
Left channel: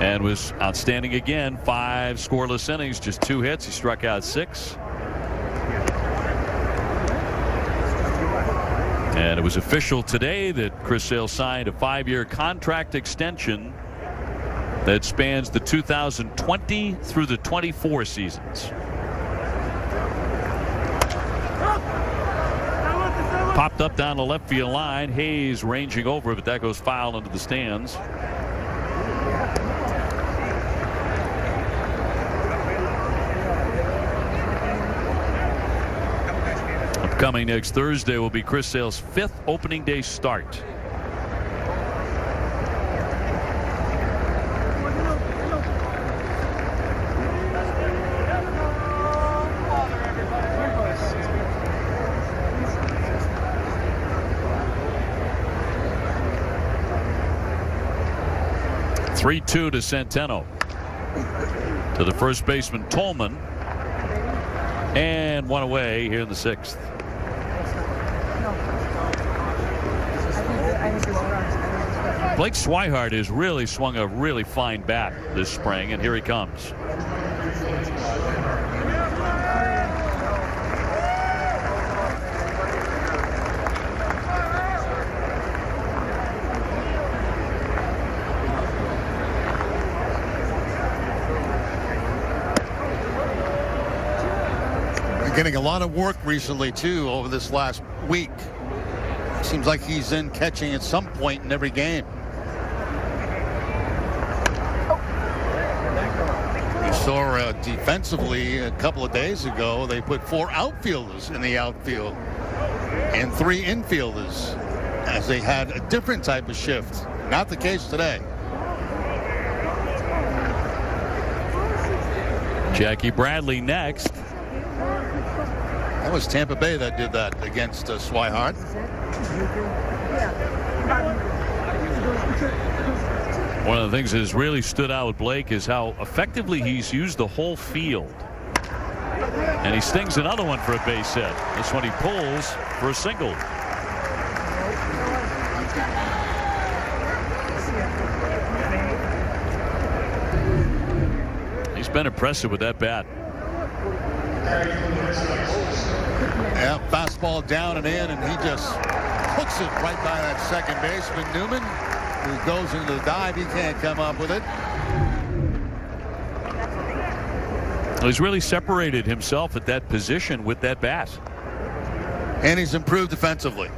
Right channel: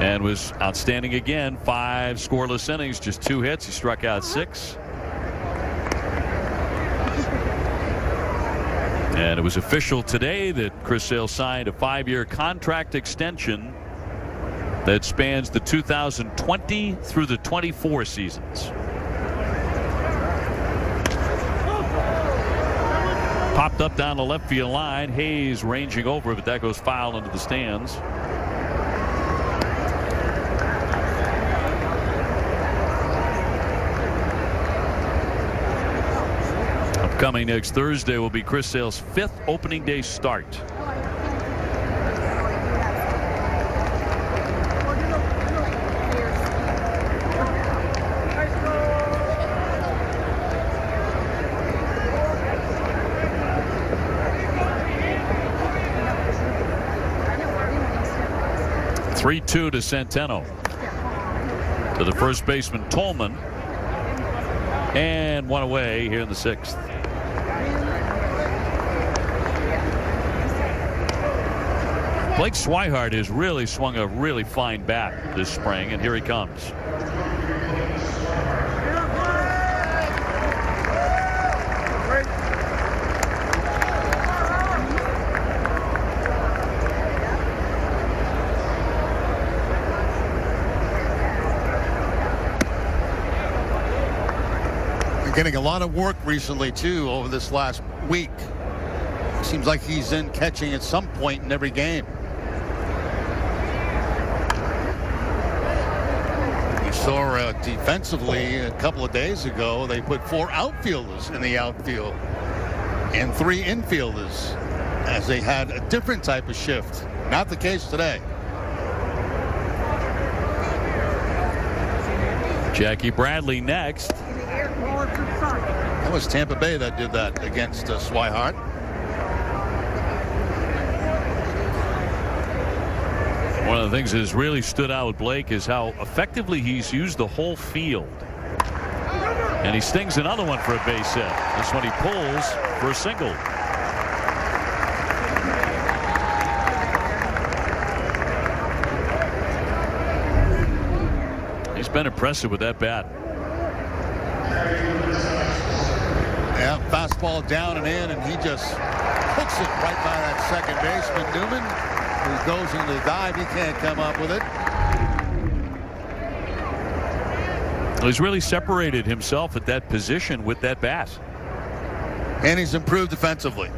and was outstanding again. 5 scoreless innings, just 2 hits. He struck out 6. And it was official today that Chris Sale signed a 5-year contract extension that spans the 2020 through the 24 seasons. Popped up down the left field line. Hayes ranging over, but that goes foul into the stands. Upcoming next Thursday will be Chris Sale's 5th opening day start. (3-2) to Centeno. To the first baseman Tolman. And 1 away here in the 6th. Blake Swihart has really swung a really fine bat this spring, and here he comes. Getting a lot of work recently too over this last week. Seems like he's in catching at some point in every game. You saw defensively a couple of days ago, they put 4 outfielders in the outfield and 3 infielders, as they had a different type of shift. Not the case today. Jackie Bradley next. That was Tampa Bay that did that against Swihart. One of the things that has really stood out with Blake is how effectively he's used the whole field. And he stings another one for a base hit. This one he pulls for a single. He's been impressive with that bat. Yeah, fastball down and in, and he just hooks it right by that second baseman, Newman, who goes into the dive. He can't come up with it. Well, he's really separated himself at that position with that bat. And he's improved defensively.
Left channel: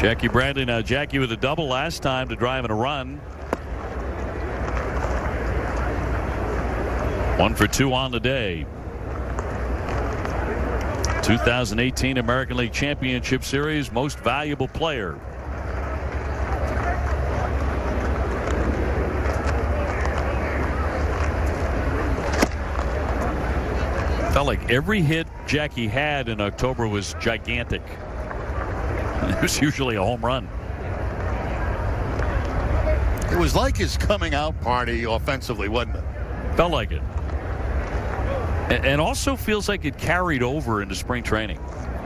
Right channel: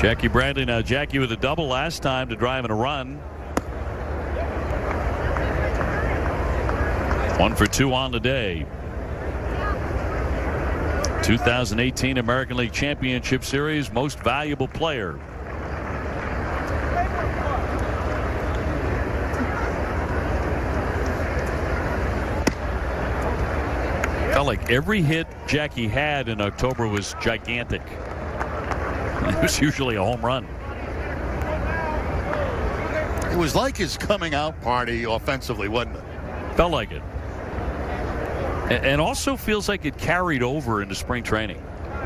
Jackie Bradley now. Jackie with a double last time to drive in a run. 1 for 2 on the day. 2018 American League Championship Series Most Valuable Player. Felt like every hit Jackie had in October was gigantic. It was usually a home run. It was like his coming out party offensively, wasn't it? Felt like it. And also feels like it carried over into spring training.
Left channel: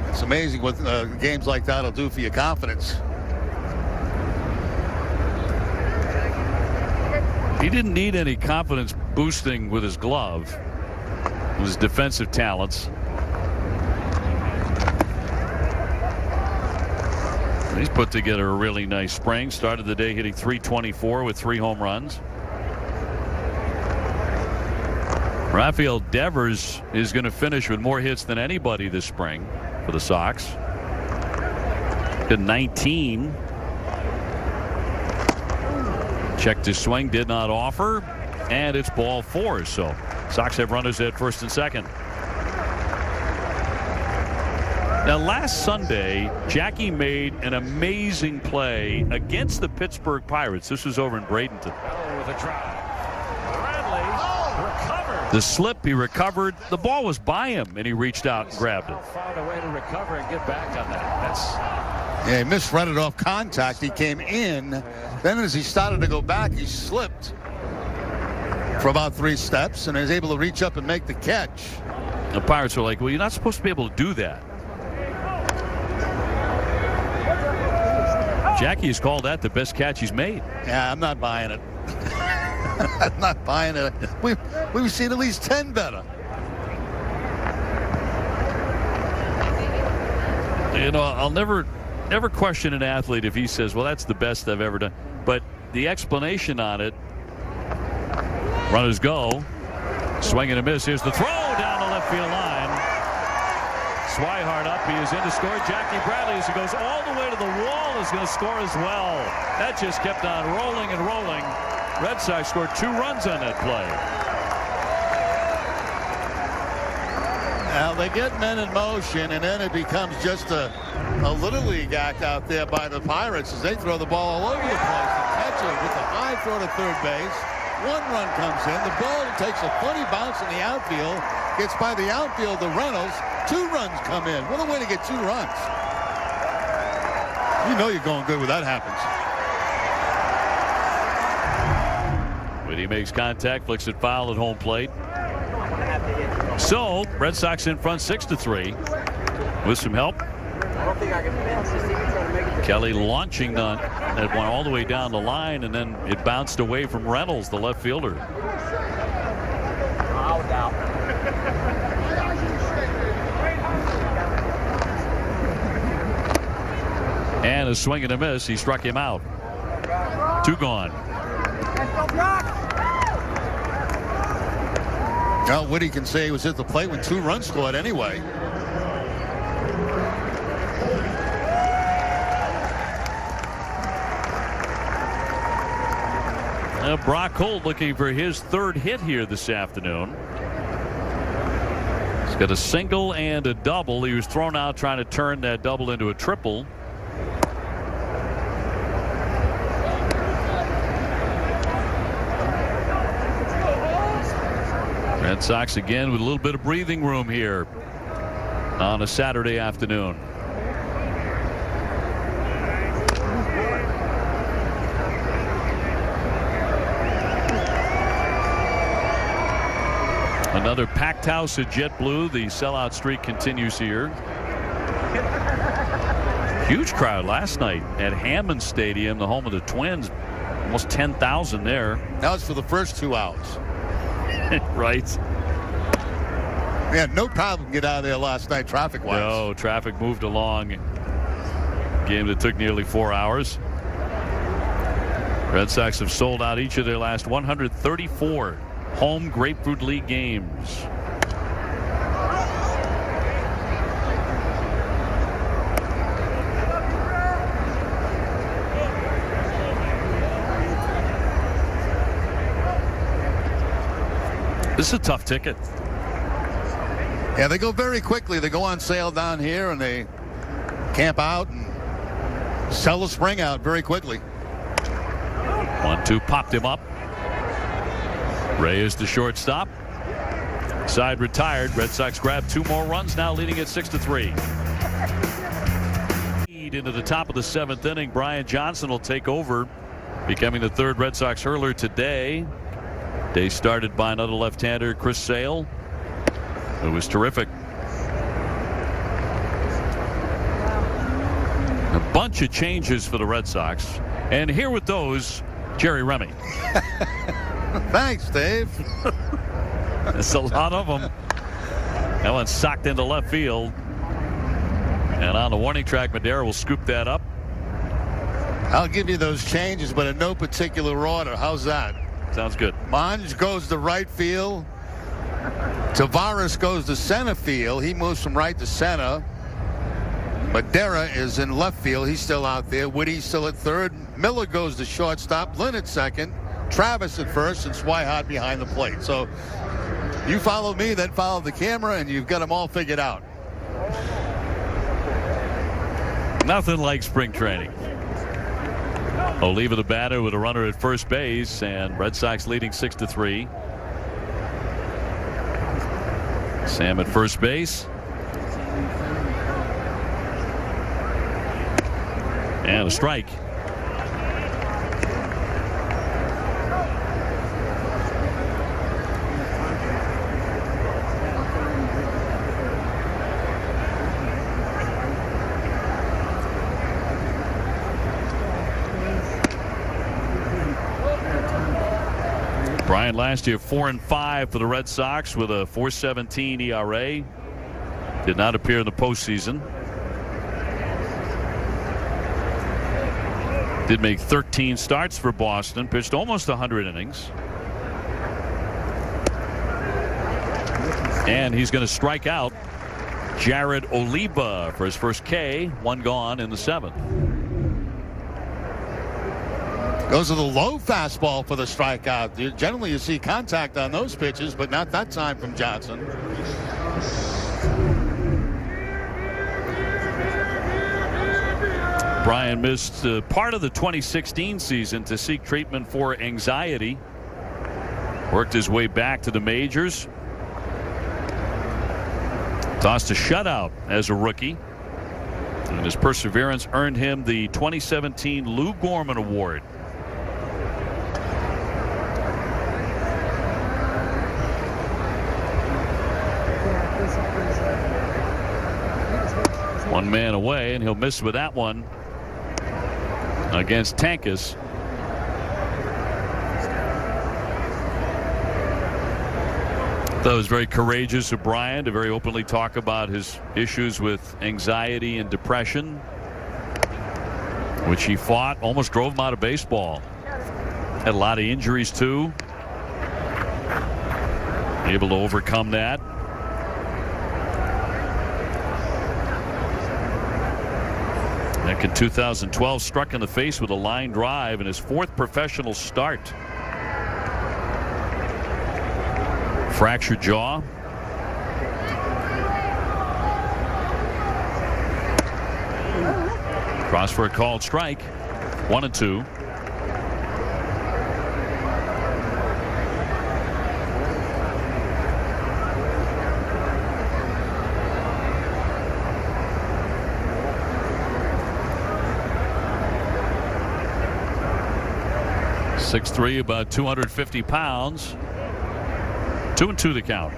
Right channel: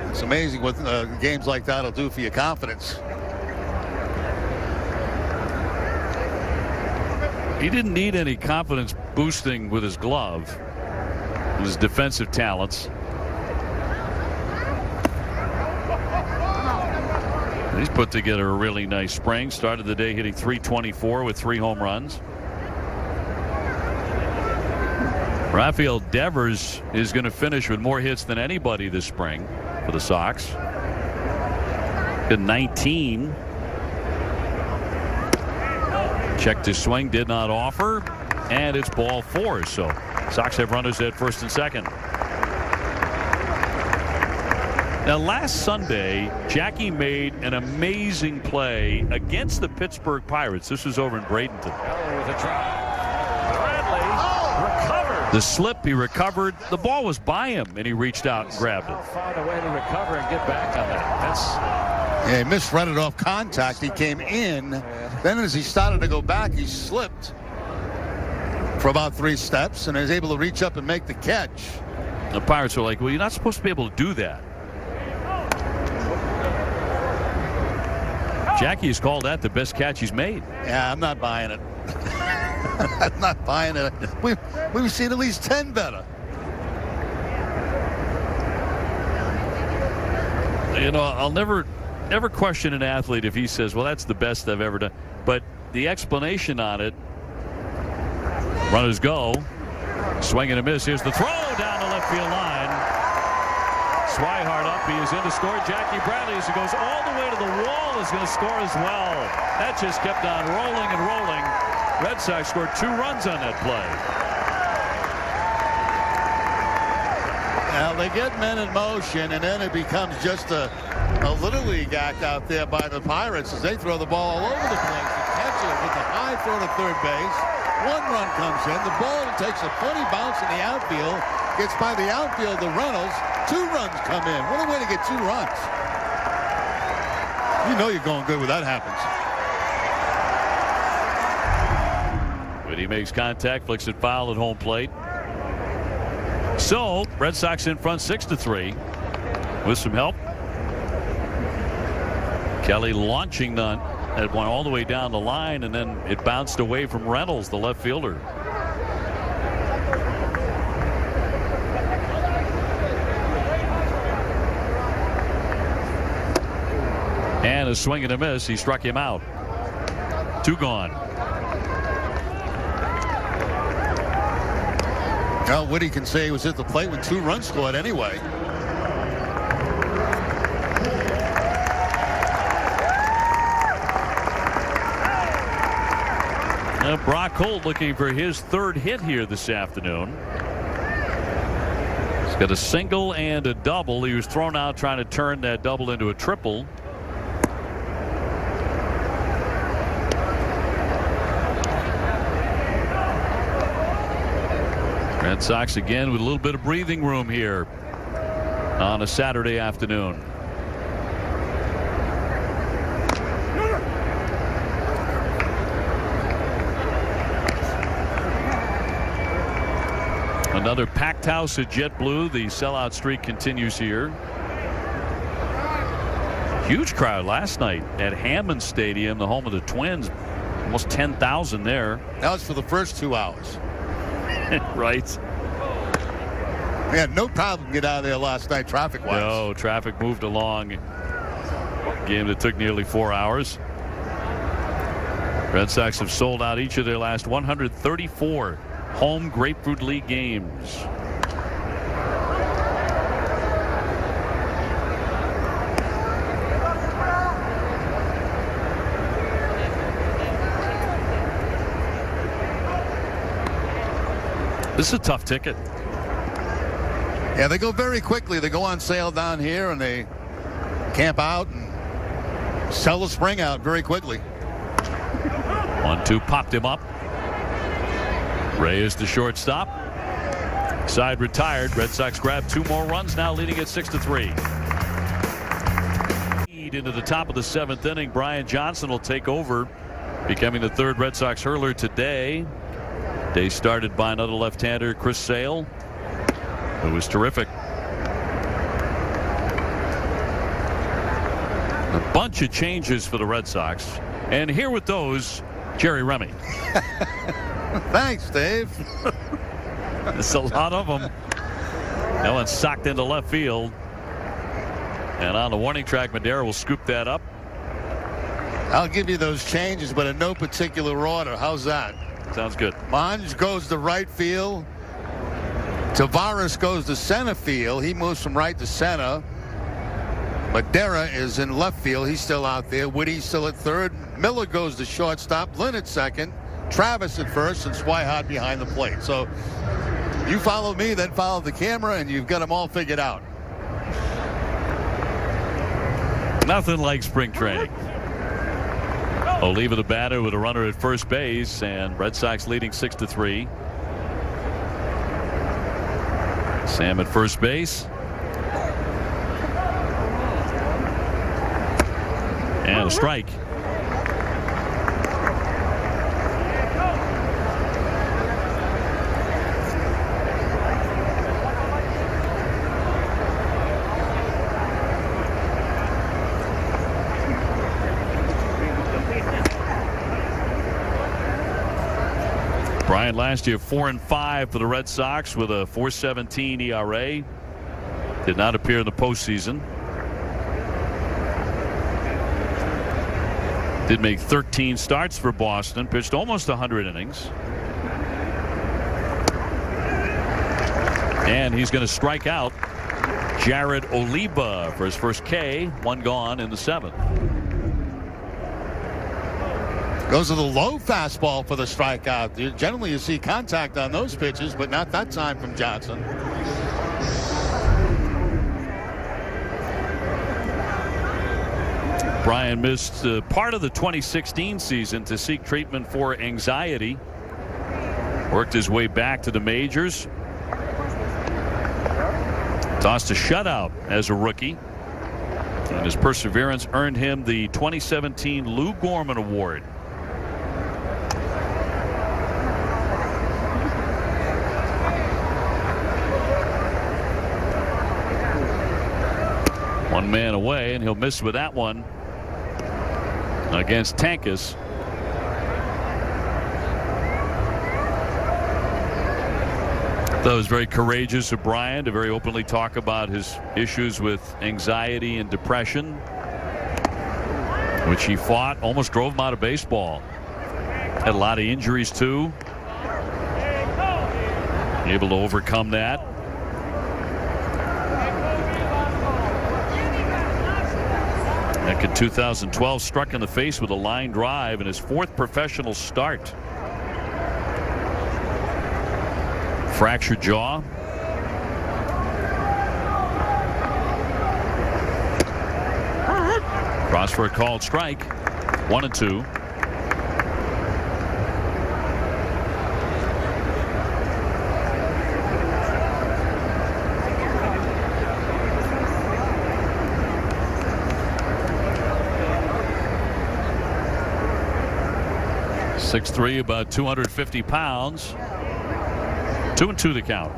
It's amazing what games like that will do for your confidence. He didn't need any confidence boosting with his glove, his defensive talents. He's put together a really nice spring. Started the day hitting .324 with 3 home runs. Rafael Devers is going to finish with more hits than anybody this spring for the Sox. Hit 19. Checked his swing, did not offer, and it's ball 4. So Sox have runners at first and second. Now, last Sunday, Jackie made an amazing play against the Pittsburgh Pirates. This was over in Bradenton. With a drop. Bradley recovered. The slip, he recovered. The ball was by him, and he reached out and grabbed it. How far away to recover and get back on that? Yeah, he misread it off contact. He came in. Then as he started to go back, he slipped for about 3 steps and is able to reach up and make the catch. The Pirates are like, well, you're not supposed to be able to do that. Jackie has called that the best catch he's made. Yeah, I'm not buying it. I'm not buying it. We've seen at least 10 better. You know, I'll never question an athlete if he says, well, that's the best I've ever done. But the explanation on it, runners go, swing and a miss. Here's the throw down the left field line. Swihart up. He is in to score. Jackie Bradley, as he goes all the way to the wall, is going to score as well. That just kept on rolling and rolling. Red Sox scored 2 runs on that play. Now they get men in motion, and then it becomes just a Little League act out there by the Pirates as they throw the ball all over the place. The catcher with a high throw to third base. 1 run comes in. The ball takes a funny bounce in the outfield. Gets by the outfield, the Reynolds. 2 runs come in. What a way to get 2 runs. You know you're going good when that happens. Whitty makes contact, flicks it foul at home plate. So, Red Sox in front 6-3 with some help. Kelly launching that one all the way down the line, and then it bounced away from Reynolds, the left fielder. And a swing and a miss. He struck him out. 2 gone. Well, Whitty can say he was at the plate when 2 runs scored anyway. Brock Holt looking for his 3rd hit here this afternoon. He's got a single and a double. He was thrown out trying to turn that double into a triple. Red Sox again with a little bit of breathing room here on a Saturday afternoon. Another packed house at JetBlue. The sellout streak continues here. Huge crowd last night at Hammond Stadium, the home of the Twins. Almost 10,000 there. That was for the first 2 hours. Right. We had no problem to get out of there last night traffic-wise. No, traffic moved along. Game that took nearly 4 hours. Red Sox have sold out each of their last 134 home Grapefruit League games. This is a tough ticket. Yeah, they go very quickly. They go on sale down here and they camp out and sell the spring out very quickly. 1-2 popped him up. Reyes to shortstop. Side retired. Red Sox grab 2 more runs now, leading at 6-3. Into the top of the 7th inning. Brian Johnson will take over, becoming the 3rd Red Sox hurler today. Day started by another left-hander, Chris Sale, who was terrific. bunch of changes for the Red Sox. And here with those, Jerry Remy. Thanks, Dave. There's a lot of them. That one's socked into left field. And on the warning track, Madera will scoop that up. I'll give you those changes, but in no particular order. How's that? Sounds good. Monge goes to right field. Tavares goes to center field. He moves from right to center. Madera is in left field. He's still out there. Whitty's still at third. Miller goes to shortstop. Lynn at second. Travis at first, and Swihart behind the plate. So you follow me, then follow the camera, and you've got them all figured out. Nothing like spring training. Oliva the batter with a runner at first base, and Red Sox leading 6-3. Sam at first base. And a strike. Bryant last year 4-5 for the Red Sox with a .417 ERA. Did not appear in the postseason. Did make 13 starts for Boston. Pitched almost 100 innings. And he's going to strike out Jared Oliva for his first K. One gone in the seventh. Goes to the low fastball for the strikeout. Generally, you see contact on those pitches, but not that time from Johnson. Brian missed part of the 2016 season to seek treatment for anxiety. Worked his way back to the majors. Tossed a shutout as a rookie. And his perseverance earned him the 2017 Lou Gorman Award. One man away, and he'll miss with that one against Tankus. That was very courageous of Brian to very openly talk about his issues with anxiety and depression, which he fought, almost drove him out of baseball. Had a lot of injuries too. Able to overcome that. Back in 2012, struck in the face with a line drive in his fourth professional start. Fractured jaw. Cross for a called strike. 1-2. .6'3", about 250 pounds. 2-2 the count.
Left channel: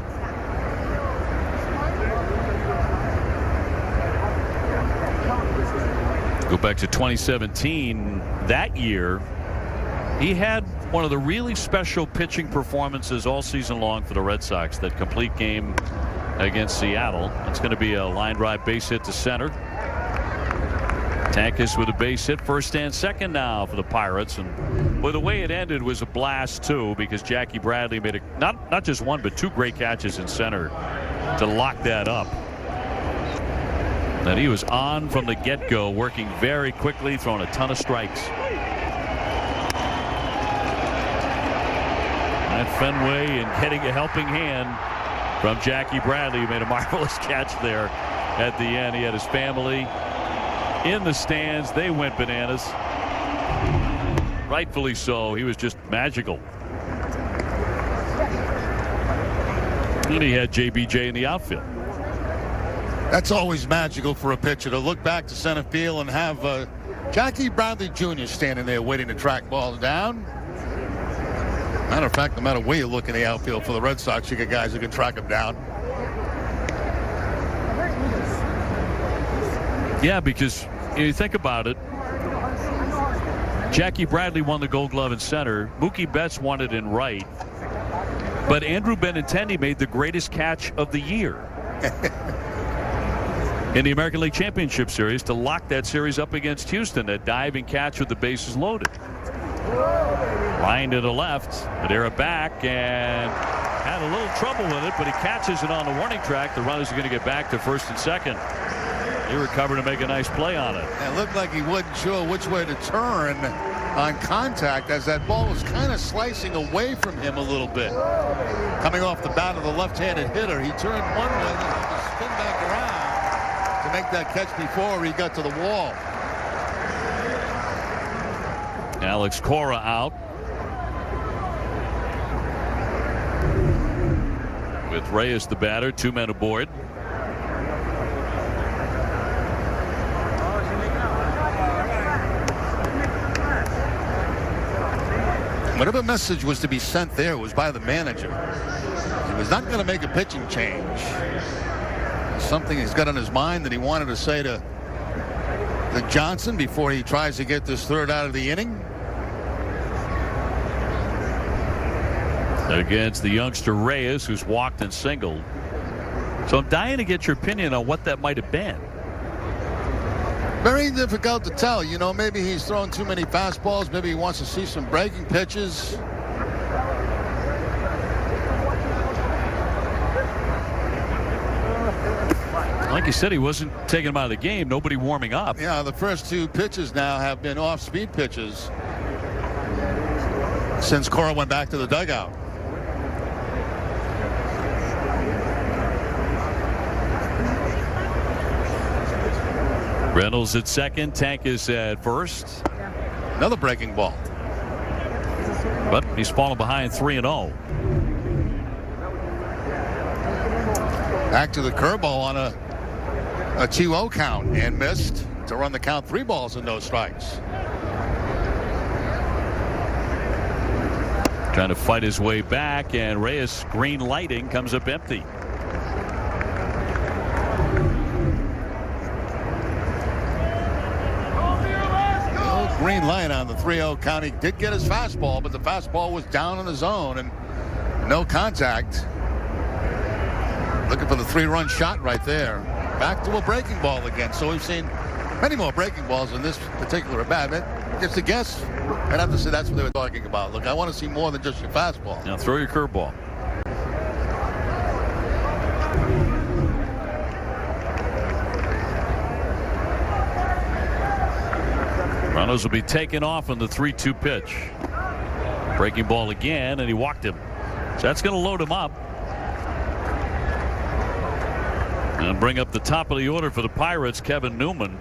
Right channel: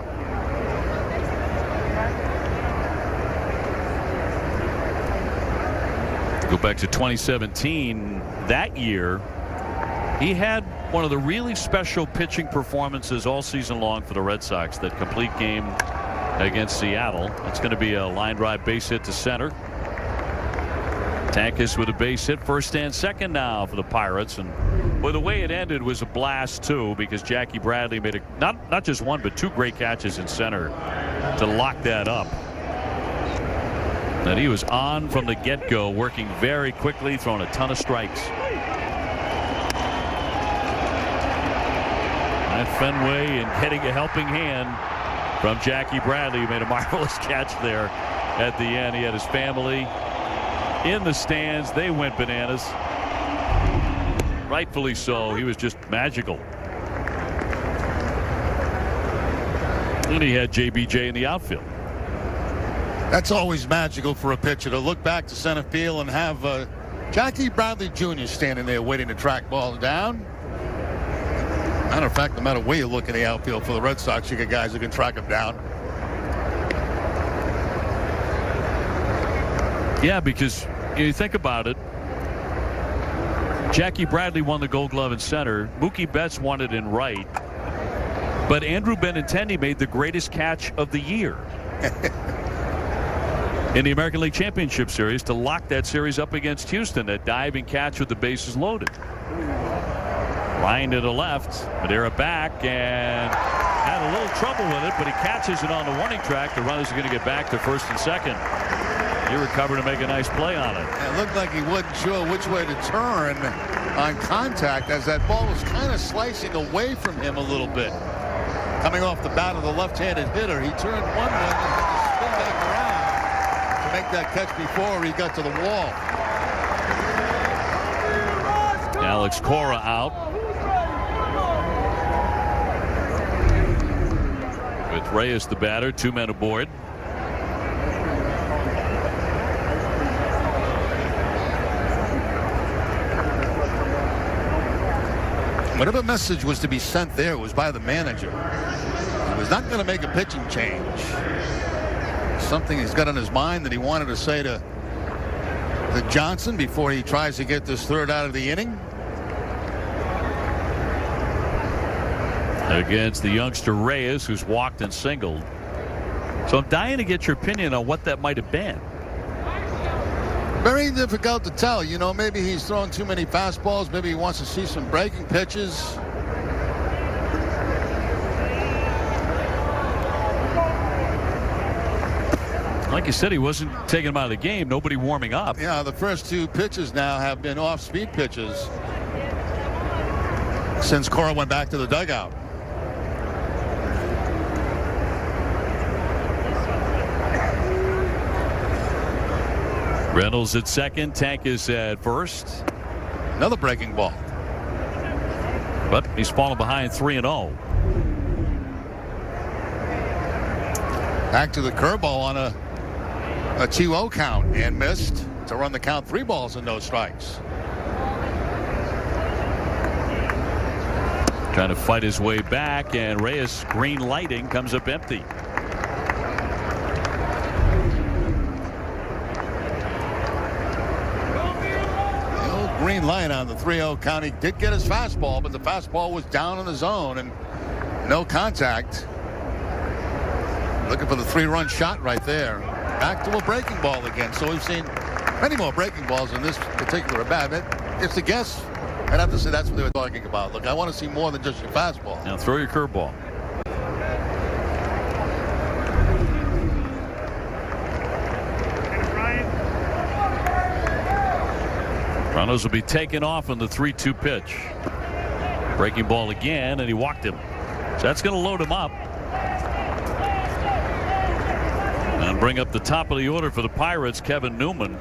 Go back to 2017. That year, he had one of the really special pitching performances all season long for the Red Sox. That complete game against Seattle. It's going to be a line drive base hit to center. Tankus with a base hit, first and second now for the Pirates. And well, the way it ended was a blast too, because Jackie Bradley made not just one but two great catches in center to lock that up. And he was on from the get-go, working very quickly, throwing a ton of strikes. At Fenway and getting a helping hand from Jackie Bradley, who made a marvelous catch there at the end. He had his family in the stands. They went bananas. Rightfully so. He was just magical. And he had JBJ in the outfield. That's always magical for a pitcher, to look back to center field and have Jackie Bradley Jr. standing there waiting to track balls down. Matter of fact, no matter where you look in the outfield for the Red Sox, you get guys who can track them down. Yeah, because you think about it. Jackie Bradley won the Gold Glove in center. Mookie Betts won it in right. But Andrew Benintendi made the greatest catch of the year in the American League Championship Series to lock that series up against Houston. That diving catch with the bases loaded. Line to the left. Madera back and had a little trouble with it, but he catches it on the warning track. The runners are going to get back to first and second. He recovered to make a nice play on it. It looked like he wasn't sure which way to turn on contact as that ball was kind of slicing away from him a little bit. Coming off the bat of the left-handed hitter, he turned one way and had to spin back around to make that catch before he got to the wall. Alex Cora out. With Reyes the batter, 2 men aboard. Whatever message was to be sent there was by the manager. He was not going to make a pitching change. Something he's got on his mind that he wanted to say to Johnson before he tries to get this third out of the inning. Against the youngster Reyes, who's walked and singled. So I'm dying to get your opinion on what that might have been. Very difficult to tell. You know, maybe he's throwing too many fastballs. Maybe he wants to see some breaking pitches. Like you said, he wasn't taking him out of the game. Nobody warming up. Yeah, the first 2 pitches now have been off-speed pitches since Cora went back to the dugout. Reynolds at second. Tank is at first. Another breaking ball. But he's fallen behind 3-0. Back to the curveball on a 2-0 count and missed to run the count. 3 balls and no strikes. Trying to fight his way back, and Reyes green lighting comes up empty. Green light on the 3-0 count. He did get his fastball, but the fastball was down on his own and no contact. Looking for the 3-run shot right there. Back to a breaking ball again. So we've seen many more breaking balls in this particular at bat. Just a guess. I'd have to say that's what they were talking about. Look, I want to see more than just your fastball. Now throw your curveball. Runners will be taken off on the 3-2 pitch. Breaking ball again, and he walked him. So that's going to load him up. And bring up the top of the order for the Pirates, Kevin Newman.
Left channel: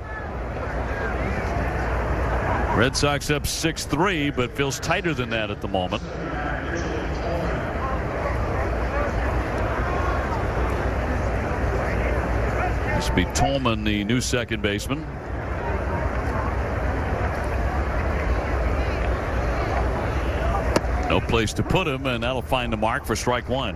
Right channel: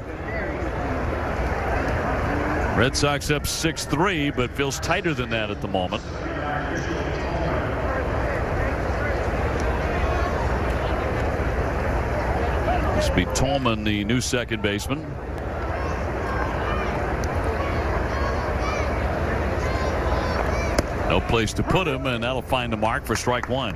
Red Sox up 6-3, but feels tighter than that at the moment. This will be Tolman, the new second baseman. No place to put him, and that'll find the mark for strike 1.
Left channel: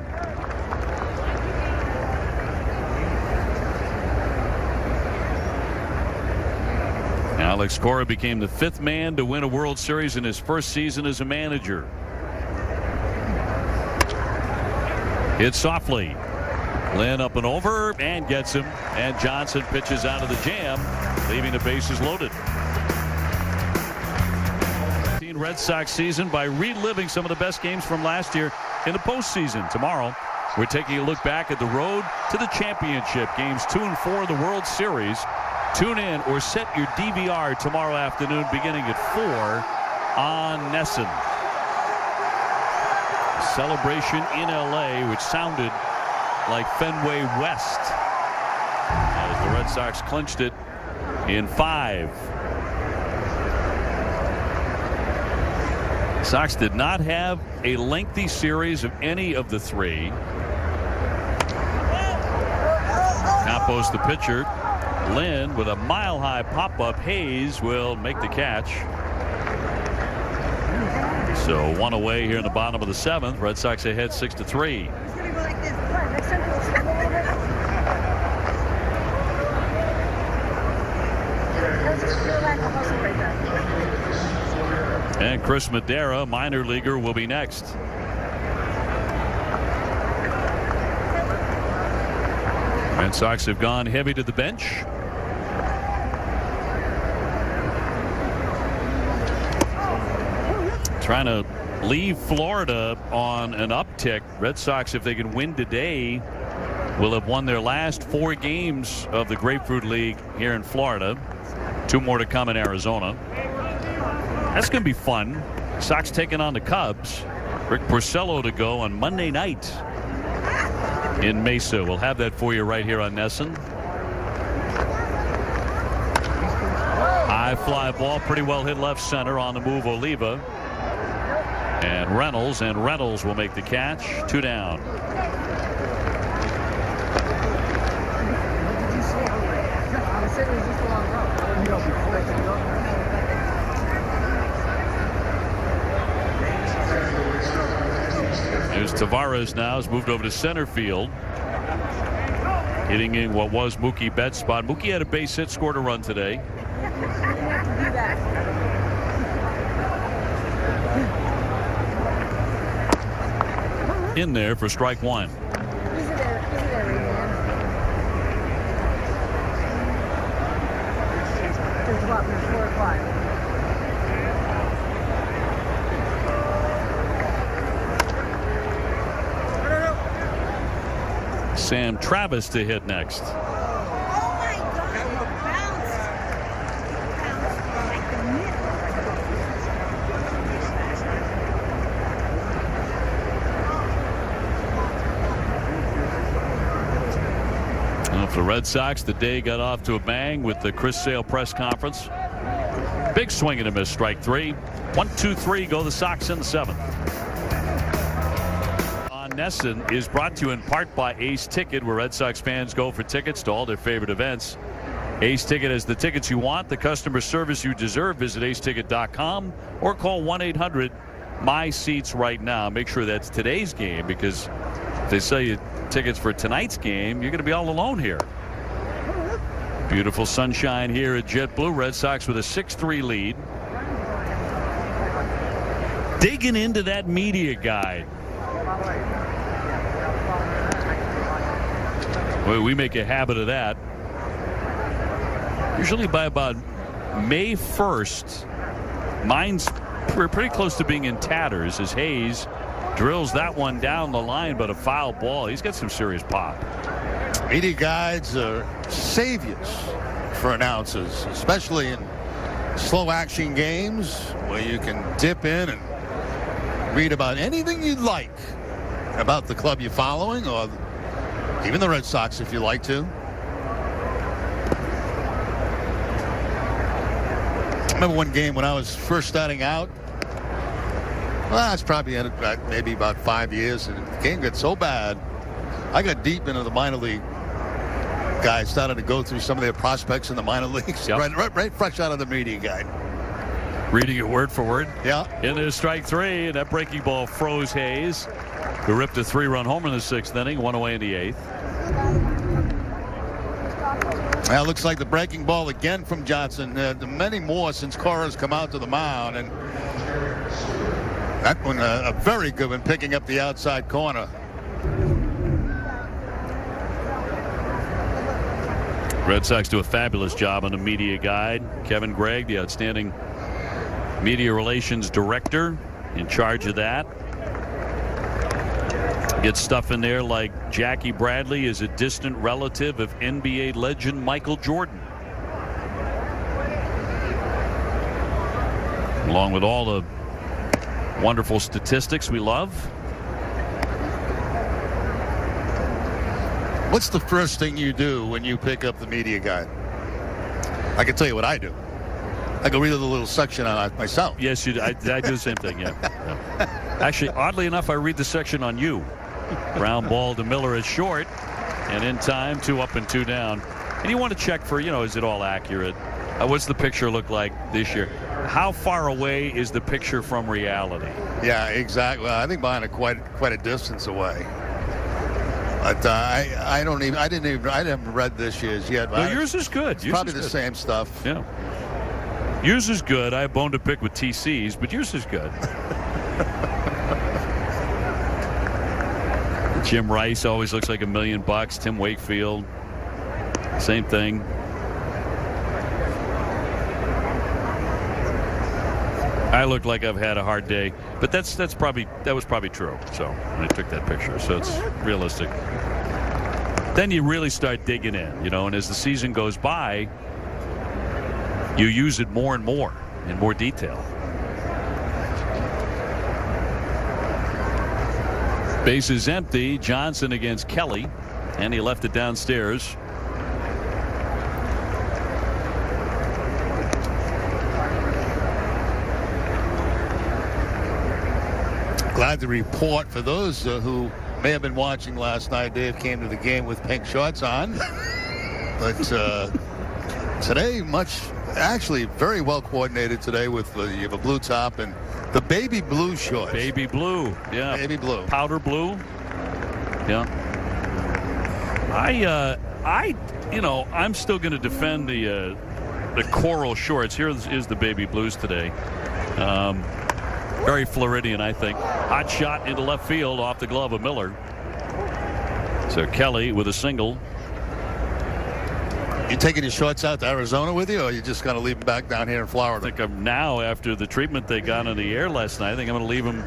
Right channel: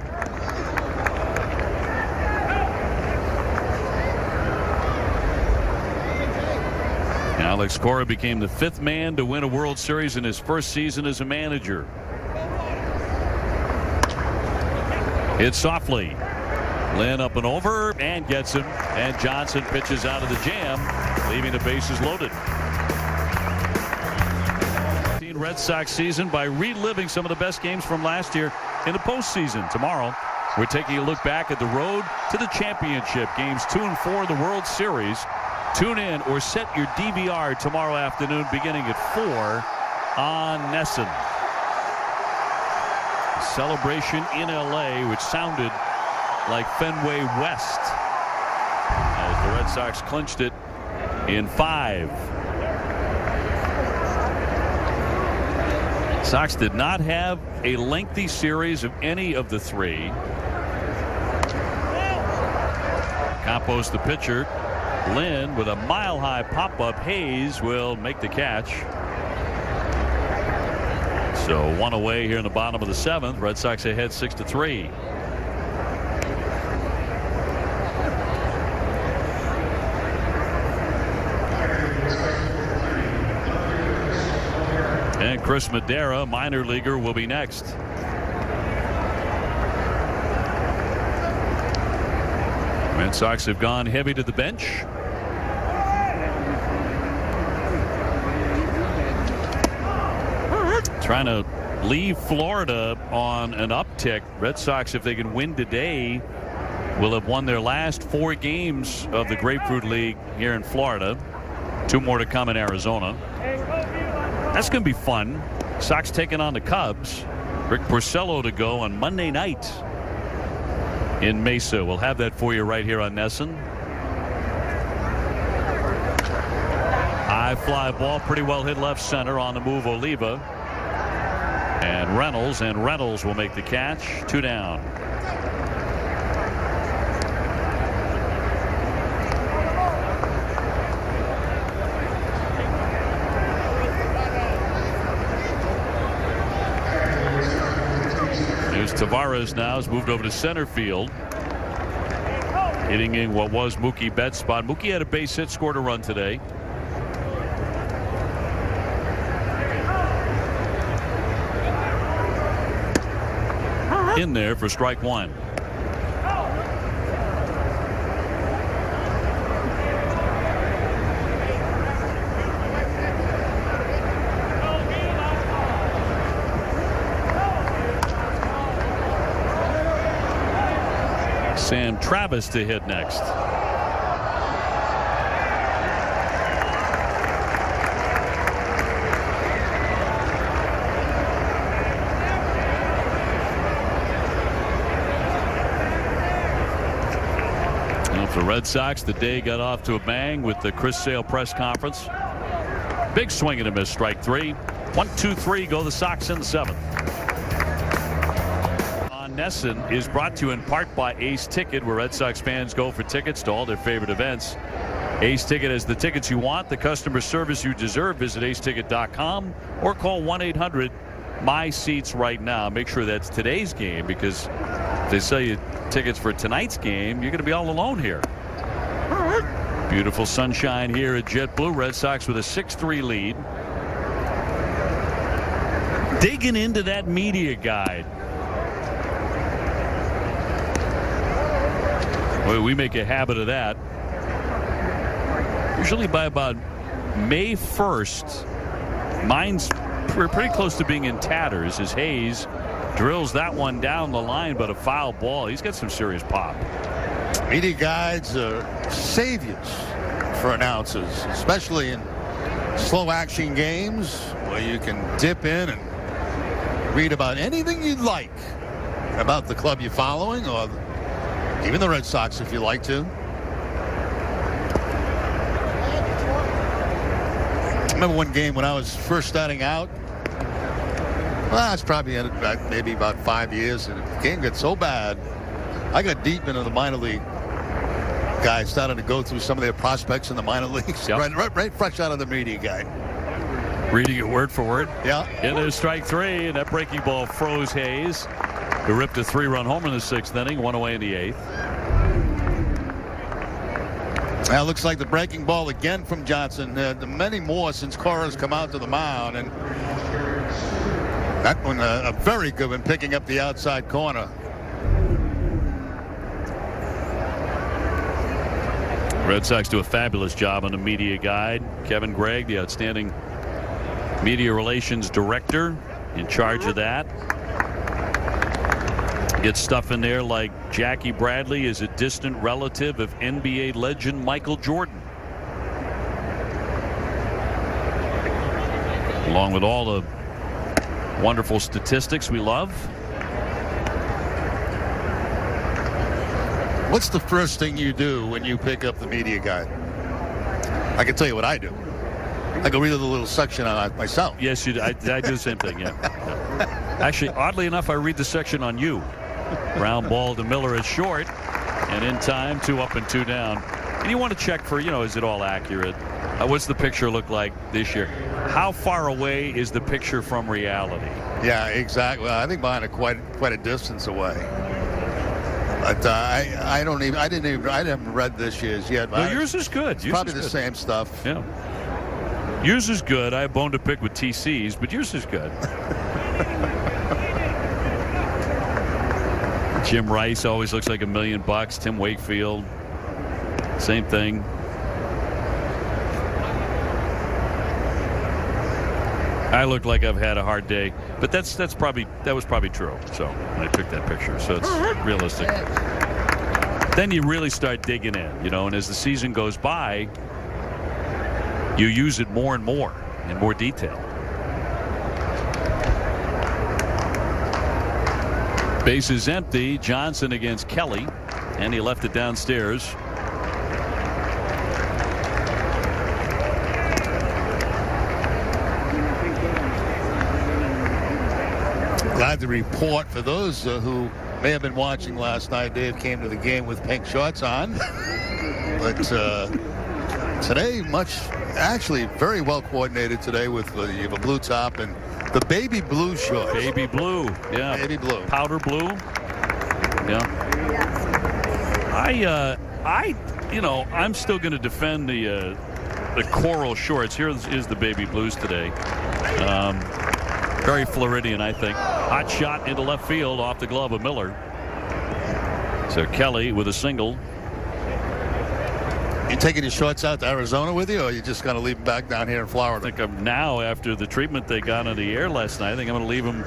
Alex Cora became the 5th man to win a World Series in his first season as a manager. Hit softly. Lynn up and over and gets him. And Johnson pitches out of the jam, leaving the bases loaded. Red Sox season by reliving some of the best games from last year in the postseason. Tomorrow, we're taking a look back at the road to the championship. Games 2 and 4 of the World Series. Tune in or set your DVR tomorrow afternoon beginning at 4 on NESN. A celebration in LA which sounded like Fenway West as the Red Sox clinched it in 5. Sox did not have a lengthy series of any of the 3. Campos the pitcher. Lynn with a mile-high pop-up. Hayes will make the catch. So 1 away here in the bottom of the 7th. Red Sox ahead 6-3. Chris Madera, minor leaguer, will be next. Red Sox have gone heavy to the bench. Trying to leave Florida on an uptick. Red Sox, if they can win today, will have won their last 4 games of the Grapefruit League here in Florida. 2 more to come in Arizona. That's going to be fun. Sox taking on the Cubs. Rick Porcello to go on Monday night in Mesa. We'll have that for you right here on NESN. High fly ball, pretty well hit left center. On the move, Oliva. And Reynolds will make the catch. 2 down. Here's Tavares now. Has moved over to center field. Hitting in what was Mookie Betts' spot. Mookie had a base hit, scored a run today. In there for strike 1. Sam Travis to hit next. Well, for the Red Sox, the day got off to a bang with the Chris Sale press conference. Big swing and a miss, strike 3. 1, 2, 3, go the Sox in the 7th. On NESN is brought to you in part by Ace Ticket, where Red Sox fans go for tickets to all their favorite events. Ace Ticket has the tickets you want, the customer service you deserve. Visit aceticket.com or call 1-800-MY-SEATS right now. Make sure that's today's game, because if they sell you tickets for tonight's game, you're going to be all alone here. Beautiful sunshine here at JetBlue. Red Sox with a 6-3 lead. Digging into that media guide. Well, we make a habit of that. Usually by about May 1st, mine's pretty close to being in tatters as Hayes drills that one down the line, but a foul ball. He's got some serious pop. Media guides are saviors for announcers, especially in slow action games where you can dip in and read about anything you'd like about the club you're following, or even the Red Sox if you like to. I remember one game when I was first starting out. Well, it's probably maybe about 5 years, and the game got so bad, I got deep into the minor league. Guys started to go through some of their prospects in the minor leagues, yep. right fresh out of the media guide. Reading it word for word. Yeah. In there, strike 3, and that breaking ball froze Hayes, who ripped a 3-run home in the 6th inning, 1 away in the 8th. Now it looks like the breaking ball again from Johnson. Many more since Cora's come out to the mound, and that one a very good one, picking up the outside corner. Red Sox do a fabulous job on the media guide. Kevin Gregg, the outstanding media relations director, in charge of that. Get stuff in there like Jackie Bradley is a distant relative of NBA legend Michael Jordan. Along with all the wonderful statistics we love. What's the first thing you do when you pick up the media guide? I can tell you what I do. I go read a little section on it myself. Yes, you do. I do the same thing, yeah. Actually, oddly enough, I read the section on you. Ground ball to Miller is short, and in time, 2 up and 2 down. And you want to check for, is it all accurate? What's the picture look like this year? How far away is the picture from reality? Yeah, exactly. I think mine are quite a distance away. But I haven't read this year's yet. Well, yours is good. It's probably the same stuff. Yeah. Yours is good. I have bone to pick with TC's, but yours is good. Jim Rice always looks like $1 million. Tim Wakefield, same thing. I look like I've had a hard day, but that was probably true. So I took that picture, so it's realistic. Then you really start digging in, and as the season goes by, you use it more and more in more detail. Base is empty. Johnson against Kelly, and he left it downstairs. Glad to report for those who may have been watching last night, Dave came to the game with pink shorts on. But today, actually very well coordinated today with you have a blue top and the baby blue shorts. Baby blue, yeah. Baby blue. Powder blue. Yeah. I'm still going to defend the coral shorts. Here is the baby blues today. Very Floridian, I think. Hot shot into left field off the glove of Miller. So Kelly with a single. You taking your shorts out to Arizona with you, or you just going to leave them back down here in Florida? I think I'm now, after the treatment they got on the air last night, I think I'm going to leave them.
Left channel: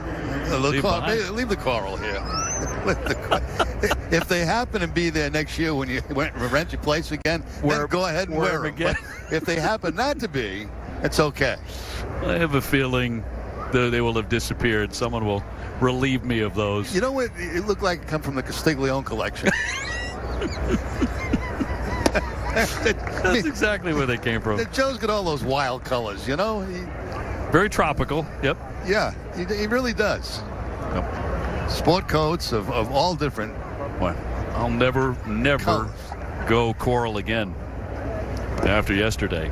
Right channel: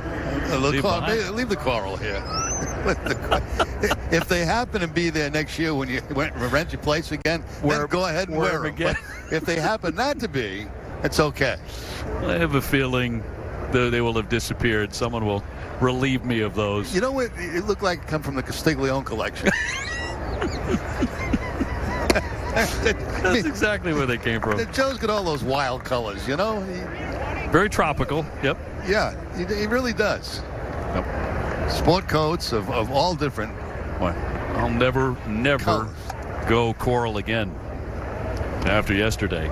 Leave the coral here. If they happen to be there next year when you rent your place again, then go ahead and wear them again. But if they happen not to be, it's okay. I have a feeling they will have disappeared. Someone will relieve me of those. You know what? It looked like it come from the Castiglione collection. That's exactly where they came from. Joe's got all those wild colors, Very tropical. Yep. Yeah, he really does. Yep. Sport coats of all different. Well, I'll never colors. Go coral again after yesterday.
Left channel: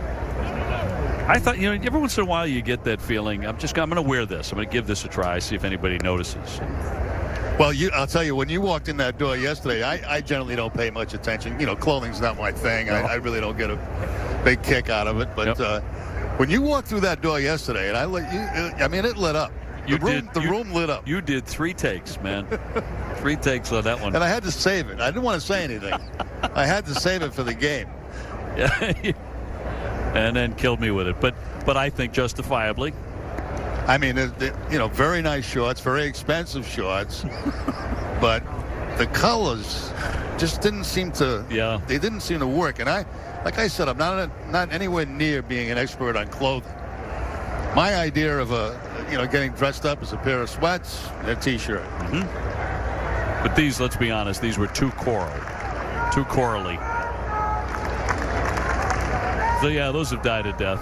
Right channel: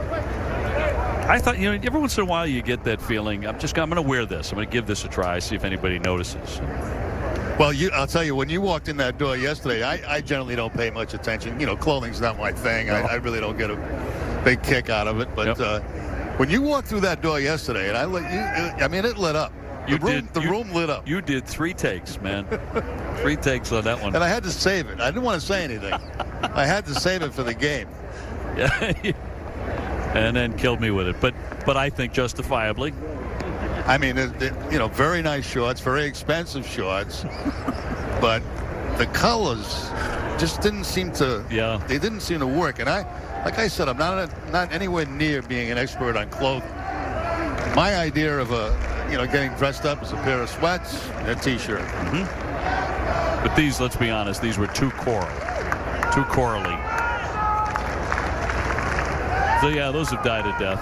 I thought, every once in a while you get that feeling. I'm going to wear this. I'm going to give this a try, see if anybody notices. Well, I'll tell you, when you walked in that door yesterday, I generally don't pay much attention. Clothing's not my thing. No. I really don't get a big kick out of it. But when you walked through that door yesterday, and it lit up. The room lit up. You did 3 takes, man. 3 takes on that one. And I had to save it. I didn't want to say anything. I had to save it for the game. Yeah. And then killed me with it. But I think justifiably. I mean, very nice shorts, very expensive shorts, but the colors just didn't seem to. Yeah. They didn't seem to work. And like I said, I'm not anywhere near being an expert on clothing. My idea of getting dressed up is a pair of sweats and a t-shirt. Mm-hmm. But these, let's be honest, these were too corally. So yeah, those have died a death.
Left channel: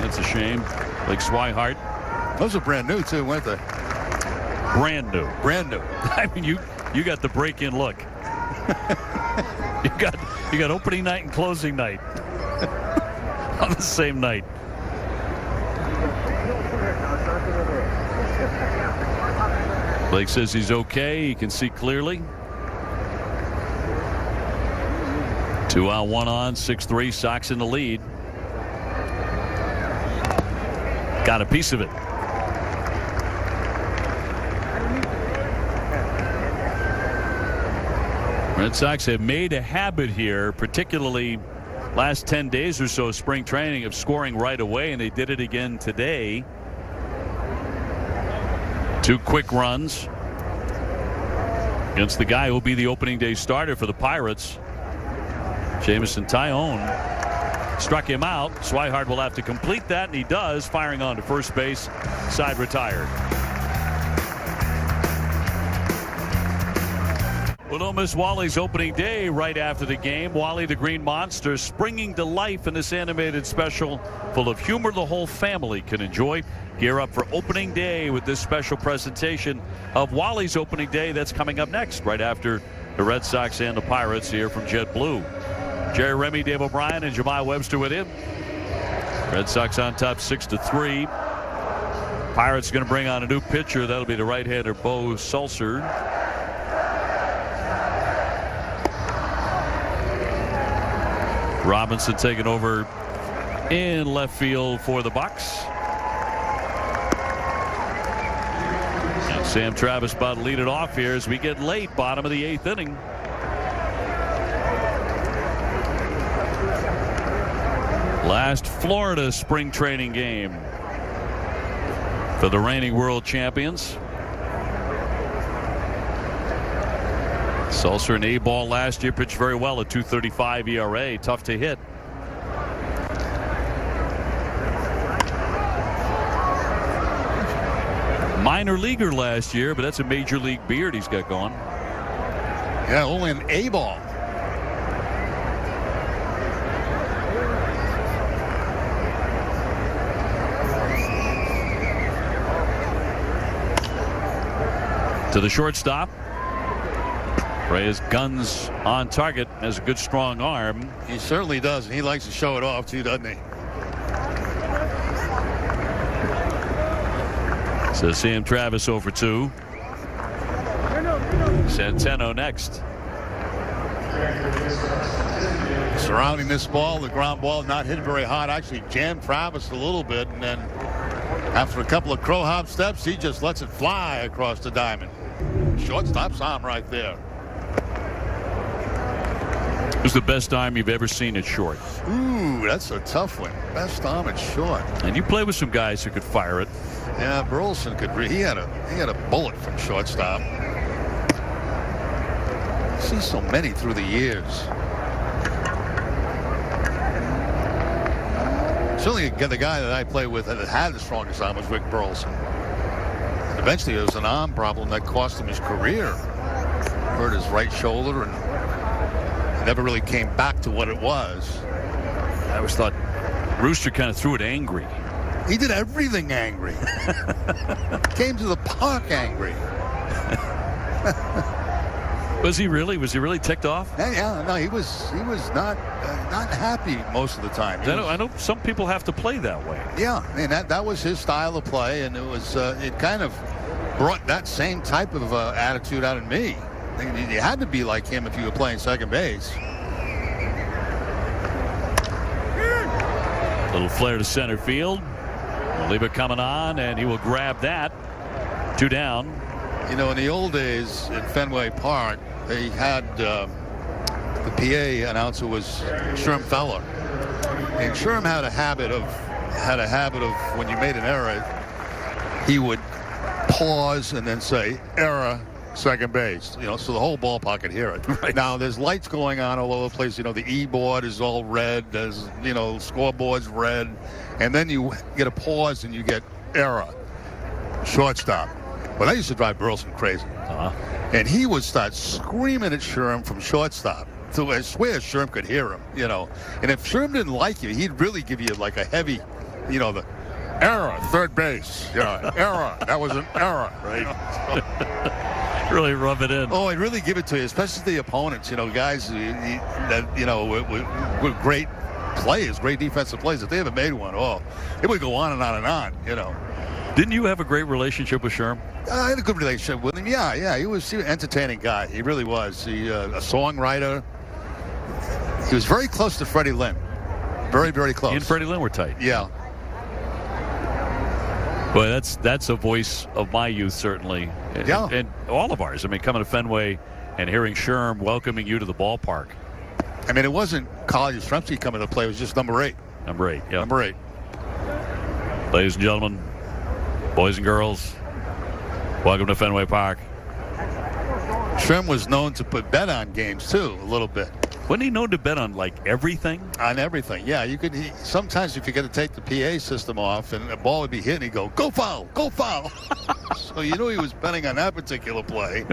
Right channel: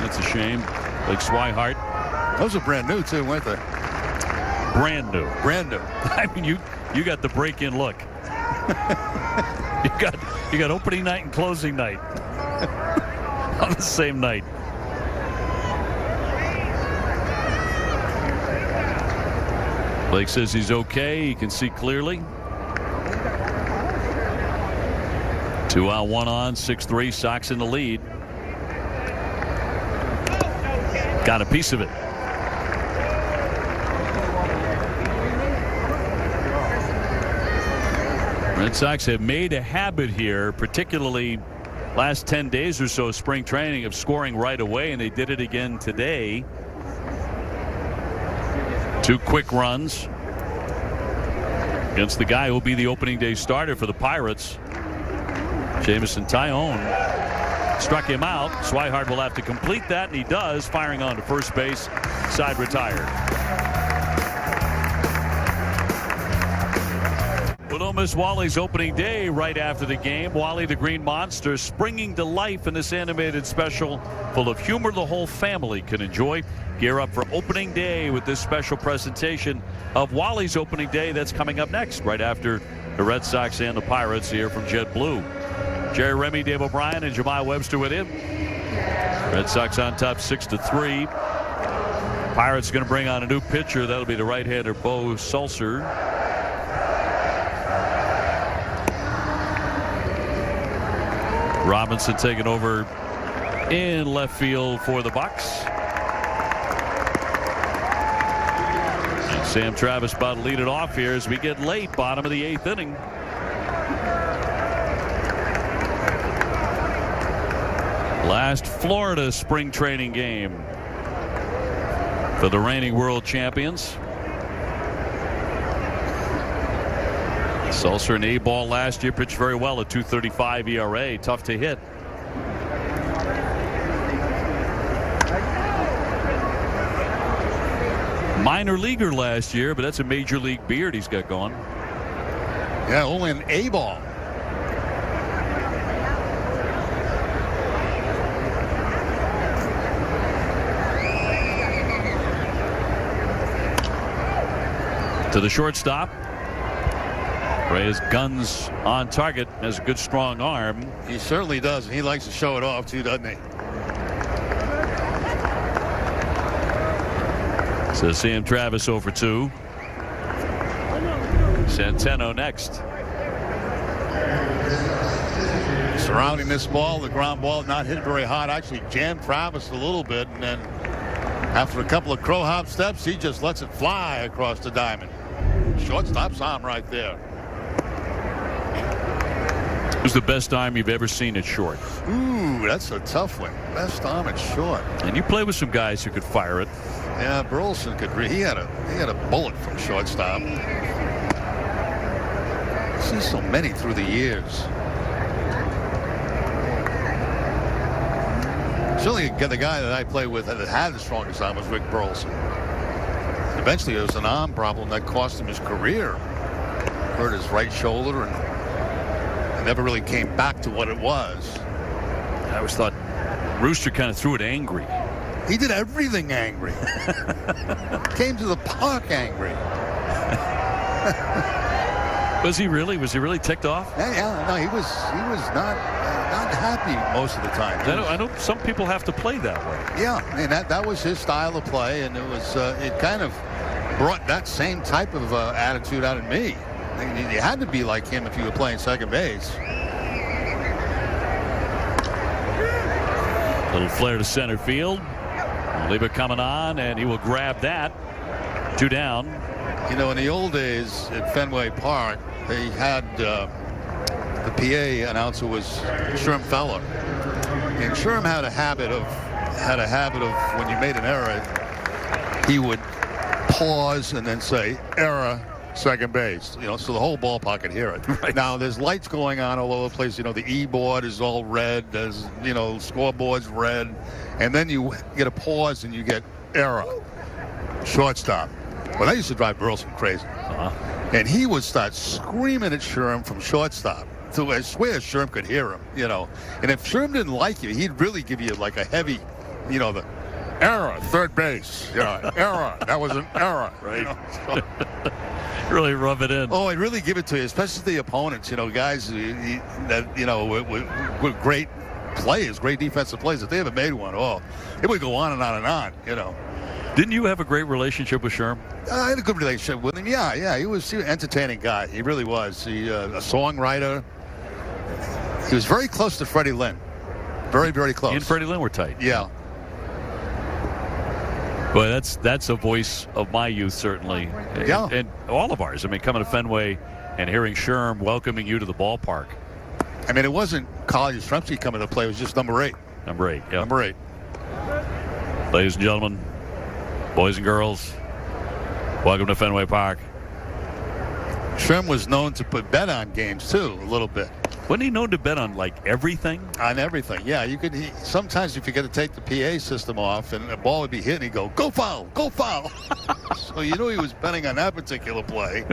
That's a shame. Like Swihart. Those are brand new too, weren't they? Brand new. I mean, you got the break-in look. you got opening night and closing night on the same night. Blake says he's okay. He can see clearly. 2 out, 1 on, 6-3. Sox in the lead. Got a piece of it. Red Sox have made a habit here, particularly last 10 days or so, spring training, of scoring right away, and they did it again today. 2 quick runs against the guy who will be the opening day starter for the Pirates. Jameson Taillon struck him out. Swihart will have to complete that, and he does, firing on to first base. Side retired. We'll don't miss Wally's opening day right after the game. Wally the Green Monster springing to life in this animated special full of humor the whole family can enjoy. Gear up for opening day with this special presentation of Wally's opening day. That's coming up next, right after the Red Sox and the Pirates here from JetBlue. Jerry Remy, Dave O'Brien, and Jemai Webster with him. Red Sox on top 6-3. Pirates going to bring on a new pitcher. That'll be the right-hander Bo Sulser. Robinson taking over in left field for the Bucks. Sam Travis about to lead it off here as we get late, bottom of the 8th inning. Last Florida spring training game for the reigning world champions. Sulcer, an A-ball last year, pitched very well at 2.35 ERA. Tough to hit. Minor leaguer last year, but that's a major league beard he's got going. Yeah, only an A-ball. To the shortstop. Reyes guns on target. Has a good strong arm. He certainly does. And he likes to show it off too, doesn't he? So Sam Travis over 2. Centeno next. Surrounding this ball, the ground ball not hit very hard. Actually jammed Travis a little bit, and then after a couple of crow hop steps, he just lets it fly across the diamond. Shortstop's arm right there. Who's the best arm you've ever seen at short? Ooh, that's a tough one. Best arm at short. And you play with some guys who could fire it. Yeah, Burleson could. He had a bullet from shortstop. I see so many through the years. Certainly, the guy that I played with that had the strongest arm was Rick Burleson. Eventually, there was an arm problem that cost him his career. Hurt his right shoulder, and it never really came back to what it was. I always thought Rooster kind of threw it angry. He did everything angry. Came to the park angry. Was he really? Was he really ticked off? Yeah, no, he was not happy most of the time. I know some people have to play that way. Yeah, and that was his style of play, and it kind of brought that same type of attitude out in me. You had to be like him if you were playing second base. Little flare to center field. Leiber coming on, and he will grab that. 2 down. You know, in the old days at Fenway Park, they had the PA announcer was Sherm Feller, and Sherm had a habit of when you made an error, he would pause and then say error, second base. You know, so the whole ballpark could hear it. Right. Now there's lights going on all over the place. You know, the E-board is all red. There's scoreboard's red, and then you get a pause and you get error, shortstop. Well, that used to drive Burleson crazy. And he would start screaming at Sherm from shortstop. So I swear Sherm could hear him, you know. And if Sherm didn't like you, he'd really give you like a heavy, the error, third base. Yeah, error. That was an error. Right. You know, so. Really rub it in. Oh, he'd really give it to you, especially the opponents, guys that, were great players, great defensive players. If they ever made one, it would go on and on and on, Didn't you have a great relationship with Sherm? I had a good relationship with him. Yeah. He was an entertaining guy. He really was. He a songwriter. He was very close to Freddie Lynn. Very, very close. He and Freddie Lynn were tight. Yeah. Well, that's a voice of my youth, certainly. Yeah. And all of ours. I mean, coming to Fenway and hearing Sherm welcoming you to the ballpark. I mean, it wasn't College Yastrzemski coming to play. It was just number 8. Number 8, yeah. Number 8. Ladies and gentlemen, boys and girls, welcome to Fenway Park. Sherm was known to put bet on games, too, a little bit. Wasn't he known to bet on, everything? On everything, yeah. Sometimes if you got to take the PA system off and the ball would be hit and he'd go, go foul, go foul. So you knew he was betting on that particular play.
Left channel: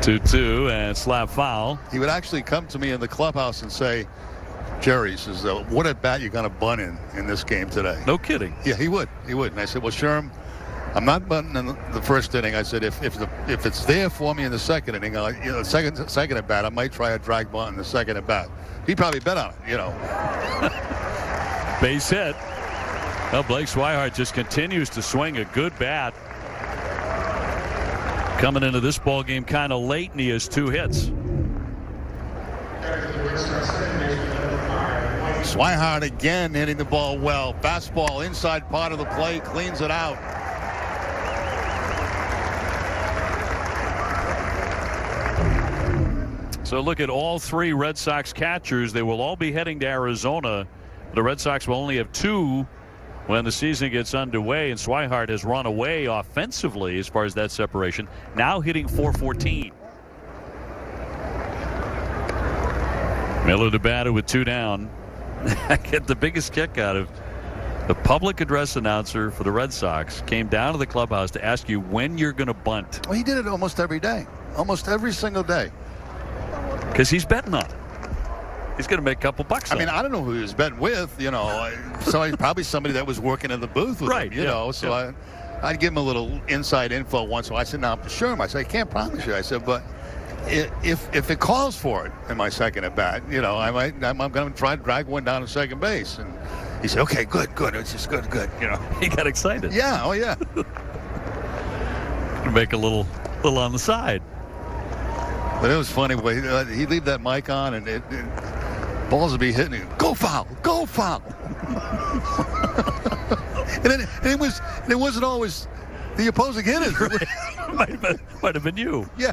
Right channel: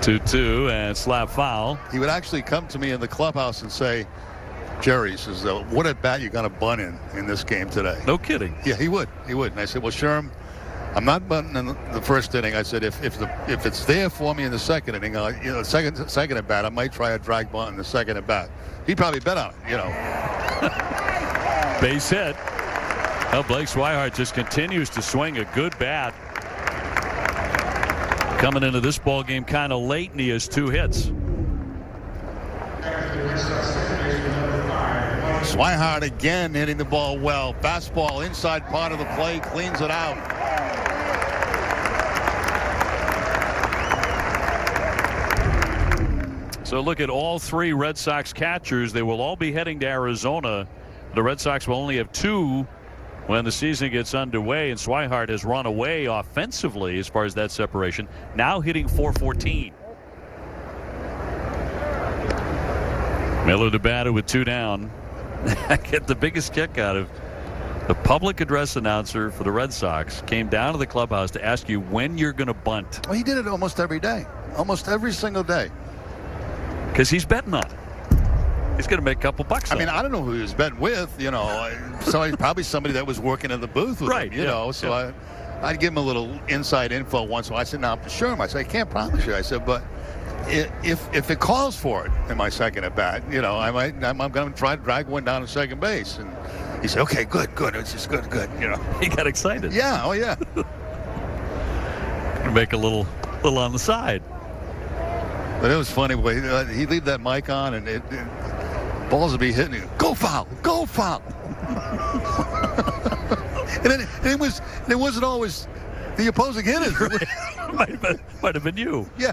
2-2 and slap foul. He would actually come to me in the clubhouse and say, Jerry, he says, what at bat you going to bunt in this game today? No kidding. Yeah, he would. And I said, well, Sherm, I'm not bunting in the first inning. I said, if it's there for me in the second inning, second at bat, I might try a drag bunt in the second at bat. He'd probably bet on it, Base hit. Well, Blake Swihart just continues to swing a good bat. Coming into this ball game kind of late, and he has 2 hits. Swihart again hitting the ball well. Fastball inside part of the plate, cleans it out. So look at all three Red Sox catchers. They will all be heading to Arizona. The Red Sox will only have two when the season gets underway, and Swihart has run away offensively as far as that separation. Now hitting .414. Miller the batter with 2 down. I get the biggest kick out of the public address announcer for the Red Sox came down to the clubhouse to ask you when you're going to bunt. Well, he did it almost every day. Almost every single day. Because he's betting on it. He's going to make a couple bucks. I mean, I don't know who he was betting with. You know, probably somebody that was working in the booth with him. You know, so I'd give him a little inside info once in a while. I said, "No, for sure." I said, "I can't promise you." I said, "But if it calls for it in my second at bat, you know, I'm going to try to drag one down to second base." And he said, "Okay, good. It's just good. You know." He got excited. Yeah. Oh yeah. Make a little on the side. But it was funny. He'd leave that mic on, and balls would be hitting. Go foul! Go foul! and it wasn't always the opposing hitters. might have been you. Yeah.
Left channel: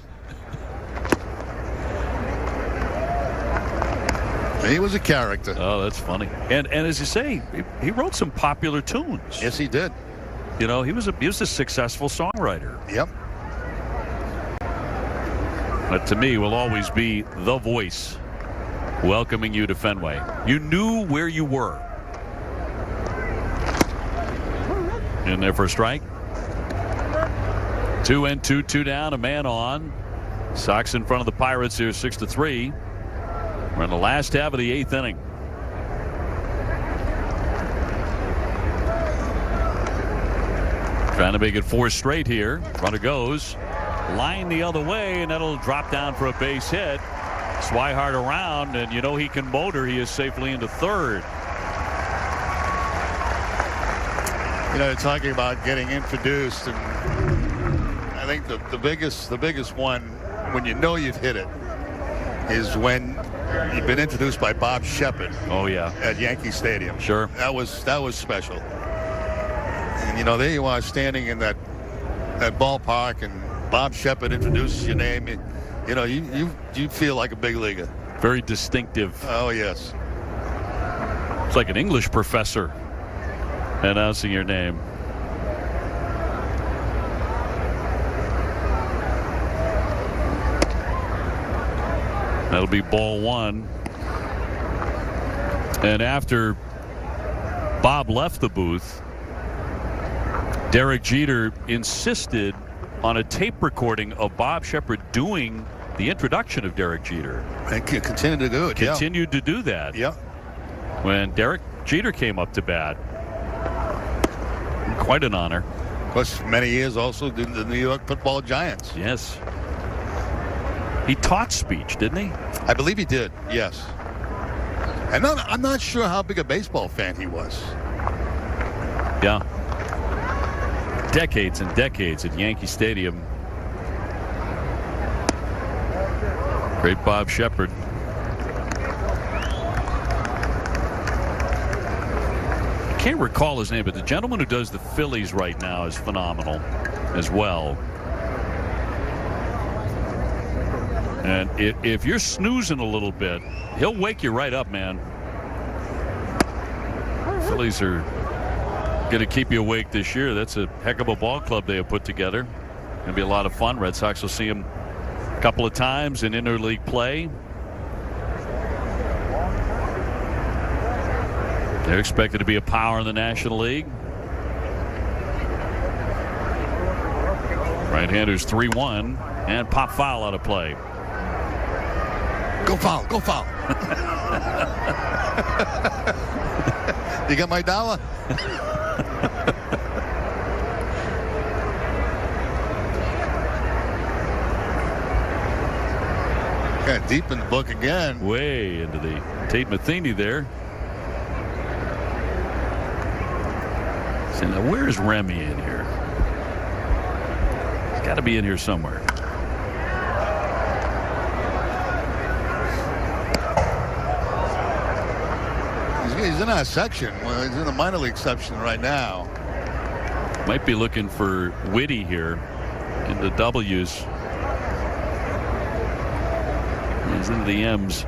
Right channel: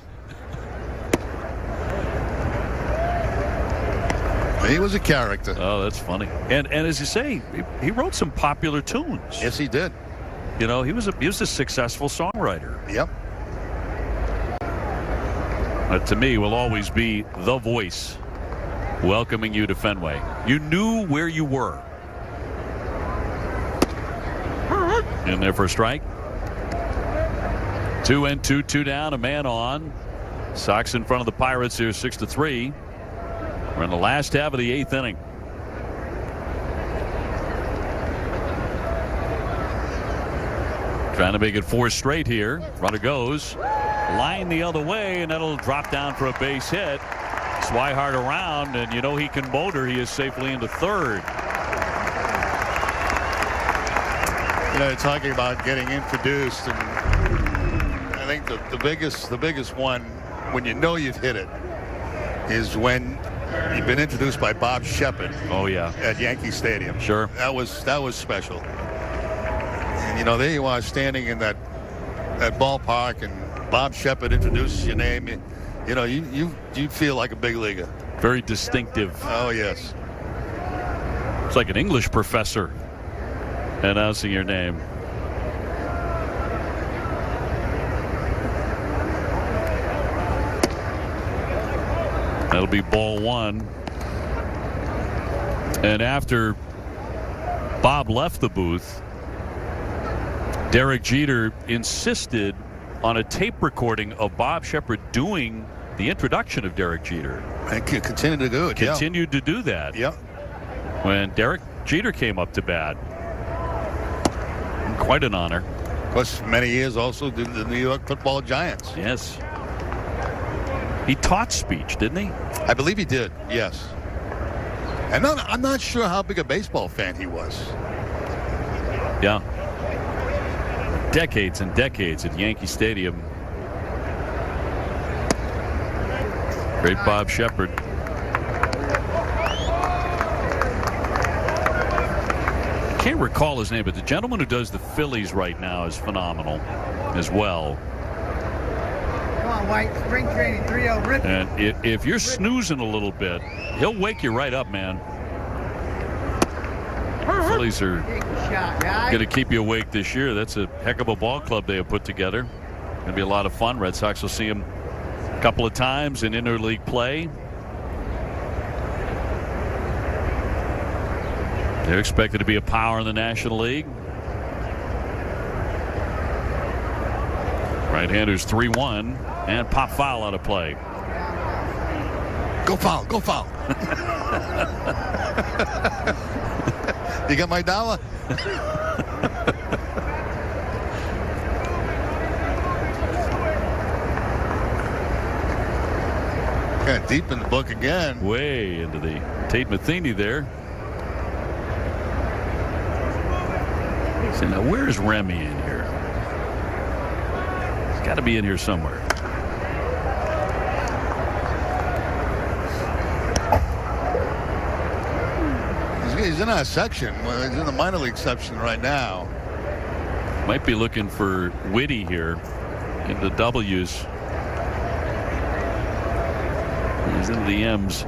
He was a character. Oh, that's funny. And as you say, he wrote some popular tunes. Yes, he did. You know, he was a successful songwriter. Yep. But to me, will always be the voice welcoming you to Fenway. You knew where you were. In there for a strike. 2-2, 2 down, a man on. Sox in front of the Pirates here, 6-3. We're in the last half of the 8th inning. Trying to make it 4 straight here. Runner goes. Line the other way, and that'll drop down for a base hit. Swihart around, and you know he can motor. He is safely into third. You know, talking about getting introduced, and I think the biggest one, when you know you've hit it, is when you've been introduced by Bob Shepard. Oh yeah, at Yankee Stadium. Sure, that was special. And you know, there you are standing in that ballpark, and Bob Shepard introduces your name. You know, you feel like a big leaguer. Very distinctive. Oh yes. It's like an English professor announcing your name. That'll be ball 1. And after Bob left the booth, Derek Jeter insisted on a tape recording of Bob Shepard doing the introduction of Derek Jeter. And continued to do it. Continued to do that. Yeah. When Derek Jeter came up to bat. Quite an honor. Of course, many years also did the New York Football Giants. Yes. He taught speech, didn't he? I believe he did, yes. And I'm not sure how big a baseball fan he was. Yeah. Decades and decades at Yankee Stadium. Great Bob Shepard. Can't recall his name, but the gentleman who does the Phillies right now is phenomenal as well. And if you're snoozing a little bit, he'll wake you right up, man. The Phillies are going to keep you awake this year. That's a heck of a ball club they have put together. Going to be a lot of fun. Red Sox will see them a couple of times in interleague play. They're expected to be a power in the National League. Right-handers 3-1 and pop foul out of play. Go foul, go foul. You got my dollar? Got deep in the book again. Way into the Tate Matheny there. So now where's Remy in here? He's got to be in here somewhere. He's in our section. Well, he's in the minor league section right now. Might be looking for Whitty here in the W's. He's into the M's.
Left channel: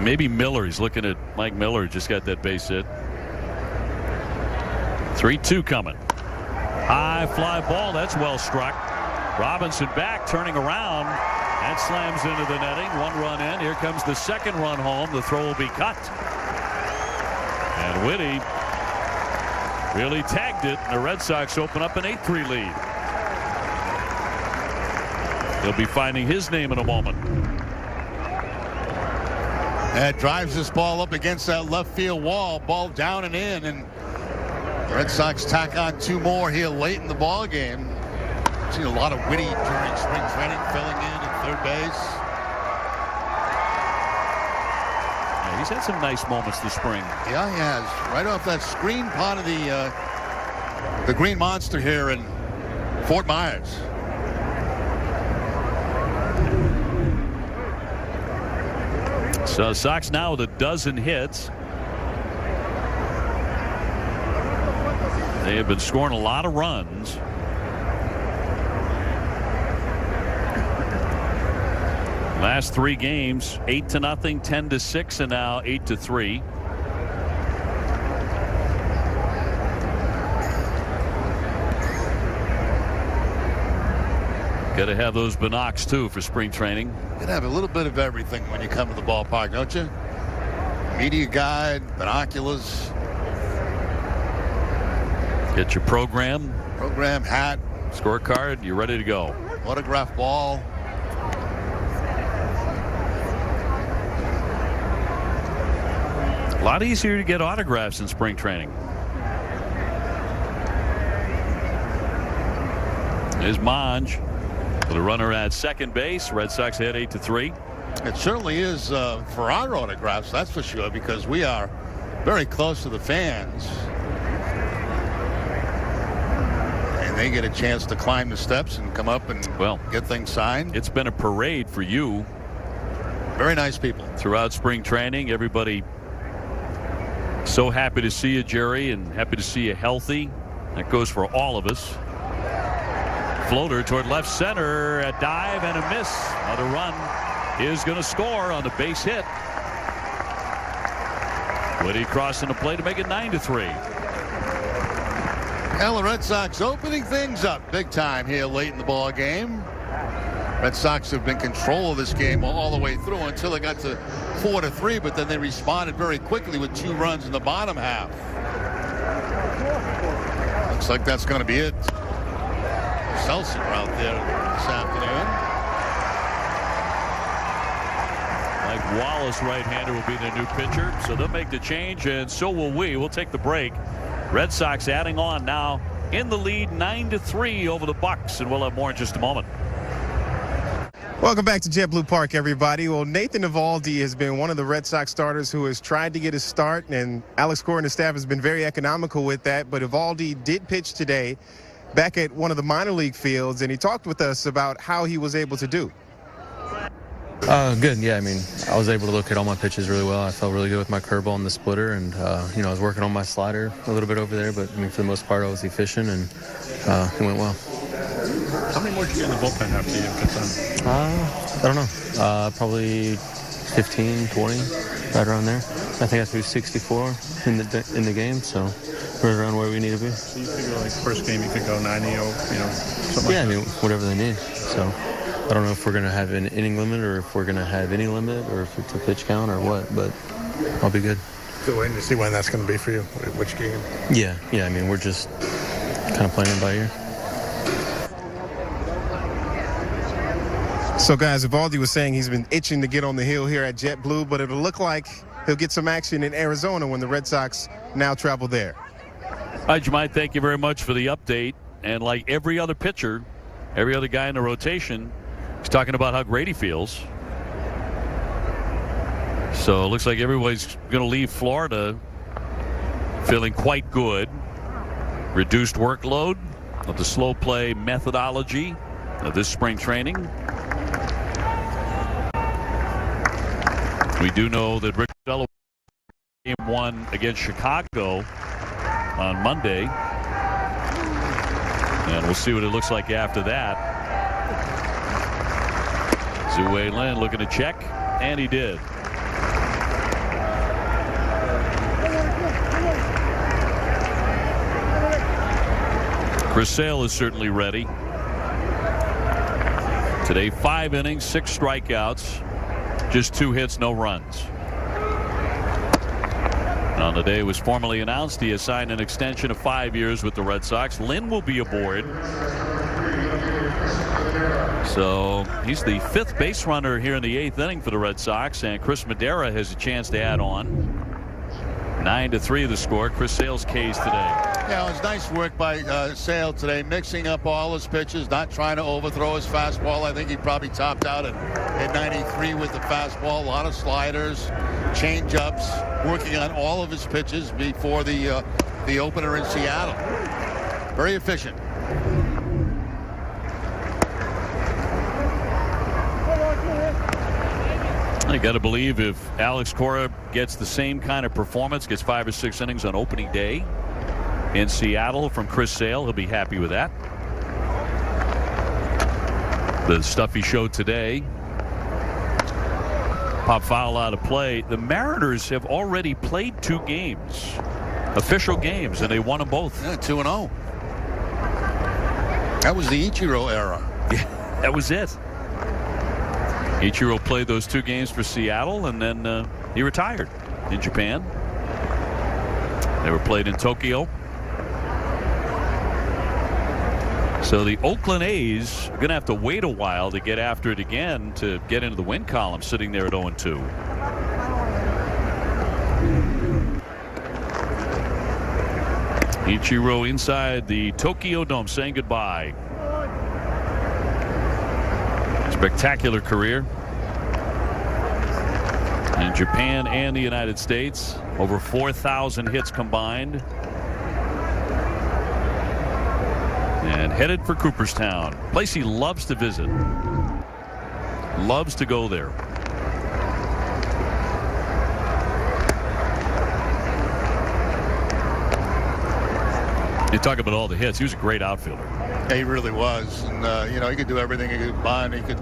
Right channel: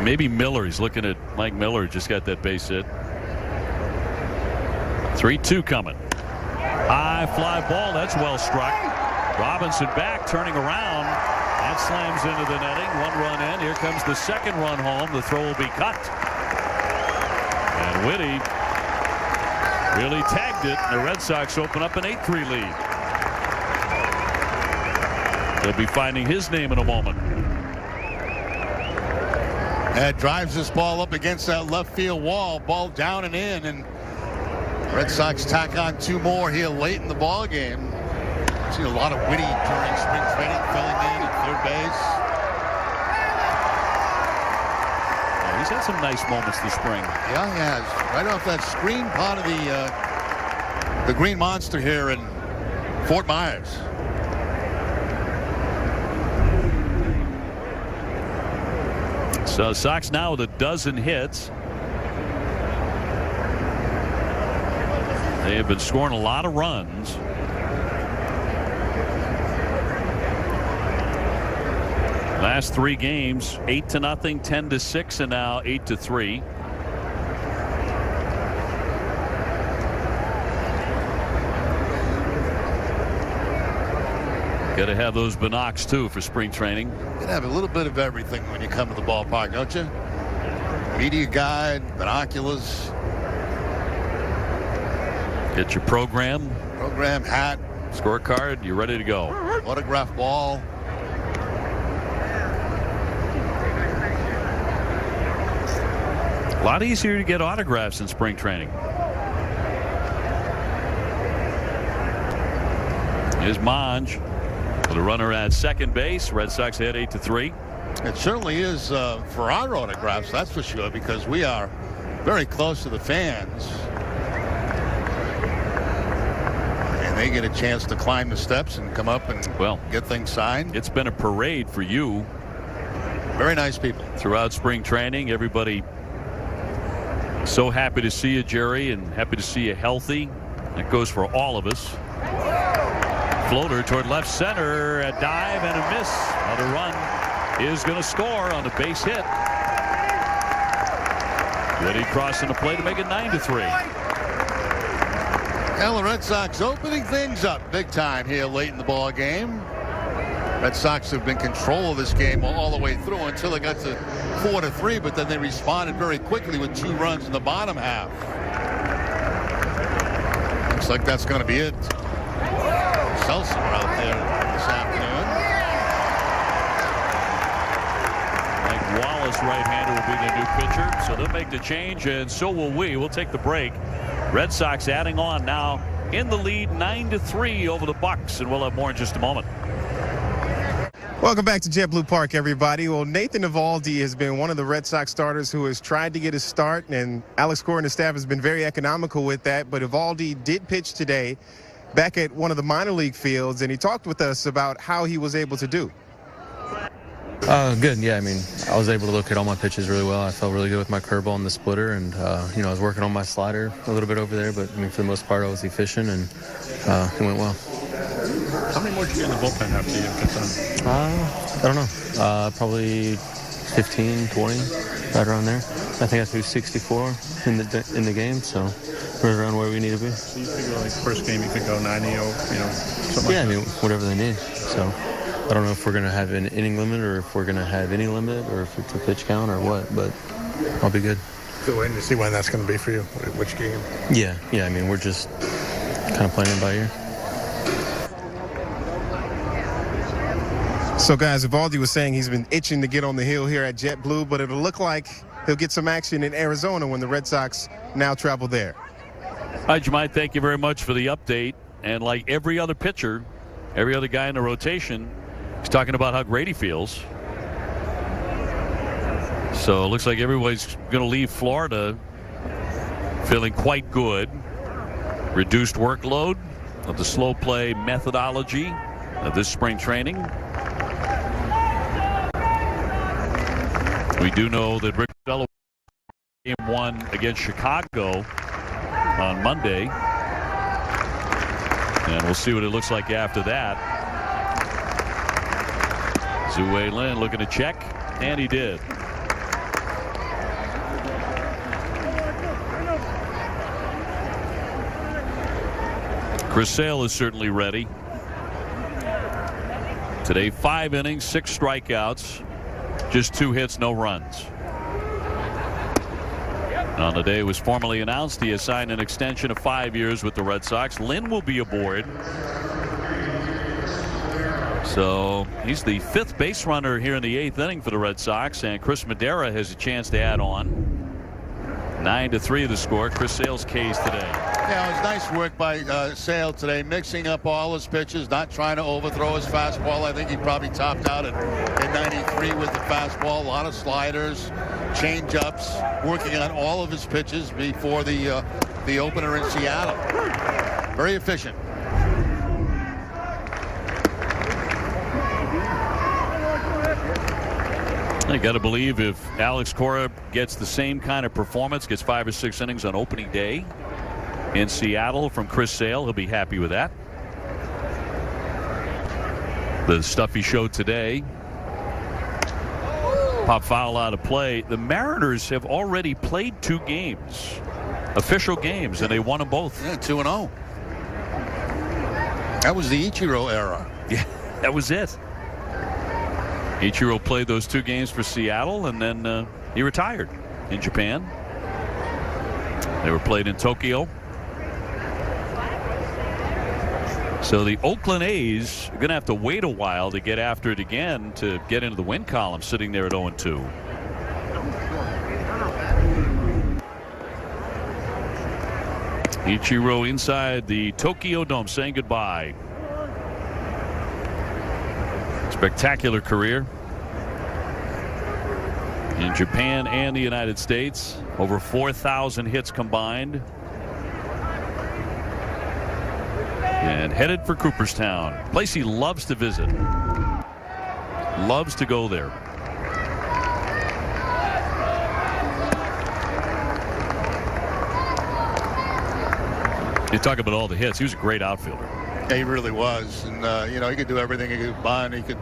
Maybe Miller. He's looking at Mike Miller. Just got that base hit. 3-2 coming. High fly ball. That's well struck. Robinson back, turning around. That slams into the netting. 1 run in. Here comes the second run home. The throw will be cut. And Whitty really tagged it. The Red Sox open up an 8-3 lead. He'll be finding his name in a moment. And drives this ball up against that left field wall. Ball down and in. And the Red Sox tack on 2 more here late in the ball game. Seen a lot of Whitty during spring training, filling in at third base. Yeah, he's had some nice moments this spring. Yeah, he has. Right off that screen part of the Green Monster here in Fort Myers. So Sox now with a dozen hits. They have been scoring a lot of runs. Last 3 games, 8-0, 10-6, and now 8-3. Got to have those binocs too for spring training. You can have a little bit of everything when you come to the ballpark, don't you? Media guide, binoculars. Get your program, hat, scorecard. You're ready to go. Autograph ball. A lot easier to get autographs in spring training. Here's Monge. The runner at second base. Red Sox head 8-3. It certainly is for our autographs, that's for sure, because we are very close to the fans. And they get a chance to climb the steps and come up and get things signed. It's been a parade for you. Very nice people. Throughout spring training, everybody so happy to see you, Jerry, and happy to see you healthy. That goes for all of us. Floater toward left center, a dive and a miss. Another run is going to score on the base hit. Whitty crossing the plate to make it 9-3. And the Red Sox opening things up big time here late in the ball game. Red Sox have been in control of this game all the way through until they got to 4-3, but then they responded very quickly with 2 runs in the bottom half. Looks like that's going to be it. Seltzer out there this afternoon. Mike Wallace, right-hander, will be the new pitcher, so they'll make the change, and so will we. We'll take the break. Red Sox adding on now in the lead, 9-3 over the Bucks, and we'll have more in just a moment. Welcome back to JetBlue Park, everybody. Well, Nathan Eovaldi has been one of the Red Sox starters who has tried to get his start, and Alex Cora and the staff has been very economical with that. But Eovaldi did pitch today back at one of the minor league fields, and he talked with us about how he was able to do. Good. Yeah, I mean, I was able to look at all my pitches really well. I felt really good with my curveball and the splitter, and I was working on my slider a little bit over there, but I mean, for the most part, I was efficient, and it went well. How many more do you in the bullpen after you get done? I don't know. Probably 15, 20, right around there. I think I threw 64 in the game, so we're around where we need to be. So you figure like first game you could go 90, something yeah, like that? I mean, whatever they need. So I don't know if we're going to have an inning limit or if we're going to have any limit or if it's a pitch count or what, but I'll be good. Still waiting to see when that's going to be for you, which game? Yeah, I mean, we're just kind of playing it by ear. So, guys, Eovaldi was saying he's been itching to get on the hill here at JetBlue, but it'll look like he'll get some action in Arizona when the Red Sox now travel there. Hi, Jemai. Thank you very much for the update. And like every other pitcher, every other guy in the rotation, he's talking about how great he feels. So it looks like everybody's going to leave Florida feeling quite good. Reduced workload of the slow play methodology of this spring training. We do know that Rick Game 1 against Chicago on Monday. And we'll see what it looks like after that. Zue Lin looking to check, and he did. Chris Sale is certainly ready. Today, 5 innings, 6 strikeouts, just 2 hits, no runs. On the day it was formally announced, he has signed an extension of 5 years with the Red Sox. Lynn will be aboard. So he's the 5th base runner here in the 8th inning for the Red Sox, and Chris Madera has a chance to add on. 9-3 the score. Chris Sale's K's today. Yeah, it was nice work by Sale today, mixing up all his pitches, not trying to overthrow his fastball. I think he probably topped out at 93 with the fastball. A lot of sliders, change-ups, working on all of his pitches before the opener in Seattle. Very efficient. I got to believe if Alex Cora gets the same kind of performance, gets 5 or 6 innings on opening day in Seattle from Chris Sale, he'll be happy with that. The stuff he showed today, pop foul out of play. The Mariners have already played 2 games, official games, and they won them both. Yeah, 2-0. That was the Ichiro era. Yeah, that was it. Ichiro played those 2 games for Seattle, and then he retired in Japan. They were played in Tokyo. So the Oakland A's are going to have to wait a while to get after it again to get into the win column, sitting there at 0-2. Ichiro inside the Tokyo Dome saying goodbye. Spectacular career in Japan and the United States. Over 4,000 hits combined. And headed for Cooperstown, place he loves to visit. Loves to go there. You talk about all the hits. He was a great outfielder. Yeah, he really was. And, he could do everything. He could bunt. He could,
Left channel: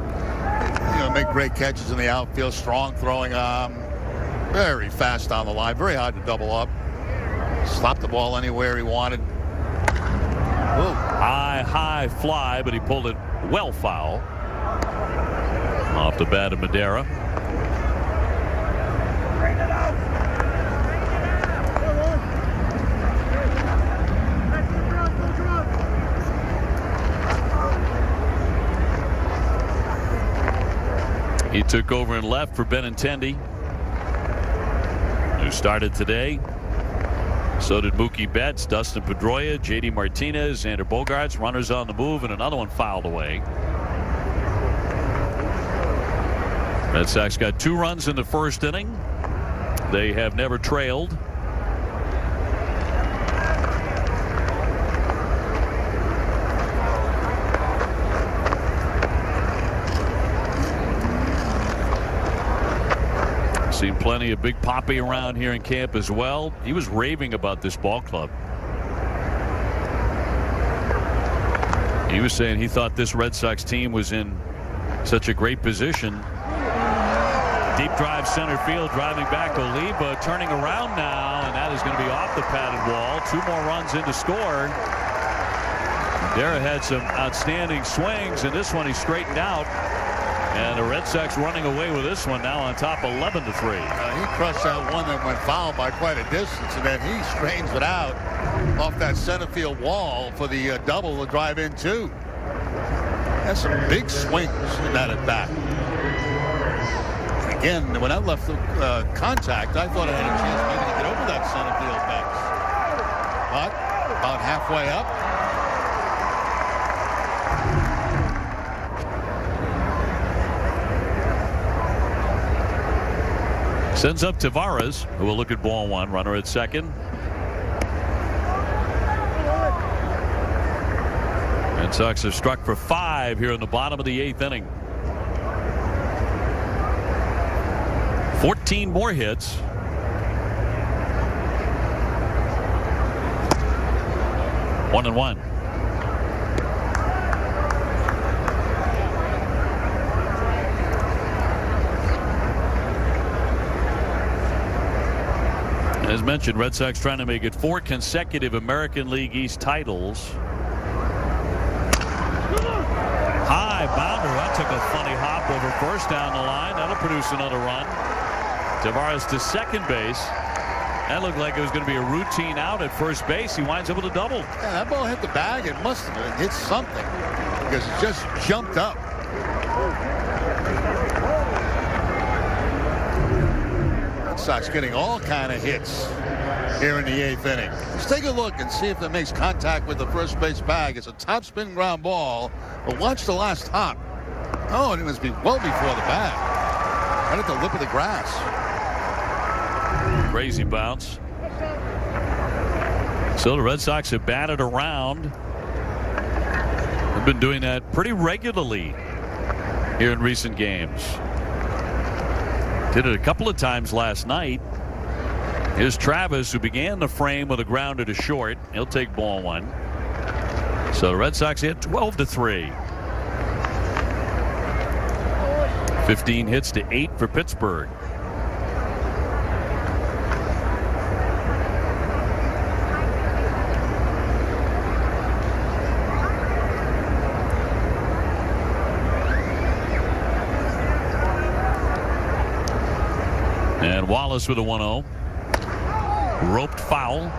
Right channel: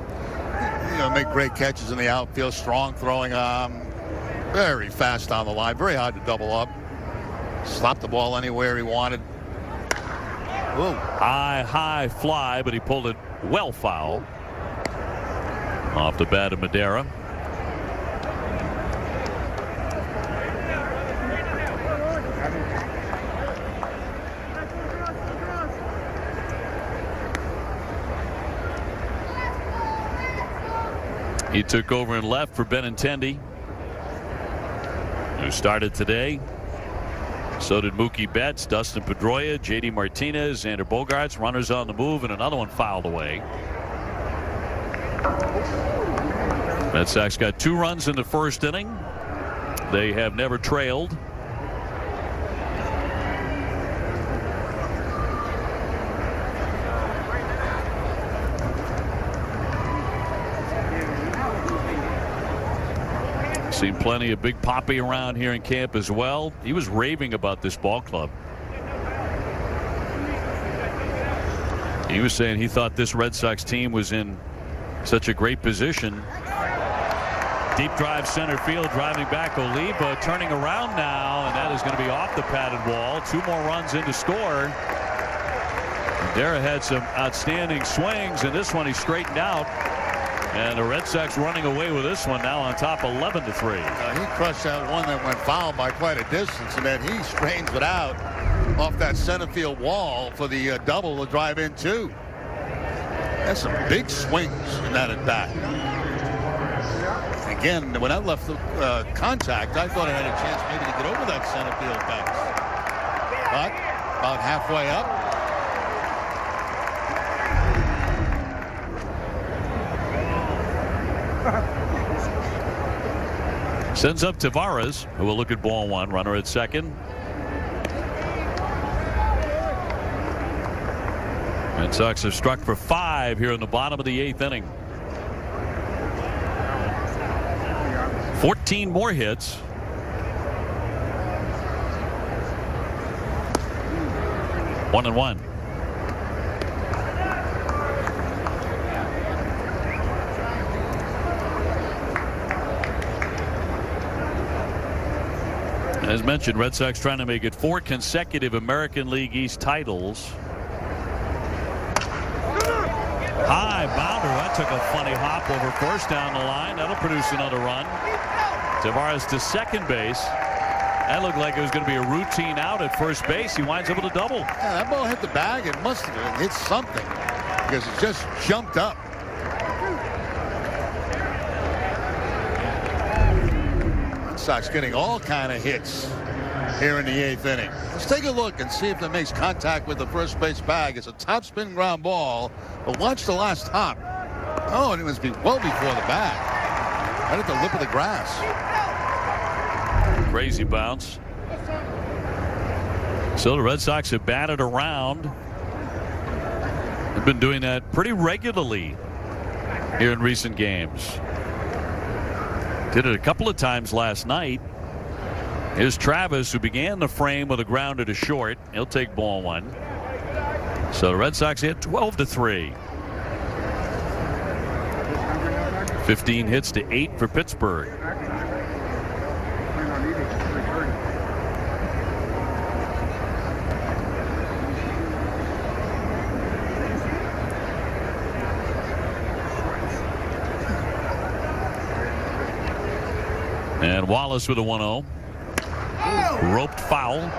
make great catches in the outfield. Strong throwing arm. Very fast on the line. Very hard to double up. Slap the ball anywhere he wanted. Whoa. High fly, but he pulled it well foul. Off the bat of Madera. He took over and left for Benintendi, who started today. So did Mookie Betts, Dustin Pedroia, J.D. Martinez, Xander Bogaerts. Runners on the move, and another one fouled away. Red Sox got 2 runs in the first inning. They have never trailed. Seen plenty of Big Papi around here in camp as well. He was raving about this ball club. He was saying he thought this Red Sox team was in such a great position. Deep drive center field, driving back Oliva, turning around now, and that is going to be off the padded wall. 2 more runs in to score. Madera had some outstanding swings, and this one he straightened out. And the Red Sox running away with this one now on top 11-3. He crushed that one that went foul by quite a distance, and then he straightens it out off that center field wall for the double to drive in 2. That's some big swings in that at bat. Again, when I left the contact, I thought I had a chance maybe to get over that center field fence. But about halfway up, sends up Tavares, who will look at ball 1. Runner at second. Red Sox are struck for 5 here in the bottom of the 8th inning. 14 more hits. 1-1. As mentioned, Red Sox trying to make it 4 consecutive American League East titles. High bounder. That took a funny hop over first down the line. That'll produce another run. Tavares to second base. That looked like it was going to be a routine out at first base. He winds up with a double. Yeah, that ball hit the bag. It must have hit something because it just jumped up. Red Sox getting all kind of hits here in the 8th inning. Let's take a look and see if it makes contact with the first base bag. It's a top spin ground ball, but watch the last hop. Oh, and it must be well before the bag. Right at the lip of the grass. Crazy bounce. So the Red Sox have batted around. They've been doing that pretty regularly here in recent games. Did it a couple of times last night. Here's Travis, who began the frame with a grounder to short. He'll take ball 1. So the Red Sox hit 12-3. 15 hits to 8 for Pittsburgh. And Wallace with a 1-0. Roped foul.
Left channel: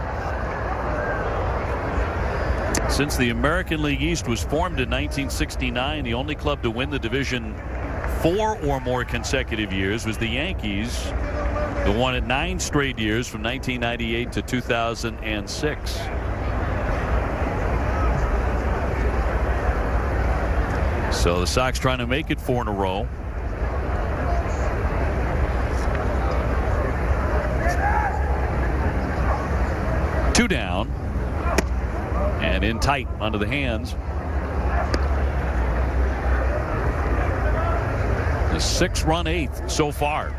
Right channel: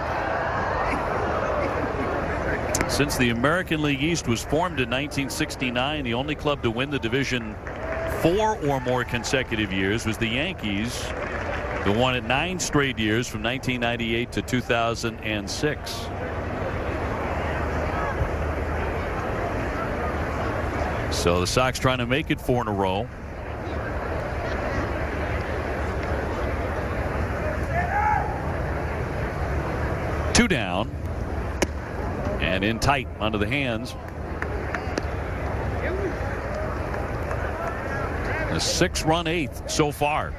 Since the American League East was formed in 1969, the only club to win the division 4 or more consecutive years was the Yankees, who won it 9 straight years from 1998 to 2006. So the Sox trying to make it 4 in a row. Two down and in tight under the hands. A 6-run 8th so far.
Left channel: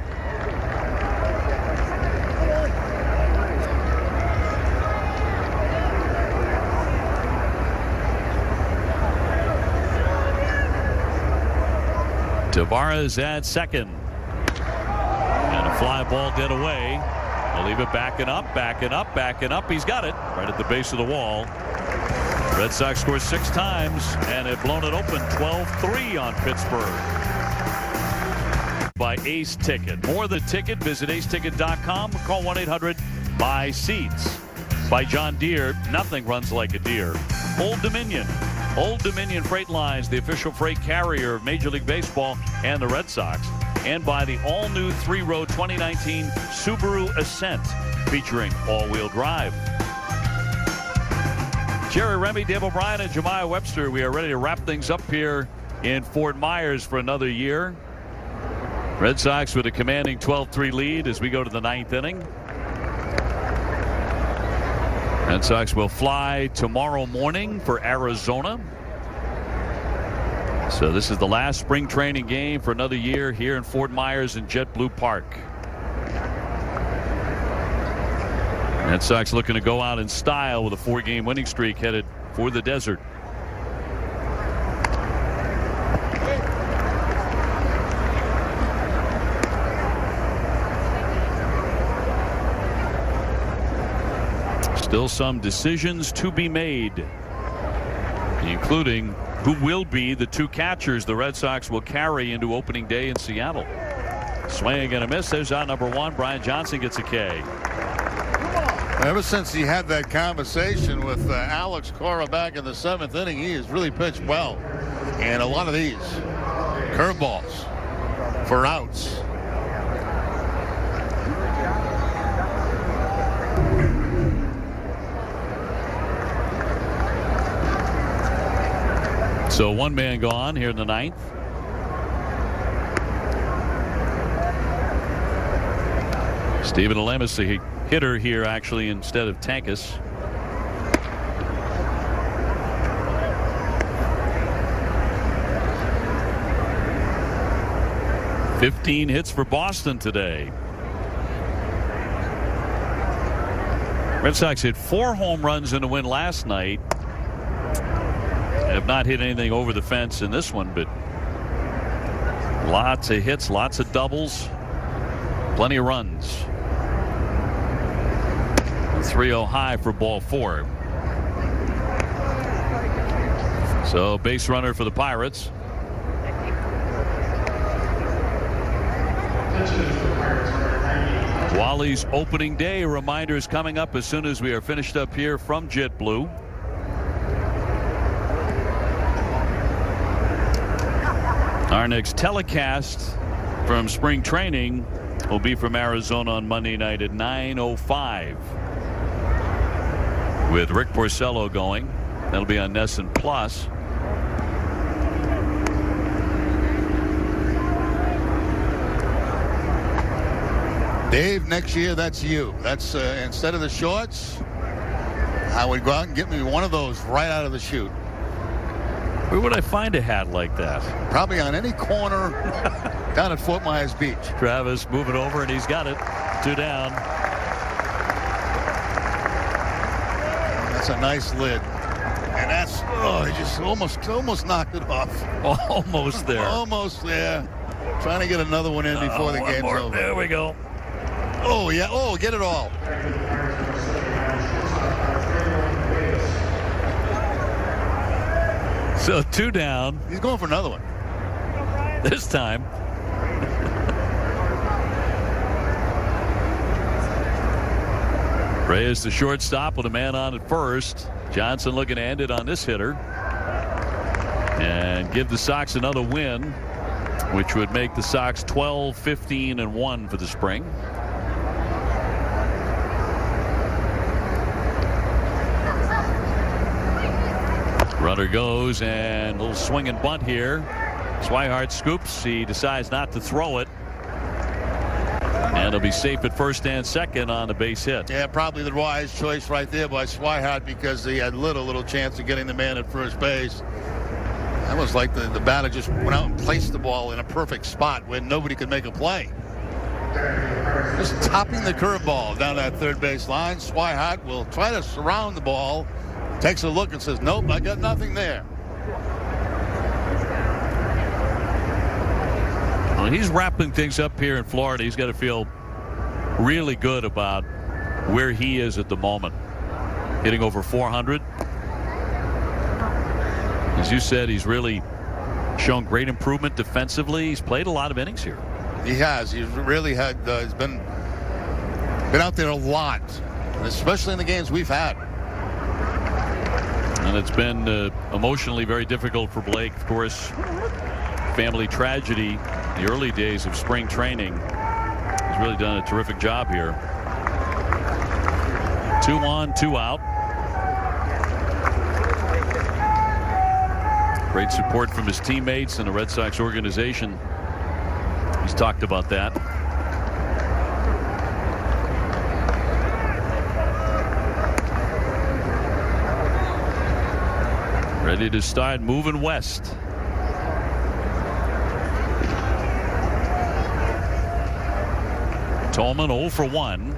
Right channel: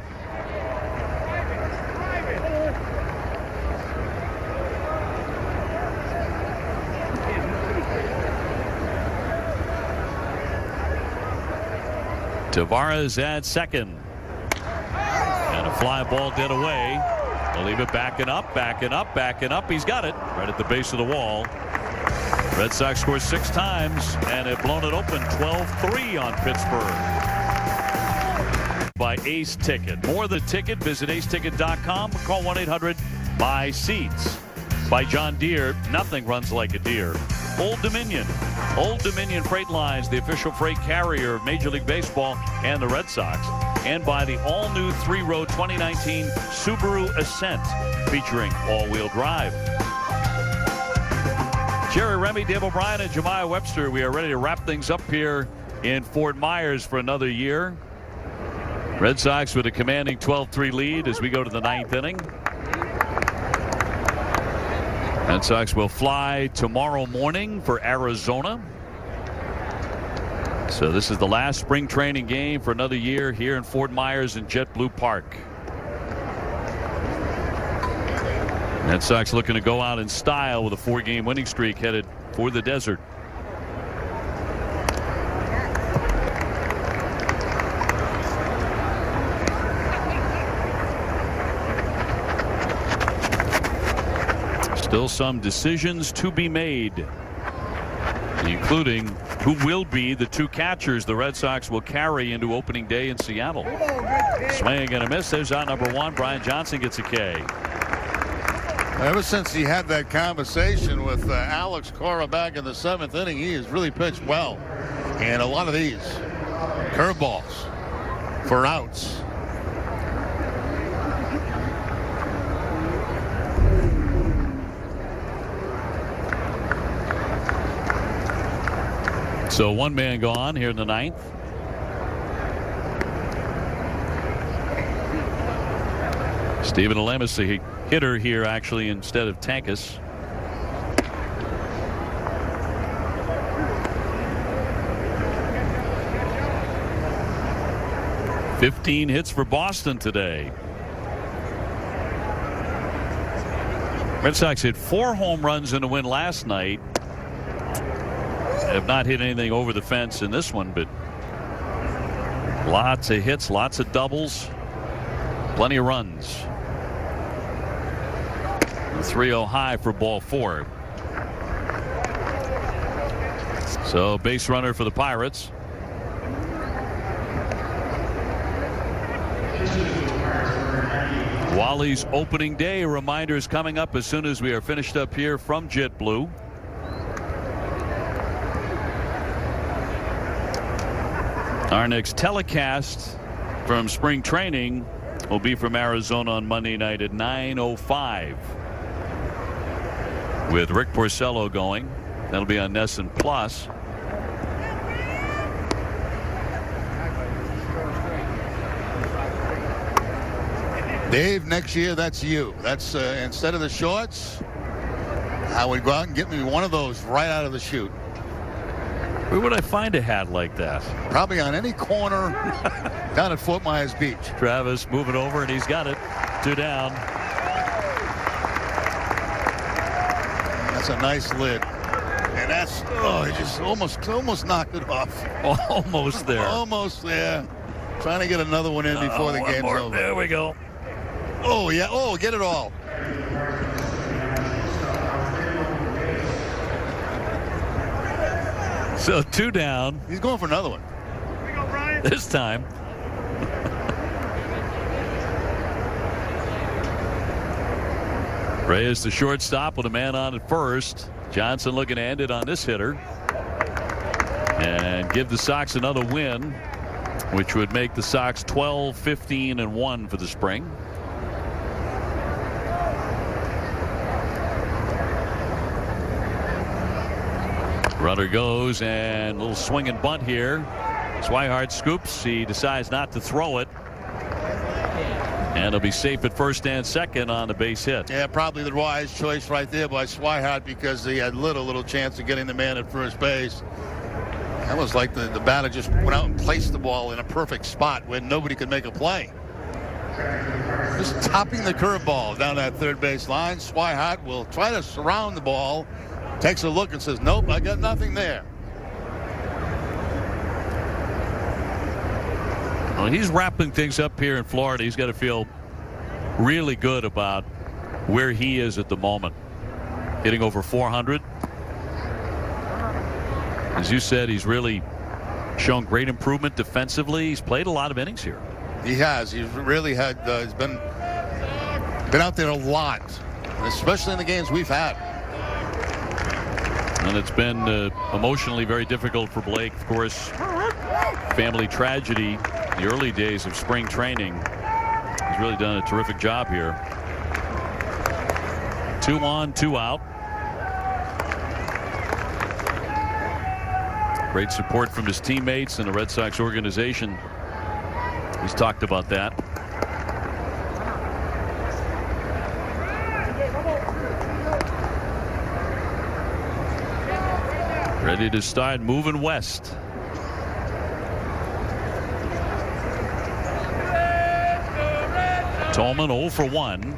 Tavares at second. And a fly ball dead away. They'll leave it backing up, backing up, backing up. He's got it right at the base of the wall. Red Sox scored 6 times and have blown it open 12-3 on Pittsburgh. By Ace Ticket. More The Ticket. Visit aceticket.com. Call 1-800-BUY-SEATS. By John Deere. Nothing runs like a deer. Old Dominion. Old Dominion Freight Lines, the official freight carrier of Major League Baseball and the Red Sox. And by the all-new 3-row 2019 Subaru Ascent, featuring all-wheel drive. Jerry Remy, Dave O'Brien, and Jemiah Webster. We are ready to wrap things up here in Fort Myers for another year. Red Sox with a commanding 12-3 lead as we go to the 9th inning. Red Sox will fly tomorrow morning for Arizona. So this is the last spring training game for another year here in Fort Myers in JetBlue Park. Red Sox looking to go out in style with a 4-game winning streak headed for the desert. Still some decisions to be made, including who will be the 2 catchers the Red Sox will carry into opening day in Seattle. Swing and a miss. There's out number 1. Brian Johnson gets a K. Ever since he had that conversation with Alex Cora back in the 7th inning, he has really pitched well. And a lot of these curveballs for outs. So 1 man gone here in the 9th. Steven Alemus, the hitter here actually instead of Tankus. $15 hits for Boston today. Red Sox hit 4 home runs in a win last night. Have not hit anything over the fence in this one, but lots of hits, lots of doubles, plenty of runs. 3-0 high for ball 4. So base runner for the Pirates. Wally's opening day reminder is coming up as soon as we are finished up here from JetBlue. Our next telecast from spring training will be from Arizona on Monday night at 9:05 with Rick Porcello going. That'll be on NESN Plus. Dave, next year, that's you. That's instead of the shorts, I would go out and get me one of those right out of the chute. Where would I find a hat like that? Probably on any corner down at Fort Myers Beach. Travis moving over, and he's got it. 2 down. That's a nice lid. And that's, he just almost knocked it off. Almost there. Almost there. Trying to get another one in before the game's over. There we go. Oh, yeah. Oh, get it all. So 2 down. He's going for another one. This time. Reyes the shortstop with a man on at first. Johnson looking to end it on this hitter and give the Sox another win, which would make the Sox 12-15-1 for the spring. Runner goes, and a little swing and bunt here. Swihart scoops. He decides not to throw it. And he'll be safe at first and second on the base hit. Yeah, probably the wise choice right there by Swihart because he had little chance of getting the man at first base. That was like the batter just went out and placed the ball in a perfect spot where nobody could make a play. Just topping the curveball down that third base line. Swihart will try to surround the ball. Takes a look and says, nope, I got nothing there. Well, he's wrapping things up here in Florida. He's got to feel really good about where he is at the moment. Hitting over 400. As you said, he's really shown great improvement defensively. He's played a lot of innings here. He has. He's really had. He's been out there a lot, especially in the games we've had. And it's been emotionally very difficult for Blake. Of course, family tragedy in the early days of spring training. He's really done a terrific job here. 2 on, 2 out. Great support from his teammates and the Red Sox organization. He's talked about that. Ready to start moving west. Tolman 0 for 1.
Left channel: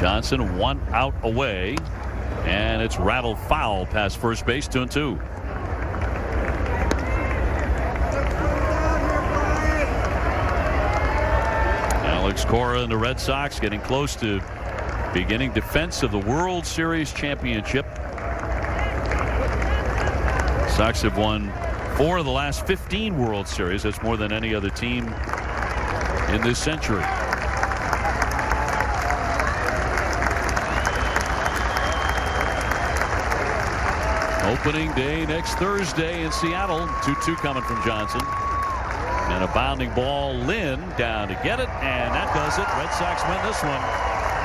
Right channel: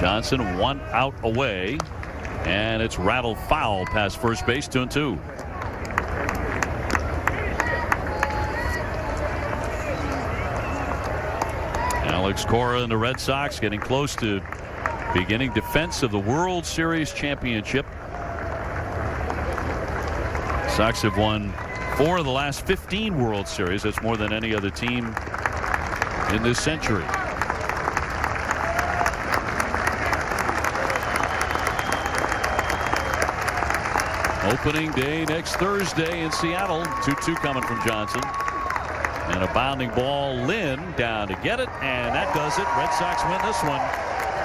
Johnson 1 out away. And it's rattled foul past first base, 2-2. Alex Cora and the Red Sox getting close to beginning defense of the World Series championship. Sox have won 4 of the last 15 World Series. That's more than any other team in this century. Opening day next Thursday in Seattle. 2-2 coming from Johnson. And a bounding ball. Lynn down to get it. And that does it. Red Sox win this one.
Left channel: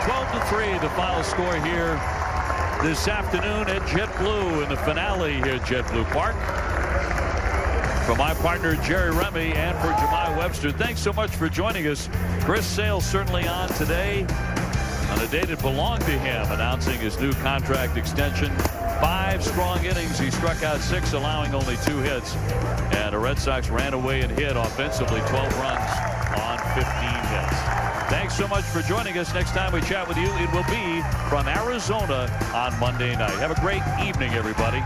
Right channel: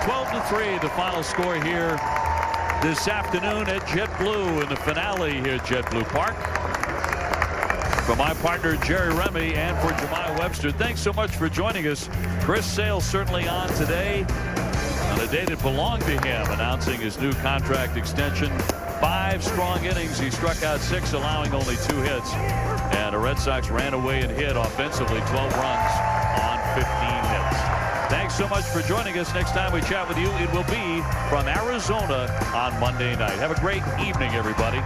12-3 the final score here this afternoon at JetBlue in the finale here at JetBlue Park. For my partner Jerry Remy and for Jemai Webster, thanks so much for joining us. Chris Sale certainly on today on a day that belonged to him, announcing his new contract extension. 5 strong innings. He struck out 6, allowing only 2 hits. And the Red Sox ran away and hit offensively 12 runs on 15 hits. Thanks so much for joining us. Next time we chat with you, it will be from Arizona on Monday night. Have a great evening, everybody.